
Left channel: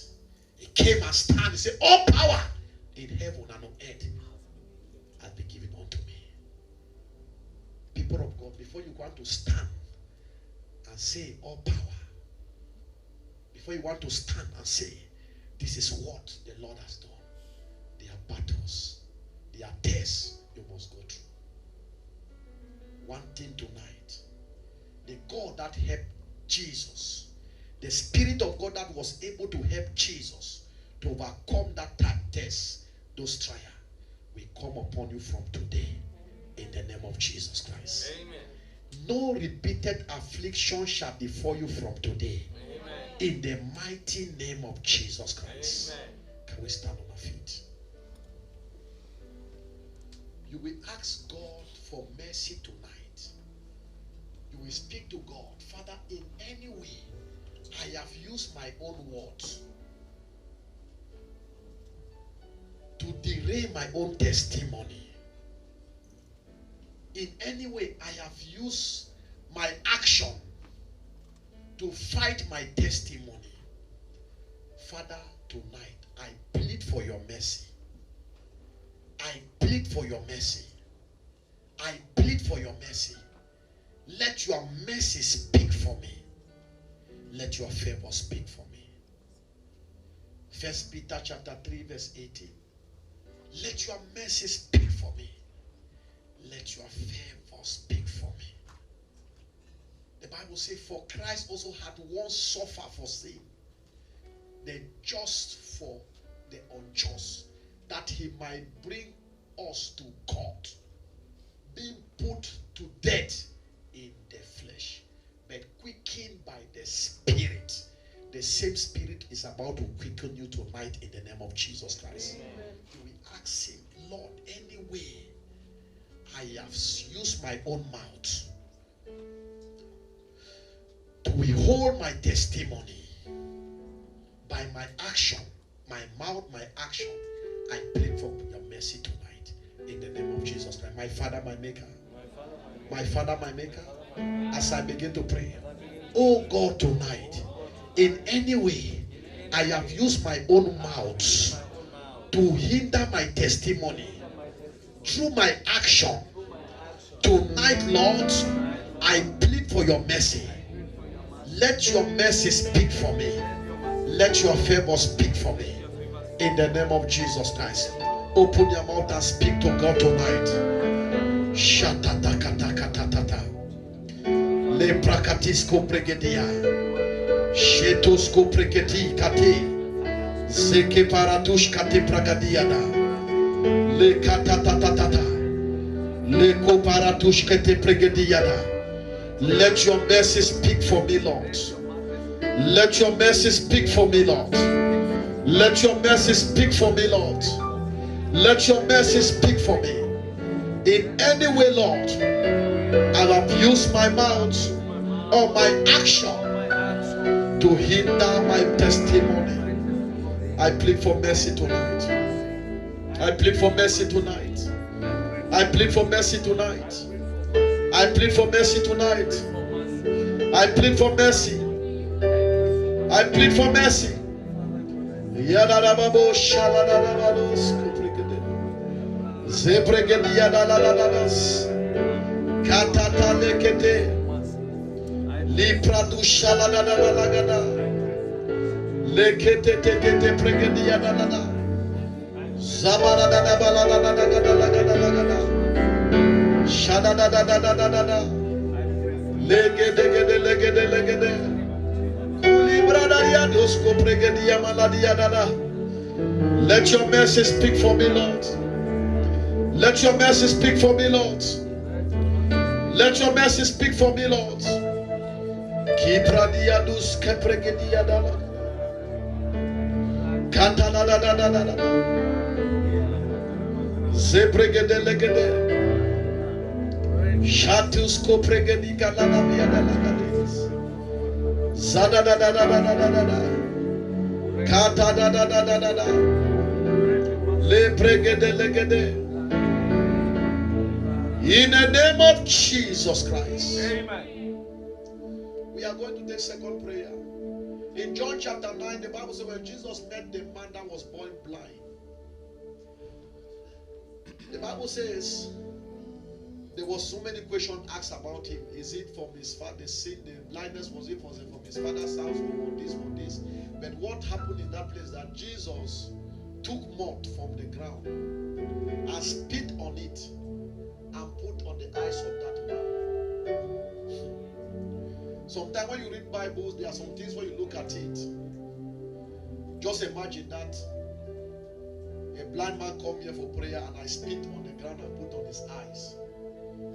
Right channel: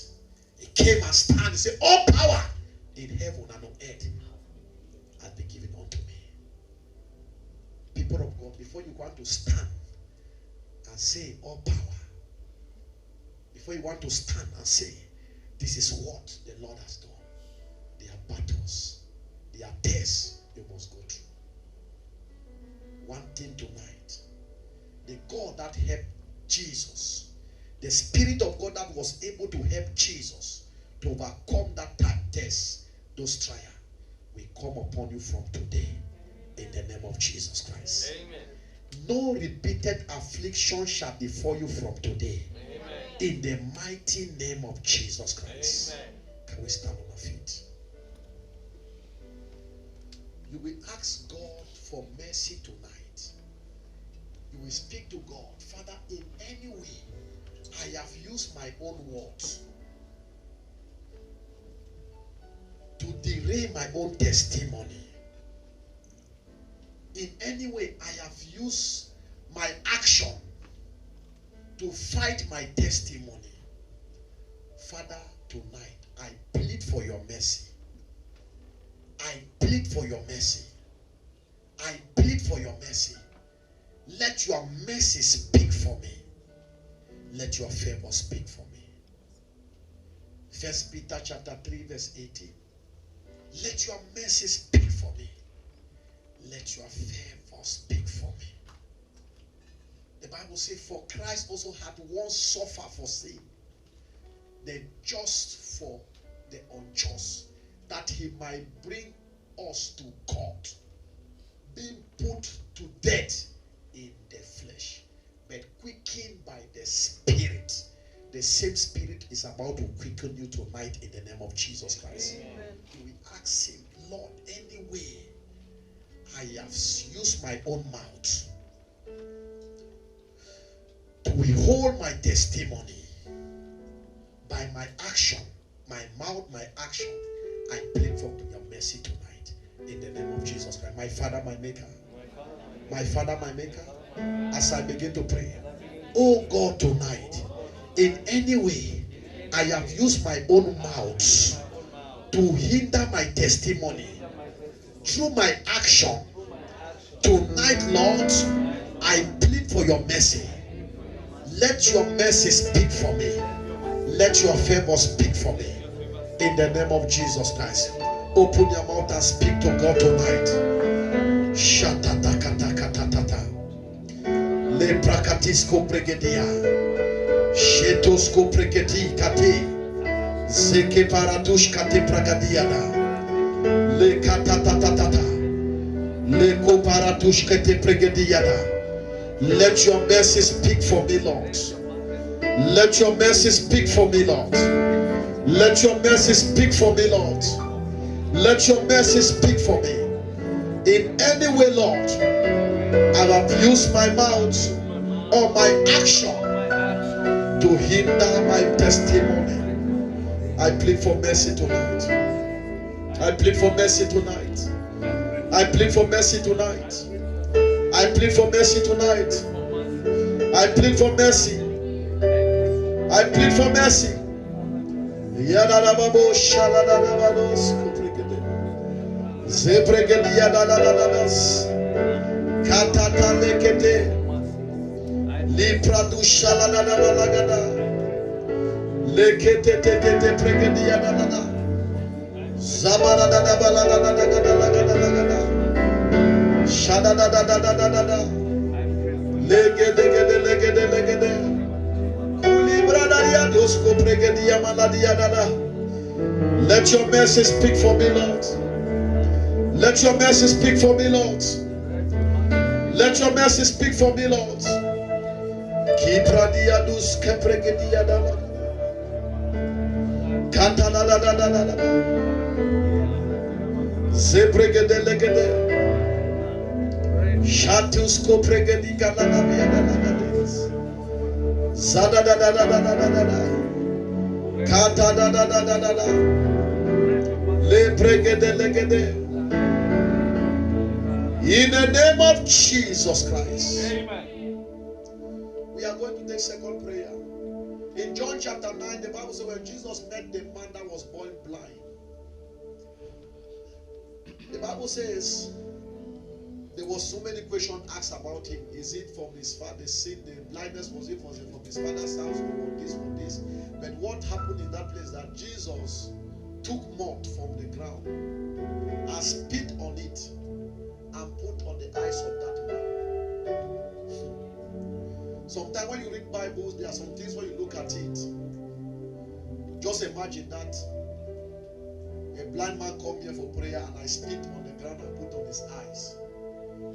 He came and stand and said, all power in heaven and on earth has been given unto me. People of God, before you want to stand and say all power, before you want to stand and say, this is what the Lord has done, there are battles, there are tests you must go through. One thing tonight, the God that helped Jesus, the Spirit of God that was able to help Jesus to overcome that test, those trials, will come upon you from today in the name of Jesus Christ. Amen. No repeated affliction shall befall you from today. Amen. In the mighty name of Jesus Christ. Amen. Can we stand on our feet? You will ask God for mercy tonight. You will speak to God. Father, in any way, I have used my own words to derail my own testimony. In any way, I have used my action to fight my testimony. Father, tonight, I plead for your mercy. I plead for your mercy. I plead for your mercy. Let your mercy speak for me. Let your favor speak for me. 1 Peter chapter 3 verse 18. Let your mercy speak for me. Let your favor speak for me. The Bible says, for Christ also had once suffered for sin, the just for the unjust, that he might bring us to God, being put to death in the flesh, but quickened by the Spirit. The same Spirit is about to quicken you tonight in the name of Jesus Christ. Amen. You will ask him, Lord, anyway I have used my own mouth to withhold my testimony, by my action, my mouth, my action, I plead for your mercy tonight in the name of Jesus Christ. My Father, my Maker. My Father, my Maker. As I begin to pray, oh God, tonight, in any way I have used my own mouth to hinder my testimony through my action, tonight, Lord, I plead for your mercy. Let your mercy speak for me. Let your favor speak for me. In the name of Jesus Christ. Open your mouth and speak to God tonight. Shatata. Le prakatisko pregedia. Shetosko pregedi kate. Zeke paratush kate pragadiana. Le katatatata. Le koparatush kate pregediana. Let your mercy speak for me, Lord. Let your mercy speak for me, Lord. Let your mercy speak for me, Lord. Let your mercy speak for me. In any way, Lord, I have used my mouth or my action to hinder my testimony. I plead for mercy tonight. I plead for mercy tonight. I plead for mercy tonight. I plead for mercy tonight. I plead for mercy. I plead for mercy. Yadadababo shaladadabados kupregede. Zebregedi yadadadadas. Katata lekete. Lipradu shaladadabalagada. Lekete tekete pregedi yadadada. Zabaradadabaladadadagadalagadalagada. Shadadadadadadada. Legede. Let your mercy speak for me, Lord. Let your mercy speak for me, Lord. Let your mercy speak for me, Lord. Shatus kopregedi galana viadalagades. Zada da da da da da da da. Kata da da da da da da. Le pregede legede. In the name of Jesus Christ. Amen. We are going to take second prayer. In John chapter 9, the Bible says when Jesus met the man that was born blind. The Bible says there was so many questions asked about him. Is it from his father's sin? The blindness was it from his father's house or this? But what happened in that place that Jesus took mud from the ground and spit on it and put on the eyes of that man. Sometimes when you read Bibles, there are some things when you look at it. Just imagine that a blind man come here for prayer and I spit on the ground and put on his eyes.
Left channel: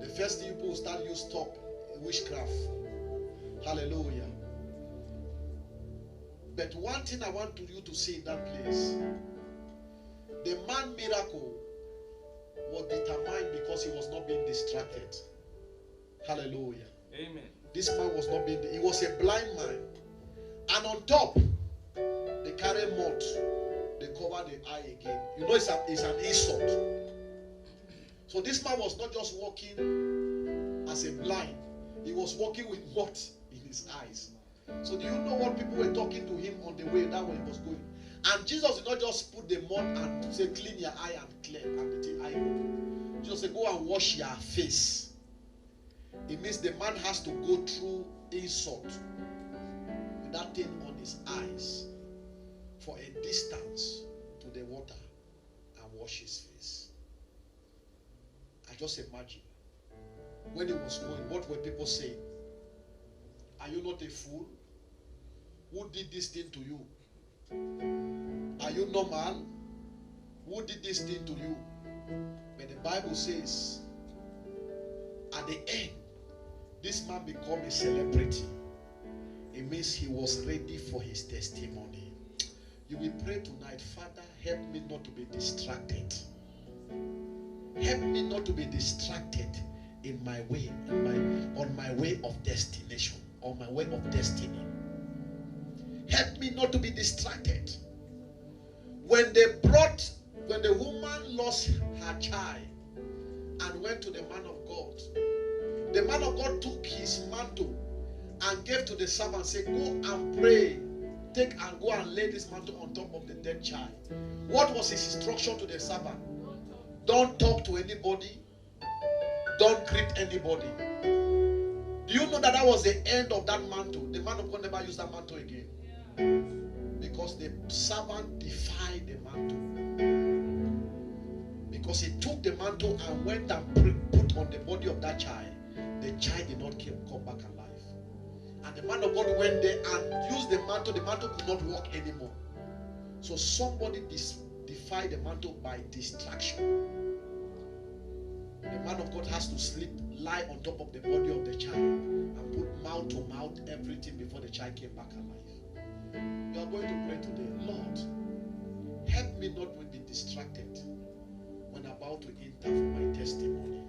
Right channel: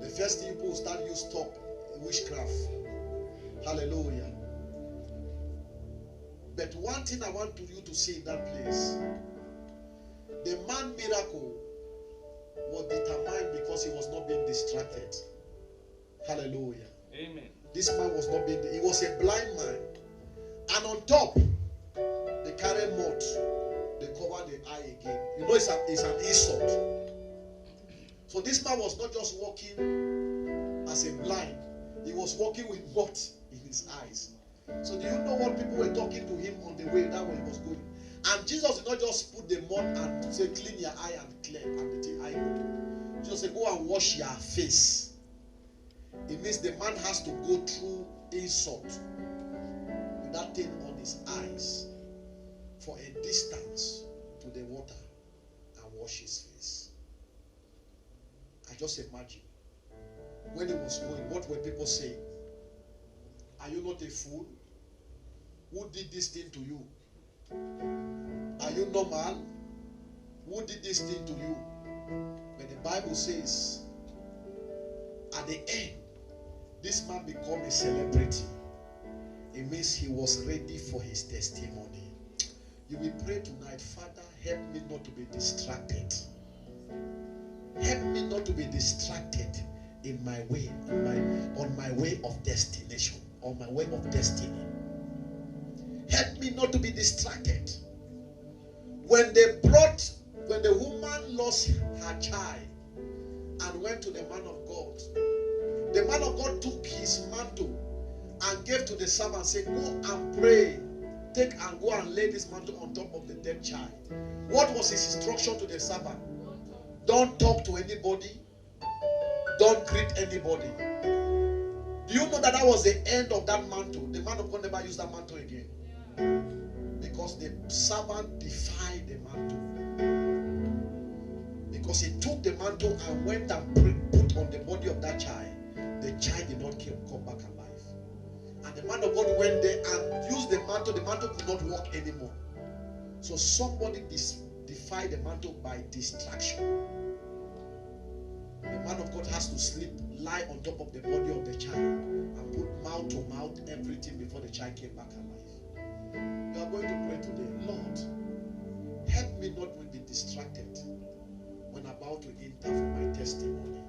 The first thing people start you stop witchcraft. Hallelujah. But one thing I want you to see in that place, the man miracle was determined because he was not being distracted. Hallelujah. Amen. This man was not being, he was a blind man. And on top, they carry mud. They cover the eye again. You know it's an insult. So this man was not just walking as a blind. He was walking with mud in his eyes. So do you know what people were talking to him on the way that way he was going? And Jesus did not just put the mud and say clean your eye and clear and the eye open. Jesus said go and wash your face. It means the man has to go through insult with that thing on his eyes for a distance to the water and wash his face. I just imagine when he was going, what were people saying? Are you not a fool? Who did this thing to you? Are you normal? Who did this thing to you? But the Bible says, at the end, this man became a celebrity. It means he was ready for his testimony. You will pray tonight, Father, help me not to be distracted. Help me not to be distracted in my way, on my way of destination, on my way of destiny. Help me not to be distracted. When the woman lost her child and went to the man of God, the man of God took his mantle and gave to the servant and said, go and pray. Take and go and lay this mantle on top of the dead child. What was his instruction to the servant? Don't talk to anybody. Don't greet anybody. Do you know that was the end of that mantle? The man of God never used that mantle again. Because the servant defied the mantle. Because he took the mantle and went and put on the body of that child. The child did not come back alive. And the man of God went there and used the mantle could not walk anymore. So somebody defied the mantle by distraction. The man of God has to lie on top of the body of the child and put mouth to mouth everything before the child came back alive. You are going to pray today, Lord, help me not to be distracted when about to enter for my testimony.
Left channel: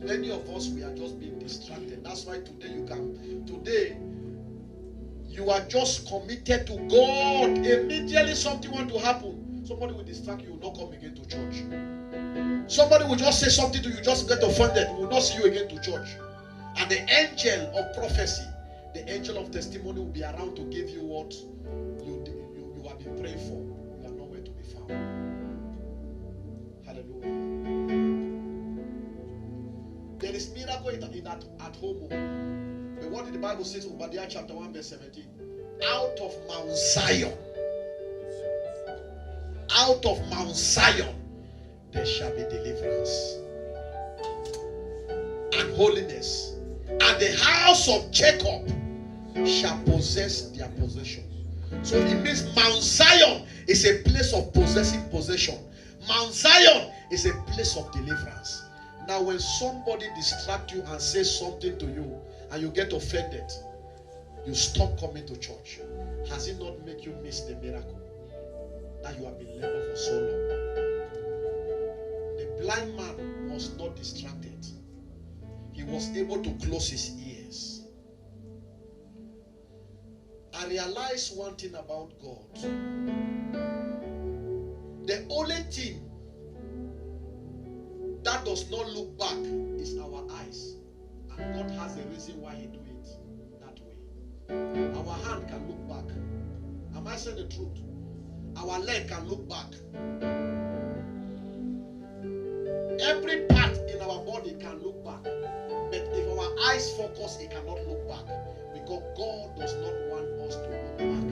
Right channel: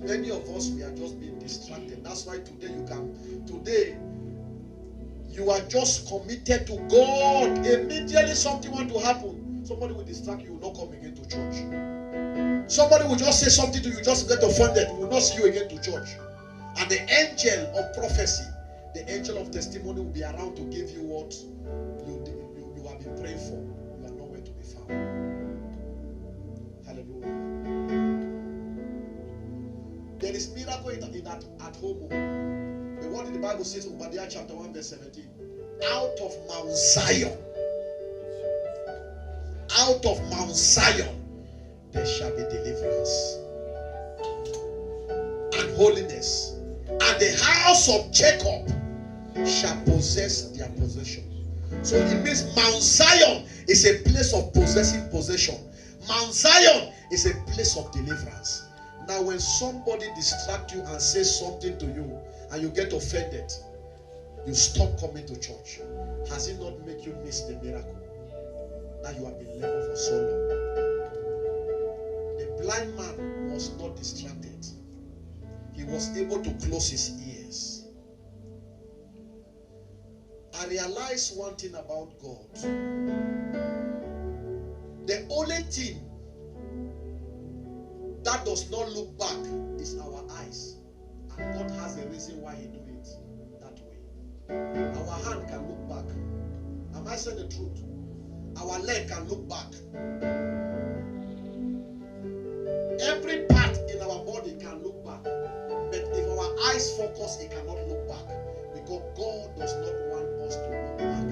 Many of us, we are just being distracted. That's why today you are just committed to God. Immediately something want to happen, somebody will distract you, will not come again to church. Somebody will just say something to you, just get offended, will not see you again to church. And the angel of prophecy, the angel of testimony will be around to give you what you have been praying for. You are nowhere to be found. Hallelujah. There is miracle in that at home. The word in the Bible says, Obadiah chapter 1 verse 17, out of Mount Zion, there shall be deliverance and holiness, and the house of Jacob shall possess their possession. So it means Mount Zion is a place of possessing possession. Mount Zion is a place of deliverance. Now when somebody distracts you and says something to you and you get offended, you stop coming to church. Has it not made you miss the miracle that you have been laboring for so long? The blind man was not distracted. He was able to close his ears. I realized one thing about God. The only thing that does not look back is our eyes. And God has a reason why He do it that way. Our hand can look back. Am I saying the truth? Our leg can look back. Every part in our body can look back. But if our eyes focus, it cannot look back. Because God does not want us to look back.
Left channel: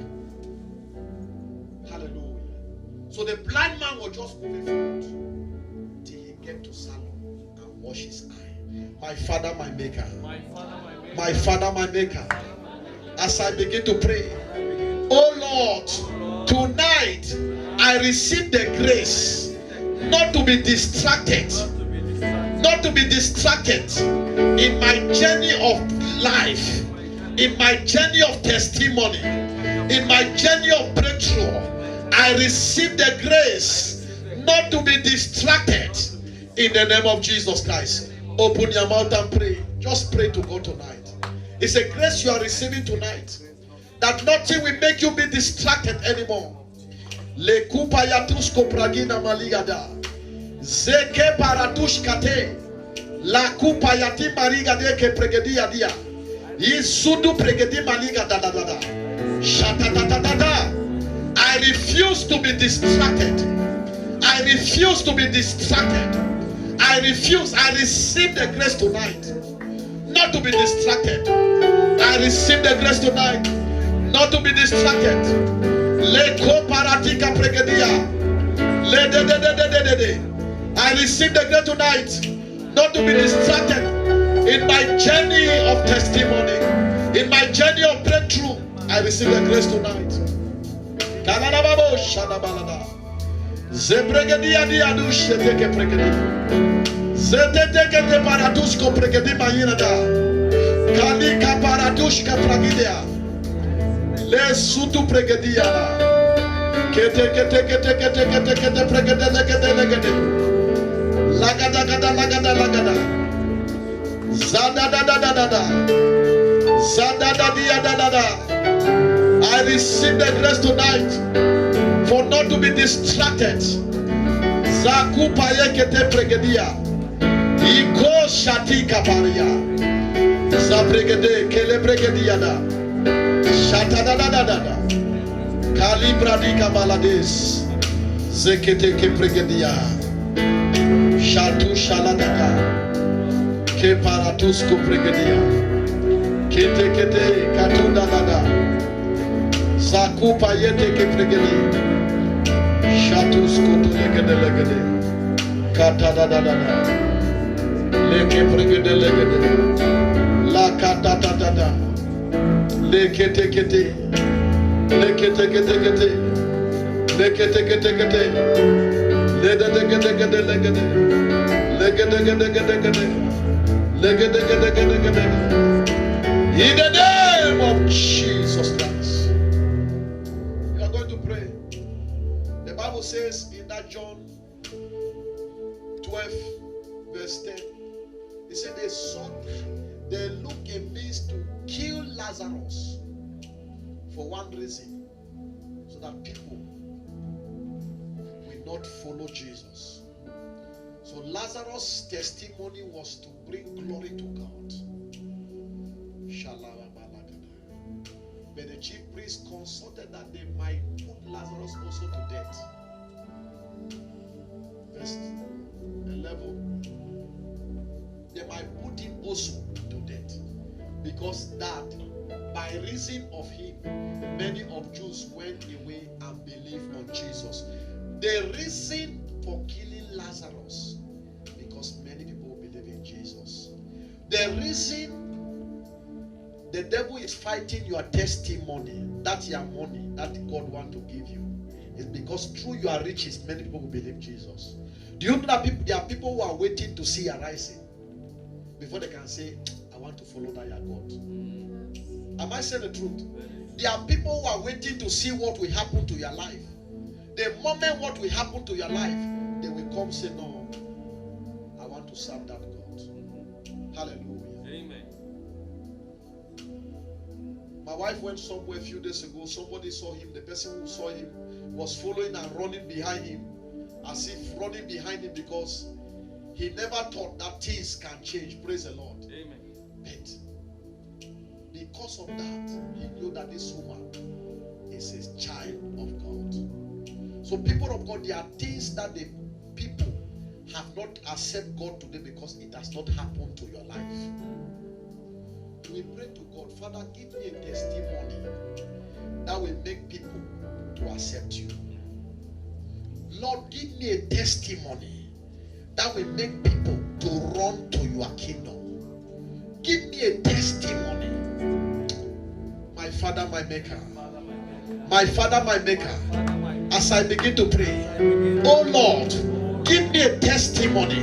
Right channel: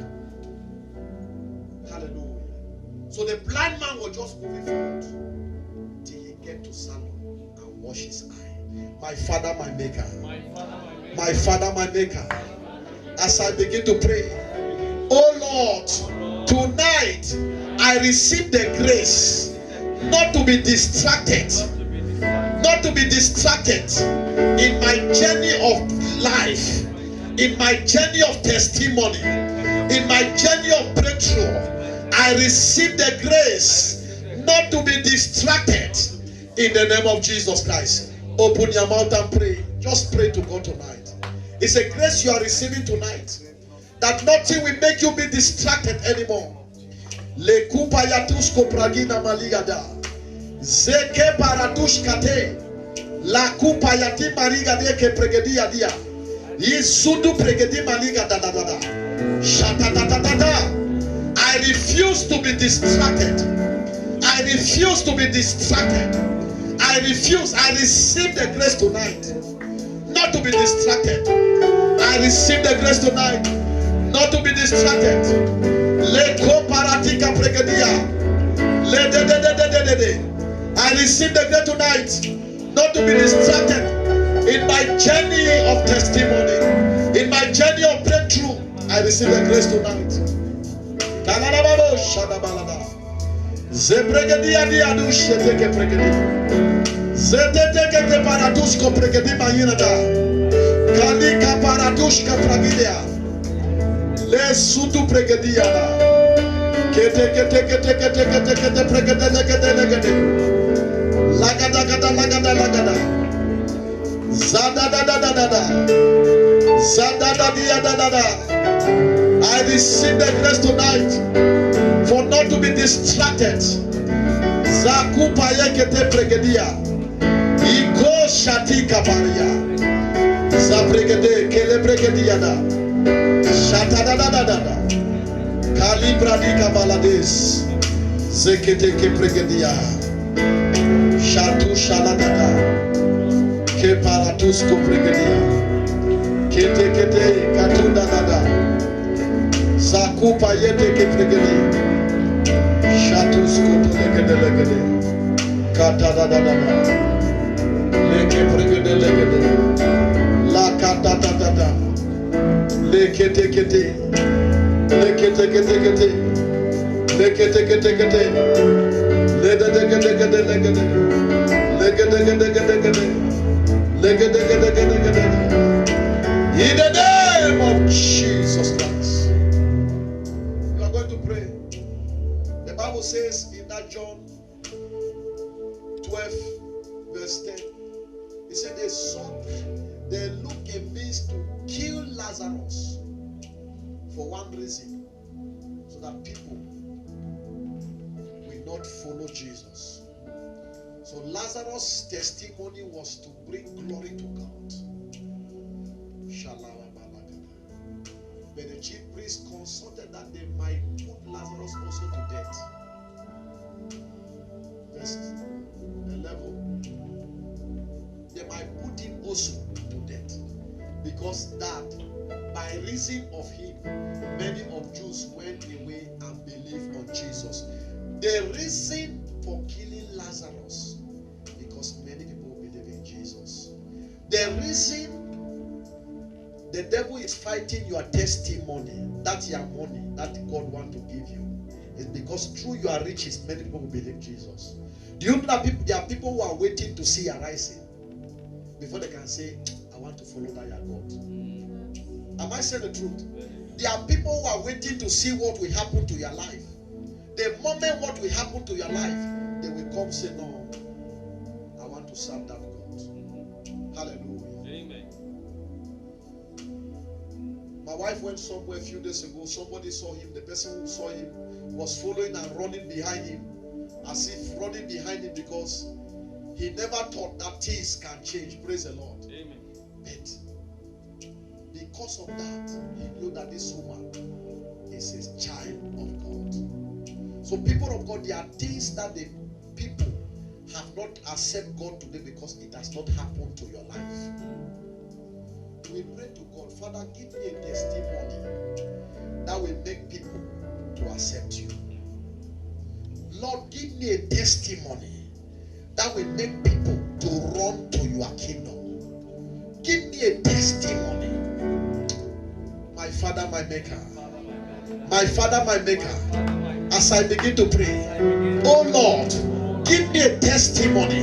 Hallelujah. So the blind man was just moving forward till he get to Salon and wash his eye. My Father, my Maker. My Father, my Maker. As I begin to pray, oh Lord, tonight I receive the grace not to be distracted. Not to be distracted in my journey of life, in my journey of testimony, in my journey of breakthrough. I receive the grace not to be distracted in the name of Jesus Christ. Open your mouth and pray. Just pray to God tonight. It's a grace you are receiving tonight, that nothing will make you be distracted anymore. Le kupa yatusko pragina maligada. Zeke paratush kate. La kupa yati mariga de ke pregedia dia. Isudu pregedi maliga da da da da. Shata da da da da. I refuse to be distracted. I refuse to be distracted. I refuse. I receive the grace tonight not to be distracted. I receive the grace tonight not to be distracted. Le ko paratika pregedia. Le de de de de de de de. I receive the grace tonight not to be distracted in my journey of testimony, in my journey of breakthrough. I receive the grace tonight. Kananababo shadabalada. Zebregedia diadu sheteke pregedi. Zeteke te paradusko pregedi mayinada. Kalika paradushka pragidia. Le sutu pregedia. Kete kete kete kete kete kete pregede legede legede. Lagada gada lagada lagada. Zada da da da da da. Zada da dia da da da. I receive the grace tonight for not to be distracted. Zakupa yekete pregedia. Iko shati kaparia. Zabregede kele pregedia da. Shata da da da da da. Kalibra di kabalades. Zekete ke pregedia. Shatu shaladada. Ke paratusko pregedia. Kete kete katunda dada. Zakupa yete ke pregedi. Shatusko to legede legede. Kata dada dada. Leke pregede legede. La kata dada dada. Lekete kete. Lekete kete kete. Lekete kete kete. Legede legede legede legede. Legede legede legede. Legede legede legede. In the name of Jesus Christ. You are going to pray. The Bible says in that John 12 verse 10, it said they look a means to kill Lazarus for one reason, so that people will not follow Jesus. So Lazarus' testimony was to bring glory to God. But the chief priest consulted that they might put Lazarus also to death. Verse 11. They might put him also to death. Because that, by reason of him, many of Jews went away and believed on Jesus. The reason for killing Lazarus, because many people believe in Jesus. The reason the devil is fighting your testimony, that's your money that God wants to give you, is because through your riches, many people will believe Jesus. Do you know that there are people who are waiting to see your rising before they can say, I want to follow that your God? Am I saying the truth? There are people who are waiting to see what will happen to your life. The moment what will happen to your life, they will come say, no, I want to serve that God. Hallelujah. Amen. My wife went somewhere a few days ago. Somebody saw him. The person who saw him was following and running behind him, as if running behind him because he never thought that things can change. Praise the Lord. Amen. But because of that, he knew that this woman is a child of God. So people of God, there are things that the people have not accepted God today because it has not happened to your life. We pray to God, Father, give me a testimony that will make people to accept you. Lord, give me a testimony that will make people to run to your kingdom. Give me a testimony. My Father, my Maker. My Father, my Maker. As I begin to pray, oh Lord, give me a testimony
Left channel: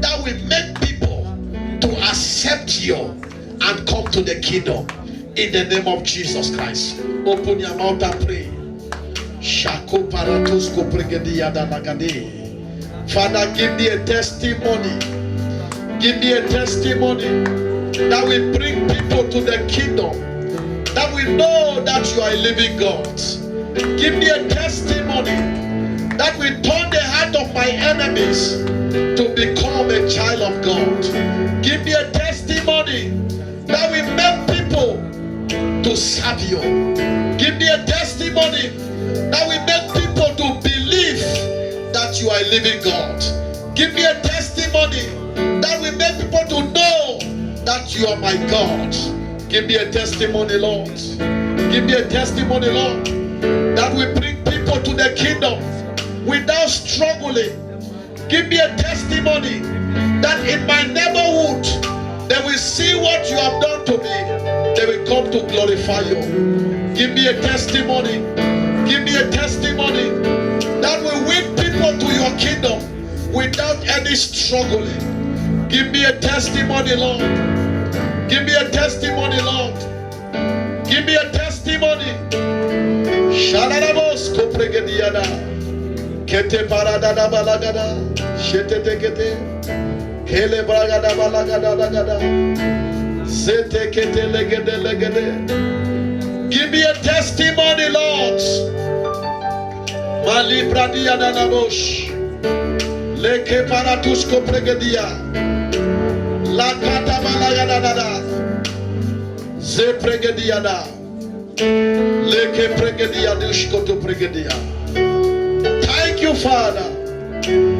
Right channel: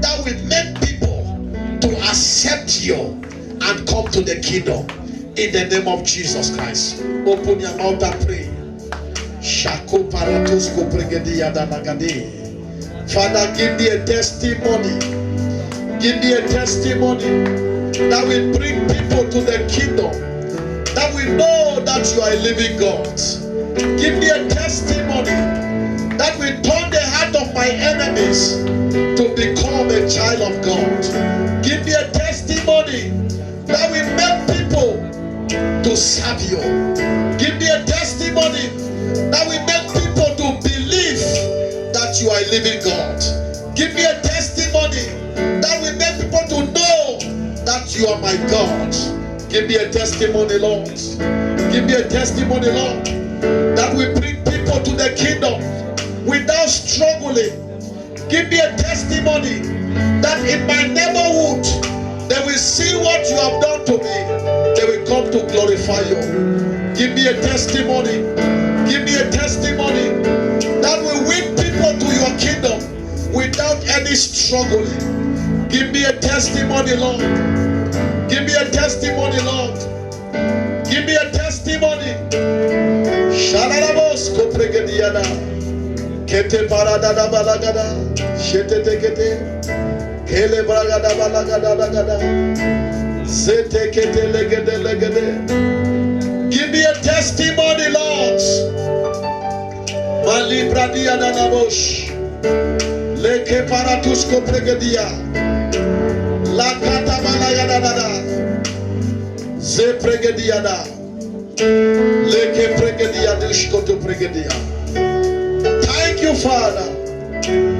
that will make people to accept you and come to the kingdom. In the name of Jesus Christ. Open your mouth and pray. Father, give me a testimony. Give me a testimony that will bring people to the kingdom. That will know that you are a living God. Give me a testimony that will turn the heart of my enemies to become a child of God. Give me a testimony that will make people to serve you. Give me a testimony that will make people to believe that you are a living God. Give me a testimony that will make people to know that you are my God. Give me a testimony, Lord. Give me a testimony, Lord, that will bring people to the kingdom without struggling. Give me a testimony that in my neighborhood they will see what you have done to me. They will come to glorify you. Give me a testimony. Give me a testimony that will win people to your kingdom without any struggling. Give me a testimony, Lord. Give me a testimony, Lord. Give me a testimony. Shalarabos kopregediada. Kete paradada balagada. Shetete kete. Kele bragada balagada lagada. Zete kete legede legede. Give me a testimony, Lord. Mali bradiada nabosh. Leke paratus kopregedia. La kata balagada dada. Ze pregediada. Leke pregedia dushkoto pregedia. Thank you, Father,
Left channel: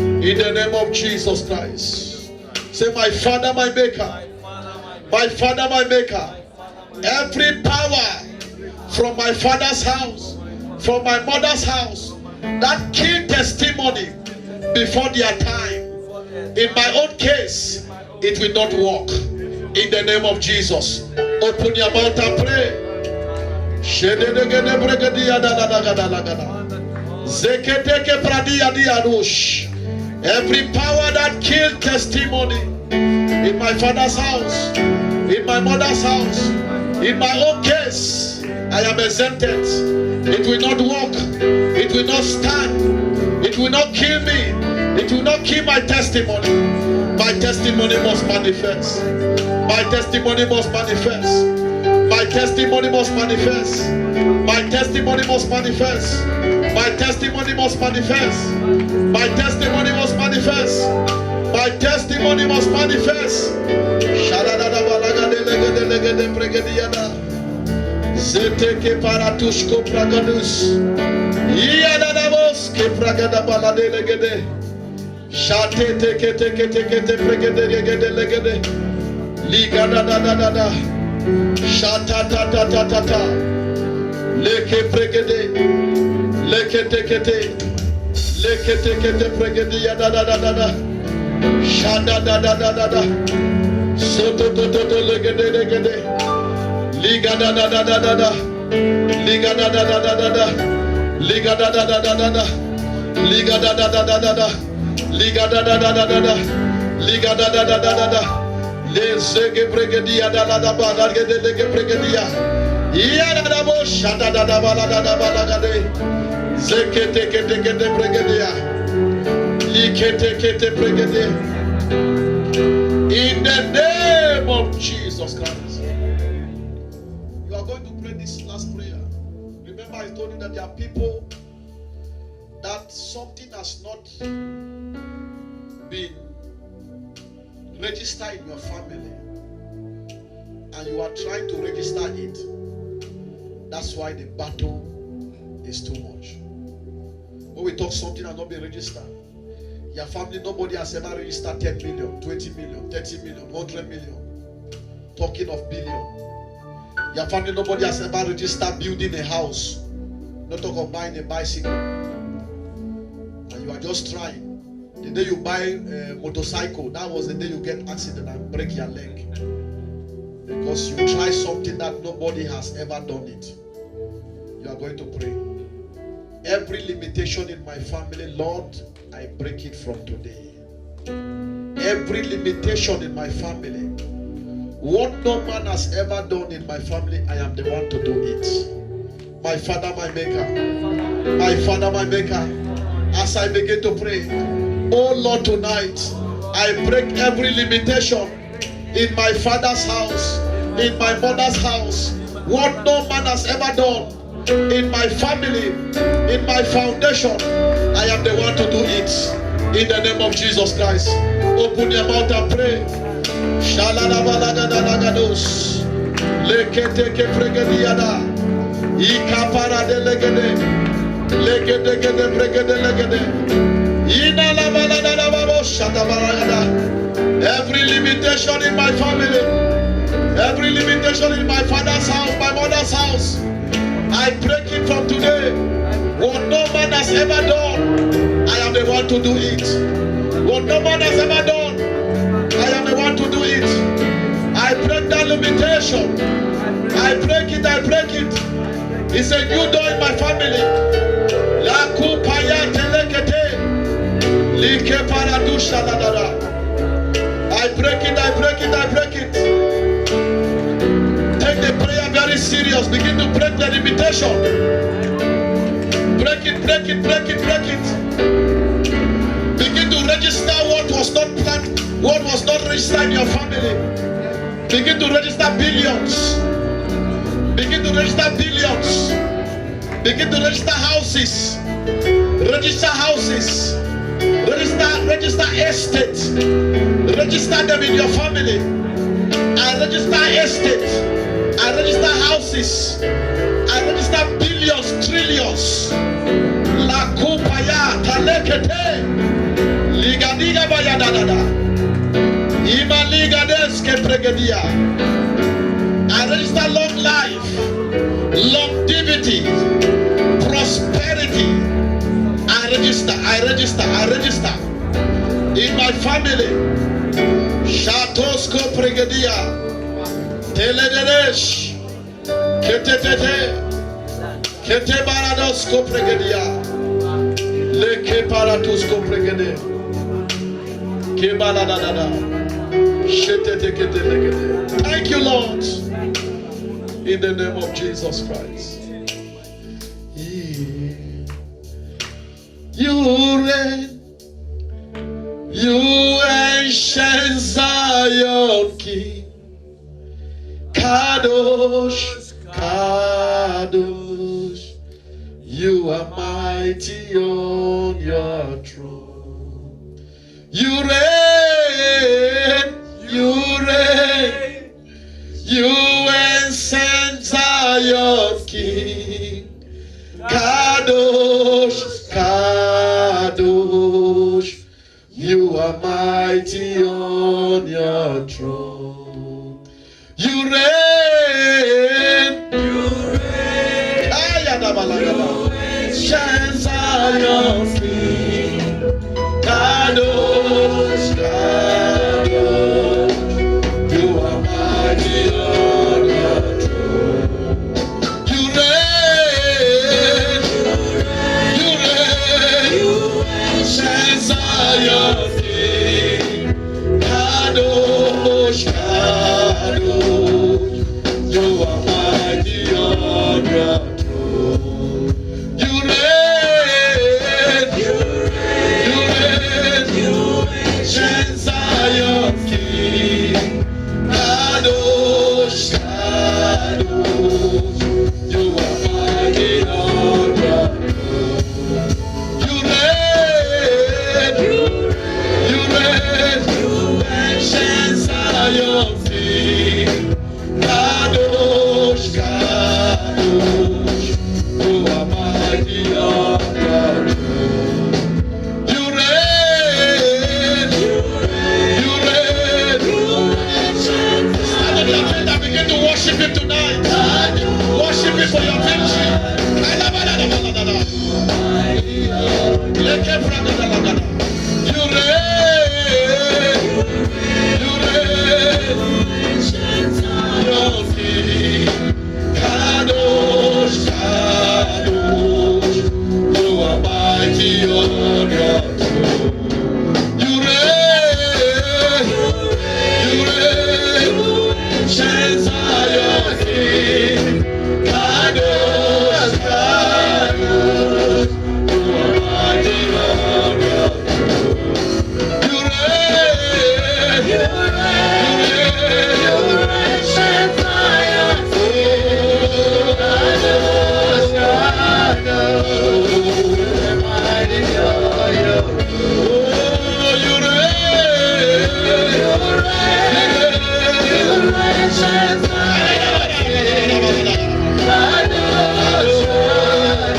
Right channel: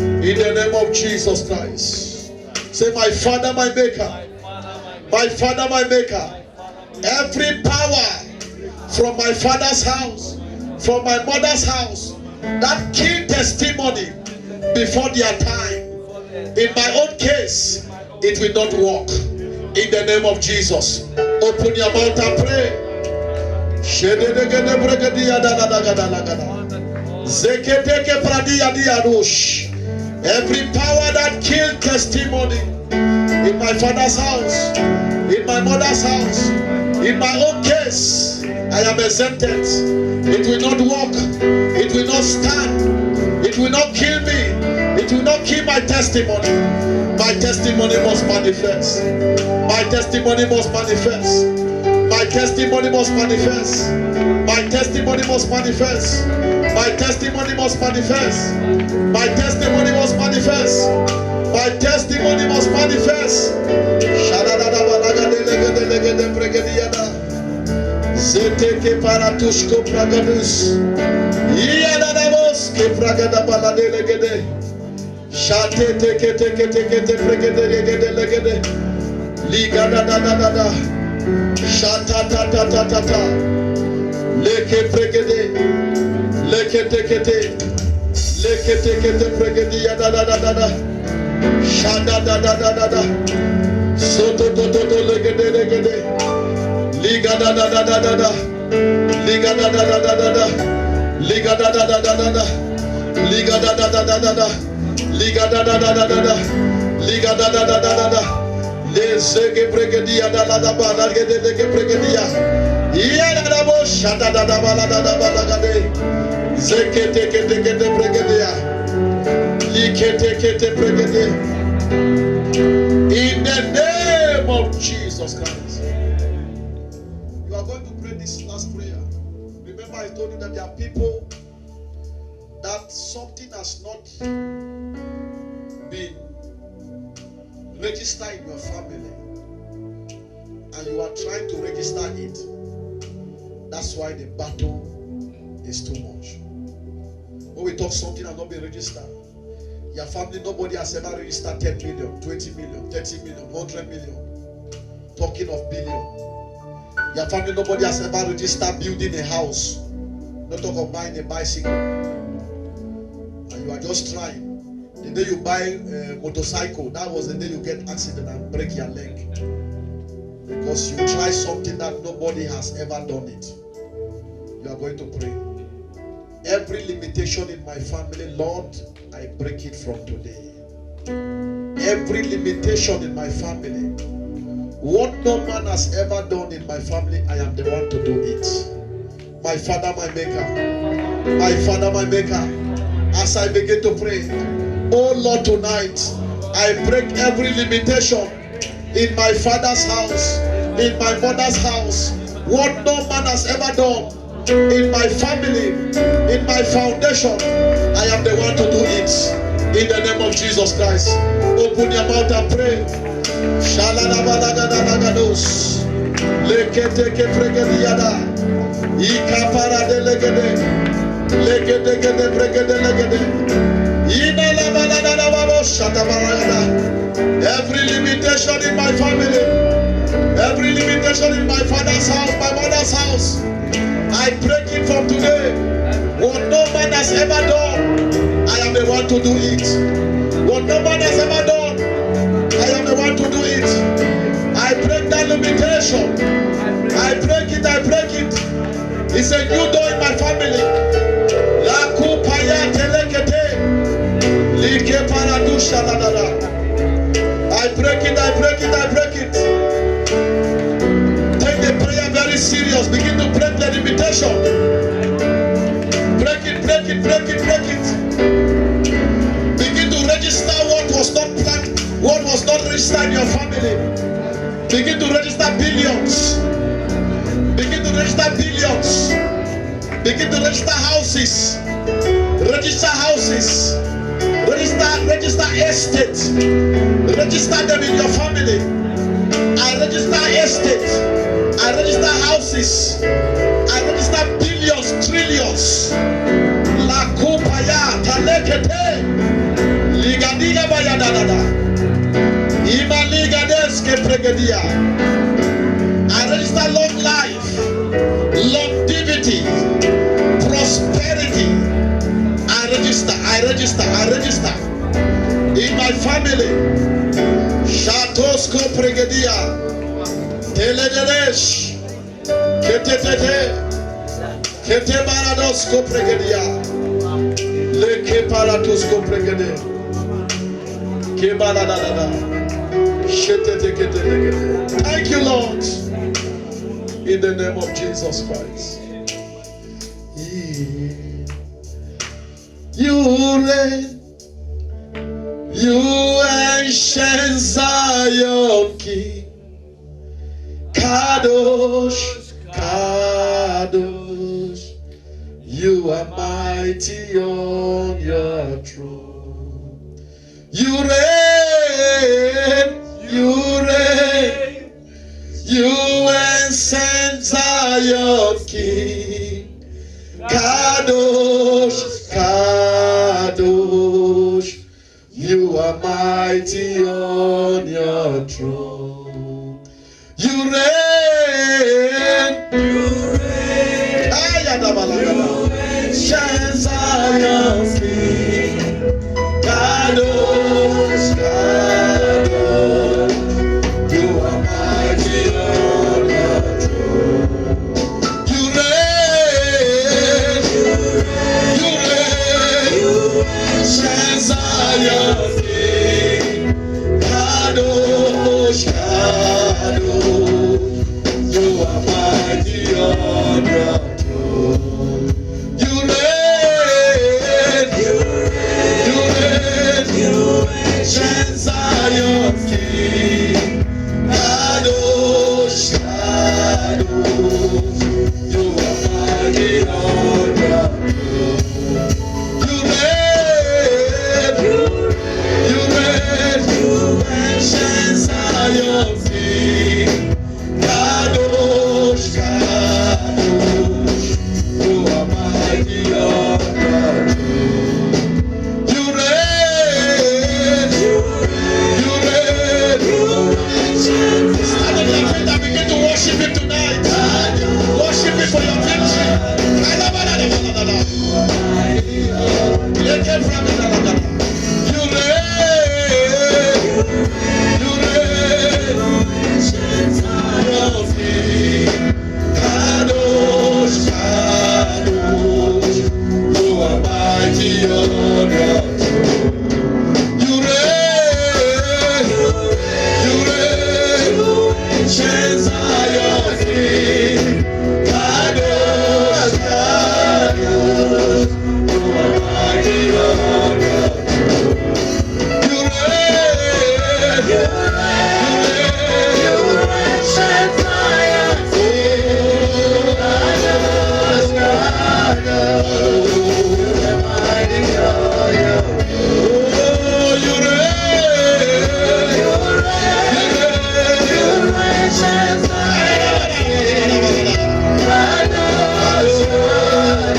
in the name of Jesus Christ. Say, my Father, my Maker. My Father, my Maker. Every power from my father's house, from my mother's house, that killed testimony before their time, in my own case, it will not work. In the name of Jesus. Open your mouth and pray. Every power that killed testimony in my father's house, in my mother's house, in my own case, I am exempted. It will not work. It will not stand. It will not kill me. It will not kill my testimony. My testimony must manifest. My testimony must manifest. My testimony must manifest. My testimony must manifest. My testimony must manifest. My testimony must manifest. My testimony must manifest. legede legede pregediana. Zeteke paratushko pragadus. Iyanadabos ke pragada balade legede. Shate teke teke teke te pregede legede legede. Liga da da da da da. Shata ta ta ta ta ta. Leke pregede. Leke teke te. Leke teke te pregede ya da da da da da. Shada da da da da da. Soto to to to legede legede. Liga da da da da da da. Liga da da da da da da. Liga da da da da da da. Liga da da da da da da. Liga da da da da da da. Liga da da da da da da. Le sege pregedia da la da ba da gede lege pregedia. Iya da da bo shada da da ba la da da ba la gade. Zeke teke teke te pregedia. Like teke te pregedia. In the name of Jesus Christ. You are going to pray this last prayer. Remember I told you that there are people that something has not been registered in your family and you are trying to register it. That's why the battle is too much. When we talk something has not been registered, your family, nobody has ever registered 10 million, 20 million, 30 million, 100 million. Talking of billion. Your family, nobody has ever registered building a house. Not talk of buying a bicycle. And you are just trying. The day you buy a motorcycle, that was the day you get accident and break your leg. Because you try something that nobody has ever done it. You are going to pray. Every limitation in my family, Lord, I break it from today. Every limitation in my family, what no man has ever done in my family, I am the one to do it. My Father, my Maker. My Father, my Maker. As I begin to pray, oh Lord, tonight, I break every limitation in my father's house, in my mother's house. What no man has ever done in my family, in my foundation, I am the one to do it. In the name of Jesus Christ. Open your mouth and pray. Shalalabalagadalagados. Leketeke pregediada. Ikapara delegede. Legedegede pregede legede. Inalabaladababo shatabaragada. Every limitation in my family, every limitation in my father's house, my mother's house, I break it from today. What no man has ever done, I am the one to do it. What no man has ever done, I am the one to do it. I break that limitation. I break it, I break it. It's a new door in my family. La kupaya telekete. Like paradusha la la la. I break it, I break it, I break it. Take the prayer very serious. Begin to break the limitation. Break it, break it, break it, break it. Begin to register what was not planned, what was not registered in your family. Begin to register billions. Begin to register billions. Begin to register houses. Register houses. Register estates. Register them in your family. I register estates. I register houses. I register billions, trillions. La kupaya talekete. Liga liga bayadada. Ima liga deske pregedia. I register long life, longevity, prosperity. I register, I register, I register. In my family, Shatosko Pregedia, Telederesh, Ketete, Kete Baradosko Pregedia, Leke Paratusko Pregede, Kebaladada, Shetete Kete. Thank you, Lord, in the name of Jesus Christ. You reign, you ancient Zion King, Kadosh, Kadosh, you are mighty on your throne. You reign, you reign, You ancient Zion King. Kadosh, Kadosh. You are mighty on your throne. You reign. You reign. Ancient Zion King. Kadosh, Kadosh. You are mighty on your throne. You reign. You reign. Ancient Zion King. Kadosh, Kadosh. You are mighty on your throne. You reign. You reign. Ancient Zion King. Kadosh, Kadosh. You are mighty on your throne. You reign. You reign. Ancient Zion King. Kadosh, Kadosh. You are mighty on your throne. You reign. You reign. Stand on your feet and begin to worship Him tonight. Worship Him for your victory. You reign. You reign. Zion King. Kadosh, Kadosh. You are mighty on your throne. You reign. You reign. Ancient Zion King. Kadosh, Kadosh. You are mighty on your throne. You reign. You reign. Ancient Zion King. Kadosh, Kadosh. You are mighty on your throne. You reign. You reign. Ancient Zion King. Kadosh, Kadosh.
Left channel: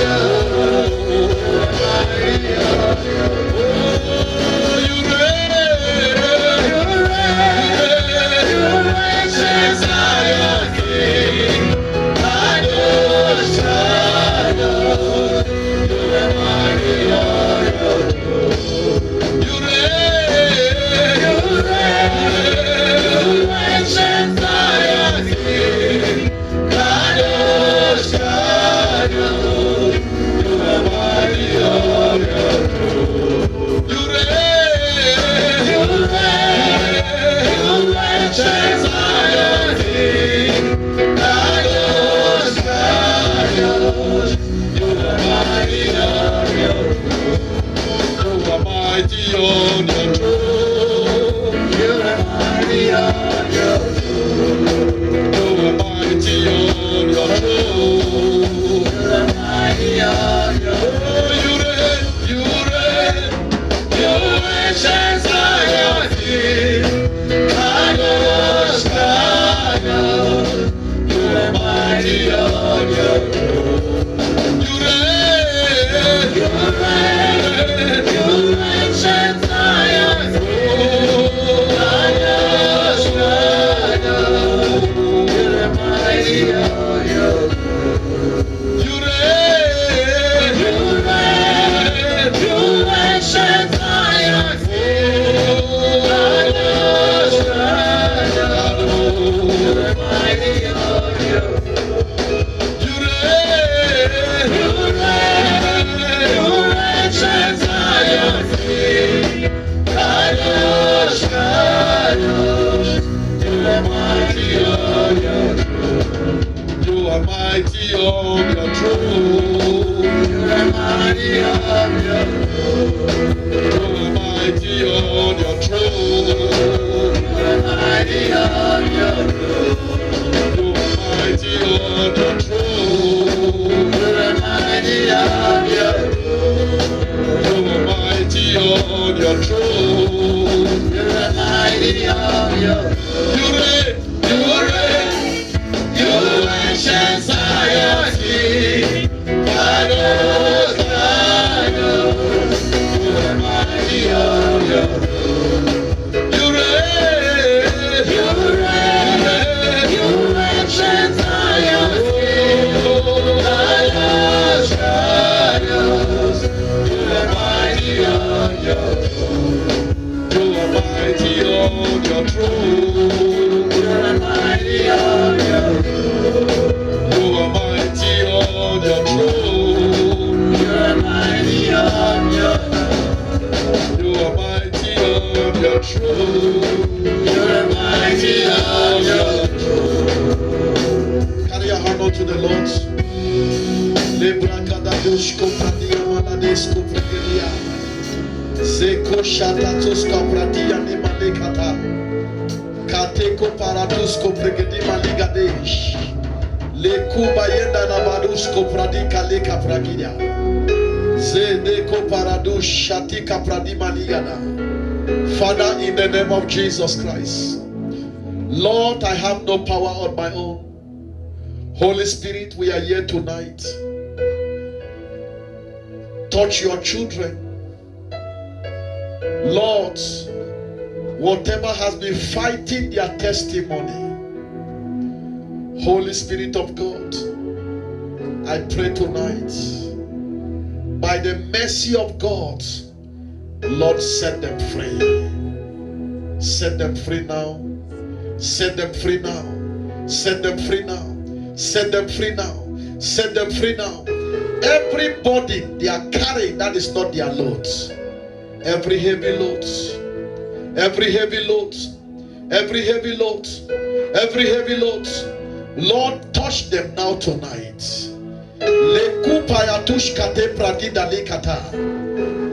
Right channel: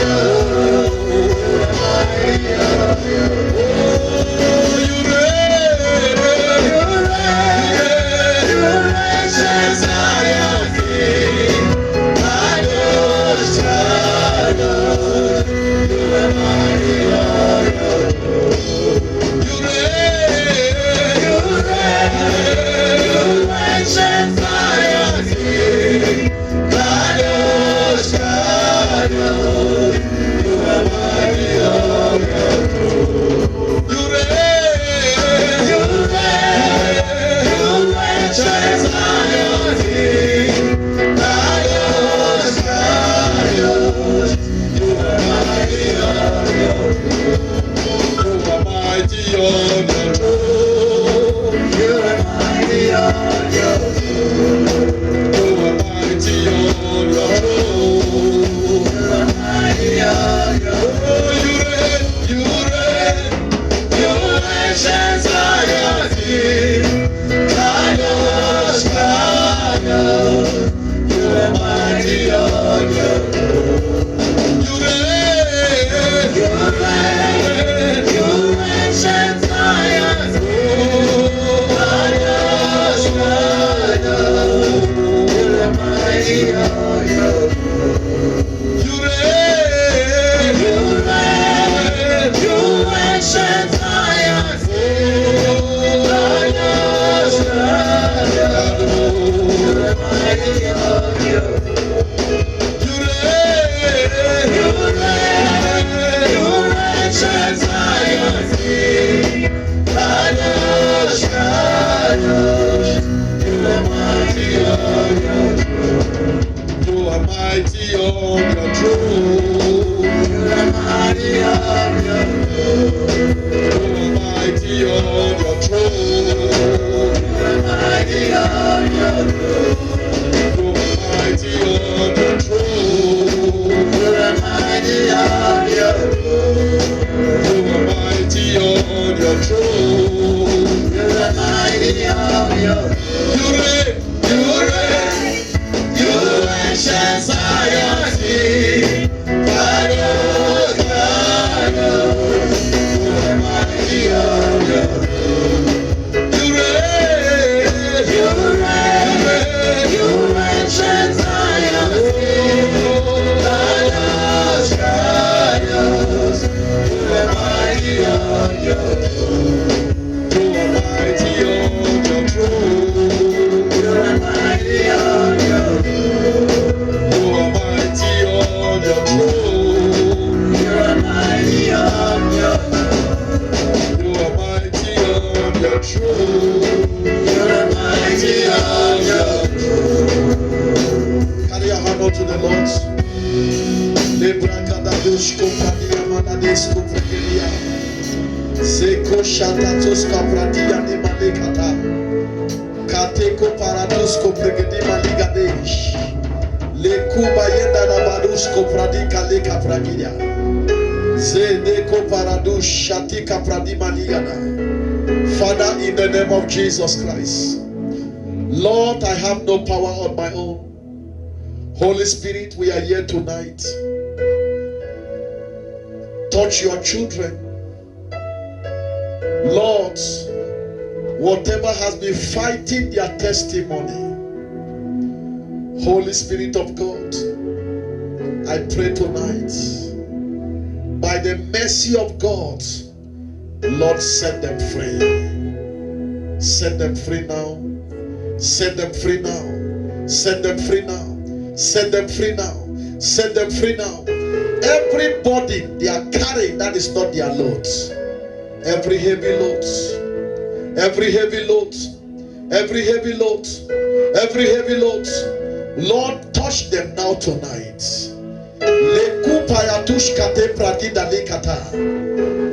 You reign. Ancient Zion King. Kadosh, Kadosh. You are mighty on your throne. You reign. Ancient Zion King. Kadosh, Kadosh. You are mighty on your throne. You reign. Ancient Zion King. Kadosh, Kadosh. You are mighty on your throne. You are mighty on your throne. You are mighty on your throne. You are mighty on your throne. You are mighty on your throne. You reign. You ancient Zion King. Kadosh, Kadosh. You are mighty on your throne. You reign. You ancient Zion King. Kadosh, Kadosh. You are mighty on your throne. You reign. Ancient Zion King. Kadosh, Kadosh. You are mighty on your throne. You reign. Ancient Zion King. Kadosh, Kadosh. You are mighty on your throne. You are mighty on your throne. You are mighty on your throne. You are mighty on your throne. You are mighty on your throne. You are mighty on your throne. You are mighty on your throne. You are mighty on your throne. You are mighty on your throne. You reign. Lebrakadadosh Kopradia Malades Kopregedia. Zeko Shatatos Kopradia Nimalekata. Kateko Parados Kopregedi Maligadesh. Lekuba Yenda Nabados Kopradika Leka Pragidia. Zedeko Parados Shatika Pradimaligana. Father, in the name of Jesus Christ, Lord, I have no power on my own. Holy Spirit, we are here tonight. Touch your children. Lord, whatever has been fighting their testimony, Holy Spirit of God, I pray tonight, by the mercy of God, Lord, set them free. Set them free now. Set them free now. Set them free now. Set them free now. Set them free now. Everybody they are carrying that is not their load. Every heavy load. Every heavy load. Every heavy load. Every heavy load. Lord, touch them now tonight. Lekupayatush kate pradida lekata.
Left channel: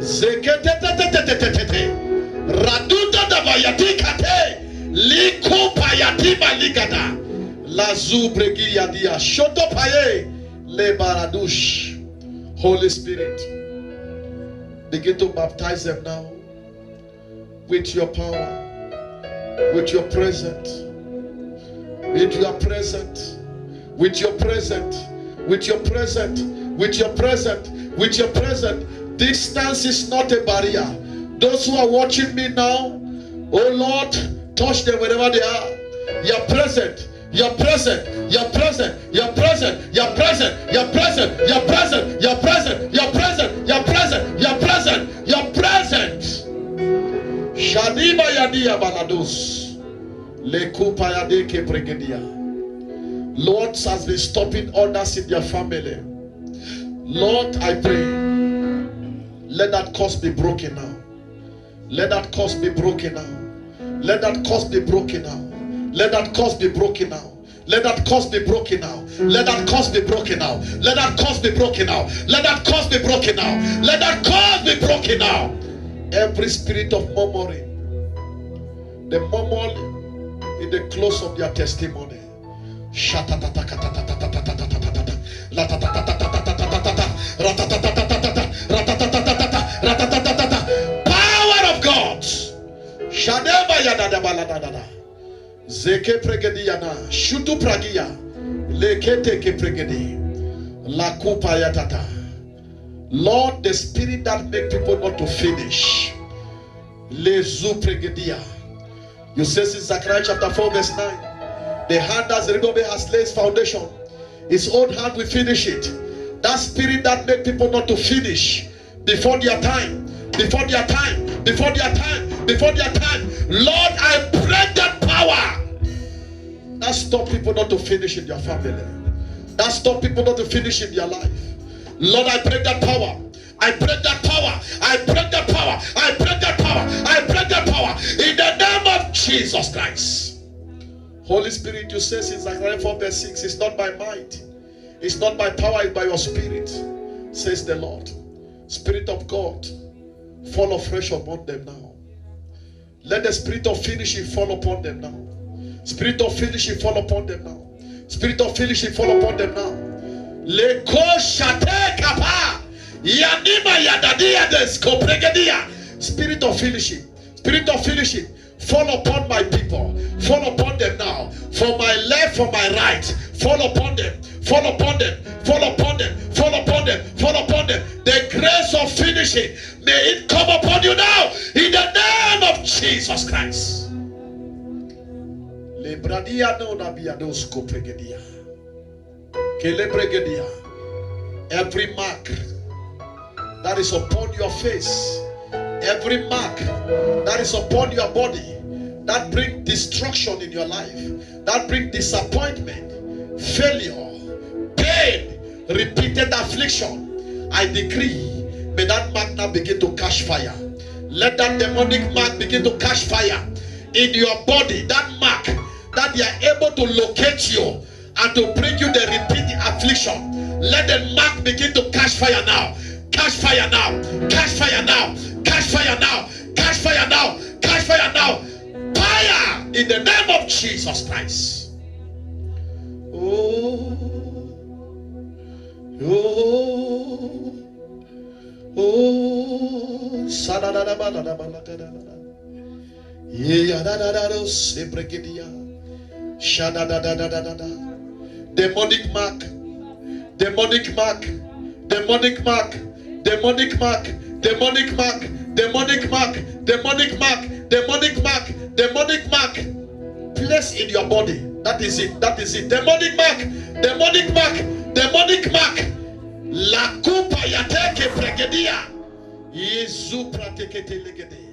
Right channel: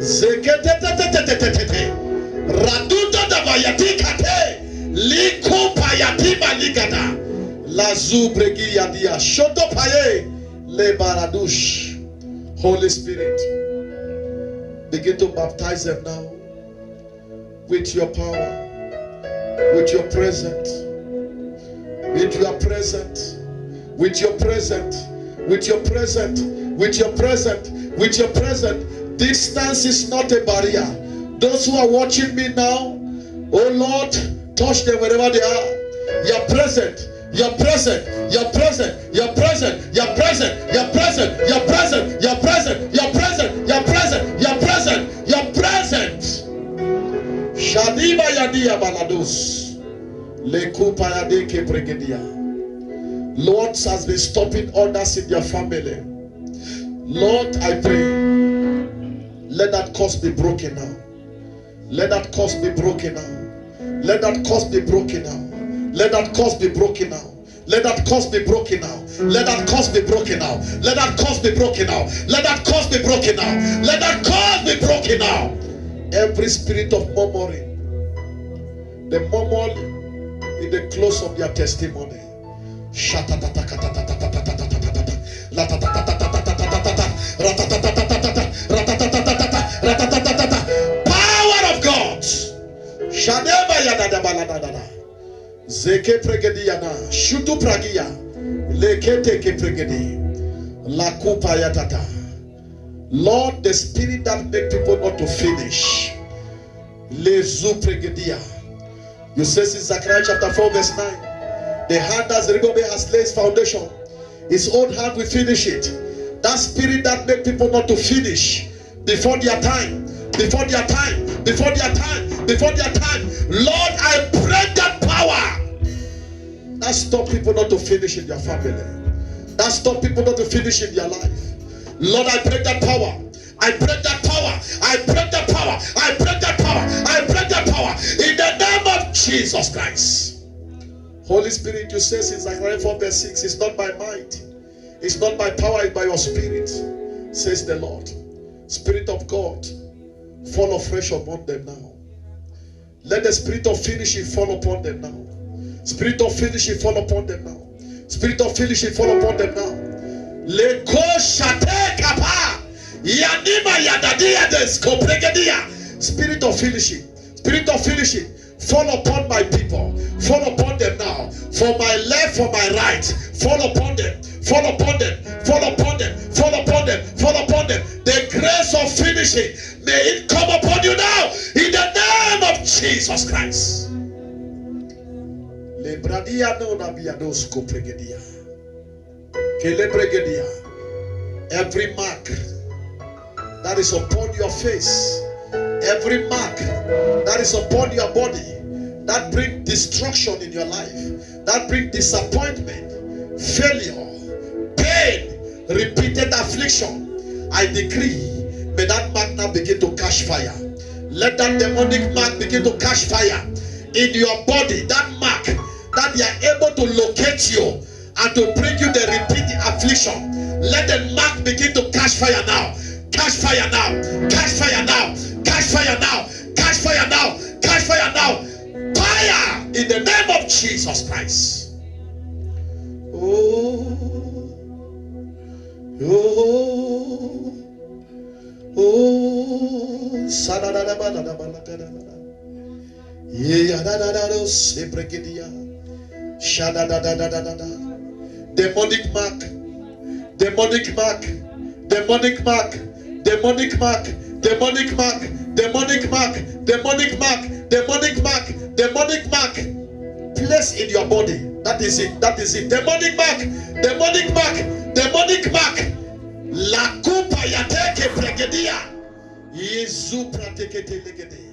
Zekete Raduda da bayati kate. Likupayati maligada. Lazu bregi yadia. Shoto paye. Le baradush. Holy Spirit, begin to baptize them now with your power, with your presence, with your presence, with your presence, with your presence, with your presence, with your presence. Distance is not a barrier. Those who are watching me now, oh Lord, touch them wherever they are. You're present. You're present, you're present, you're present, you're present, you're present, you're present, you're present, you're present, you're present, you're present, you're present. Shadiba yadia balados. Lekupa yadeke pregedia. Lord has been stopping others in their family. Lord, I pray, let that curse be broken now. Let that curse be broken now. Let that curse be broken now. Let that curse be broken now. Let that curse be broken now. Let that curse be broken now. Let that curse be broken now. Let that curse be broken now. Let that curse be broken now. Every spirit of murmuring, the murmur in the close of their testimony. Power of God. Zeke pregediana, shutu pragia, lekete ke pregedi, la kupa yatata. Lord, the spirit that make people not to finish, lezu pregedia. You says in Zechariah chapter 4 verse 9, the hand as Zerubbabel has laid his foundation, his own hand will finish it. That spirit that make people not to finish before their time, before their time, before their time, before their time. Lord, I pray that power that stop people not to finish in their family, that stop people not to finish in their life. Lord, I pray that power. I pray that power. I pray that power. I pray that power. I pray that power in the name of Jesus Christ. Holy Spirit, you say in Zechariah 4 verse 6, it's not by might, it's not by power, it's by your spirit, says the Lord. Spirit of God, fall afresh upon them now. Let the spirit of finishing fall upon them now. Spirit of finishing fall upon them now. Spirit of finishing fall upon them now. Leko shate kapa yanima yadadia desko pregedia. Spirit of finishing, spirit of finishing, fall upon my people. Fall upon them now. For my left, for my right, fall upon them. Fall upon them. Fall upon them. Fall upon them. Fall upon them. The grace of finishing, may it come upon you now in the name of Jesus Christ. Lebradia no nabiadosko pregedia. Kele pregedia. Every mark that is upon your face, every mark that is upon your body, that brings destruction in your life, that brings disappointment, failure, pain, repeated affliction, I decree, may that mark now begin to catch fire. Let that demonic mark begin to catch fire in your body. That mark that they are able to locate you and to bring you the repeated affliction. Let the mark begin to catch fire now. Catch fire now. Catch fire now. Catch fire now. Catch fire now. Catch fire now. Fire in the name of Jesus Christ. Oh. Oh. Oh. Demonic mark. Demonic mark. Demonic mark. Demonic mark. Demonic mark. Demonic mark. Demonic mark. Demonic mark. Demonic mark. Place in your body. That is it. That is it. Demonic mark. Demonic mark. Demonic mark. La coupa yateke pregedia. Yesu pratekete legede.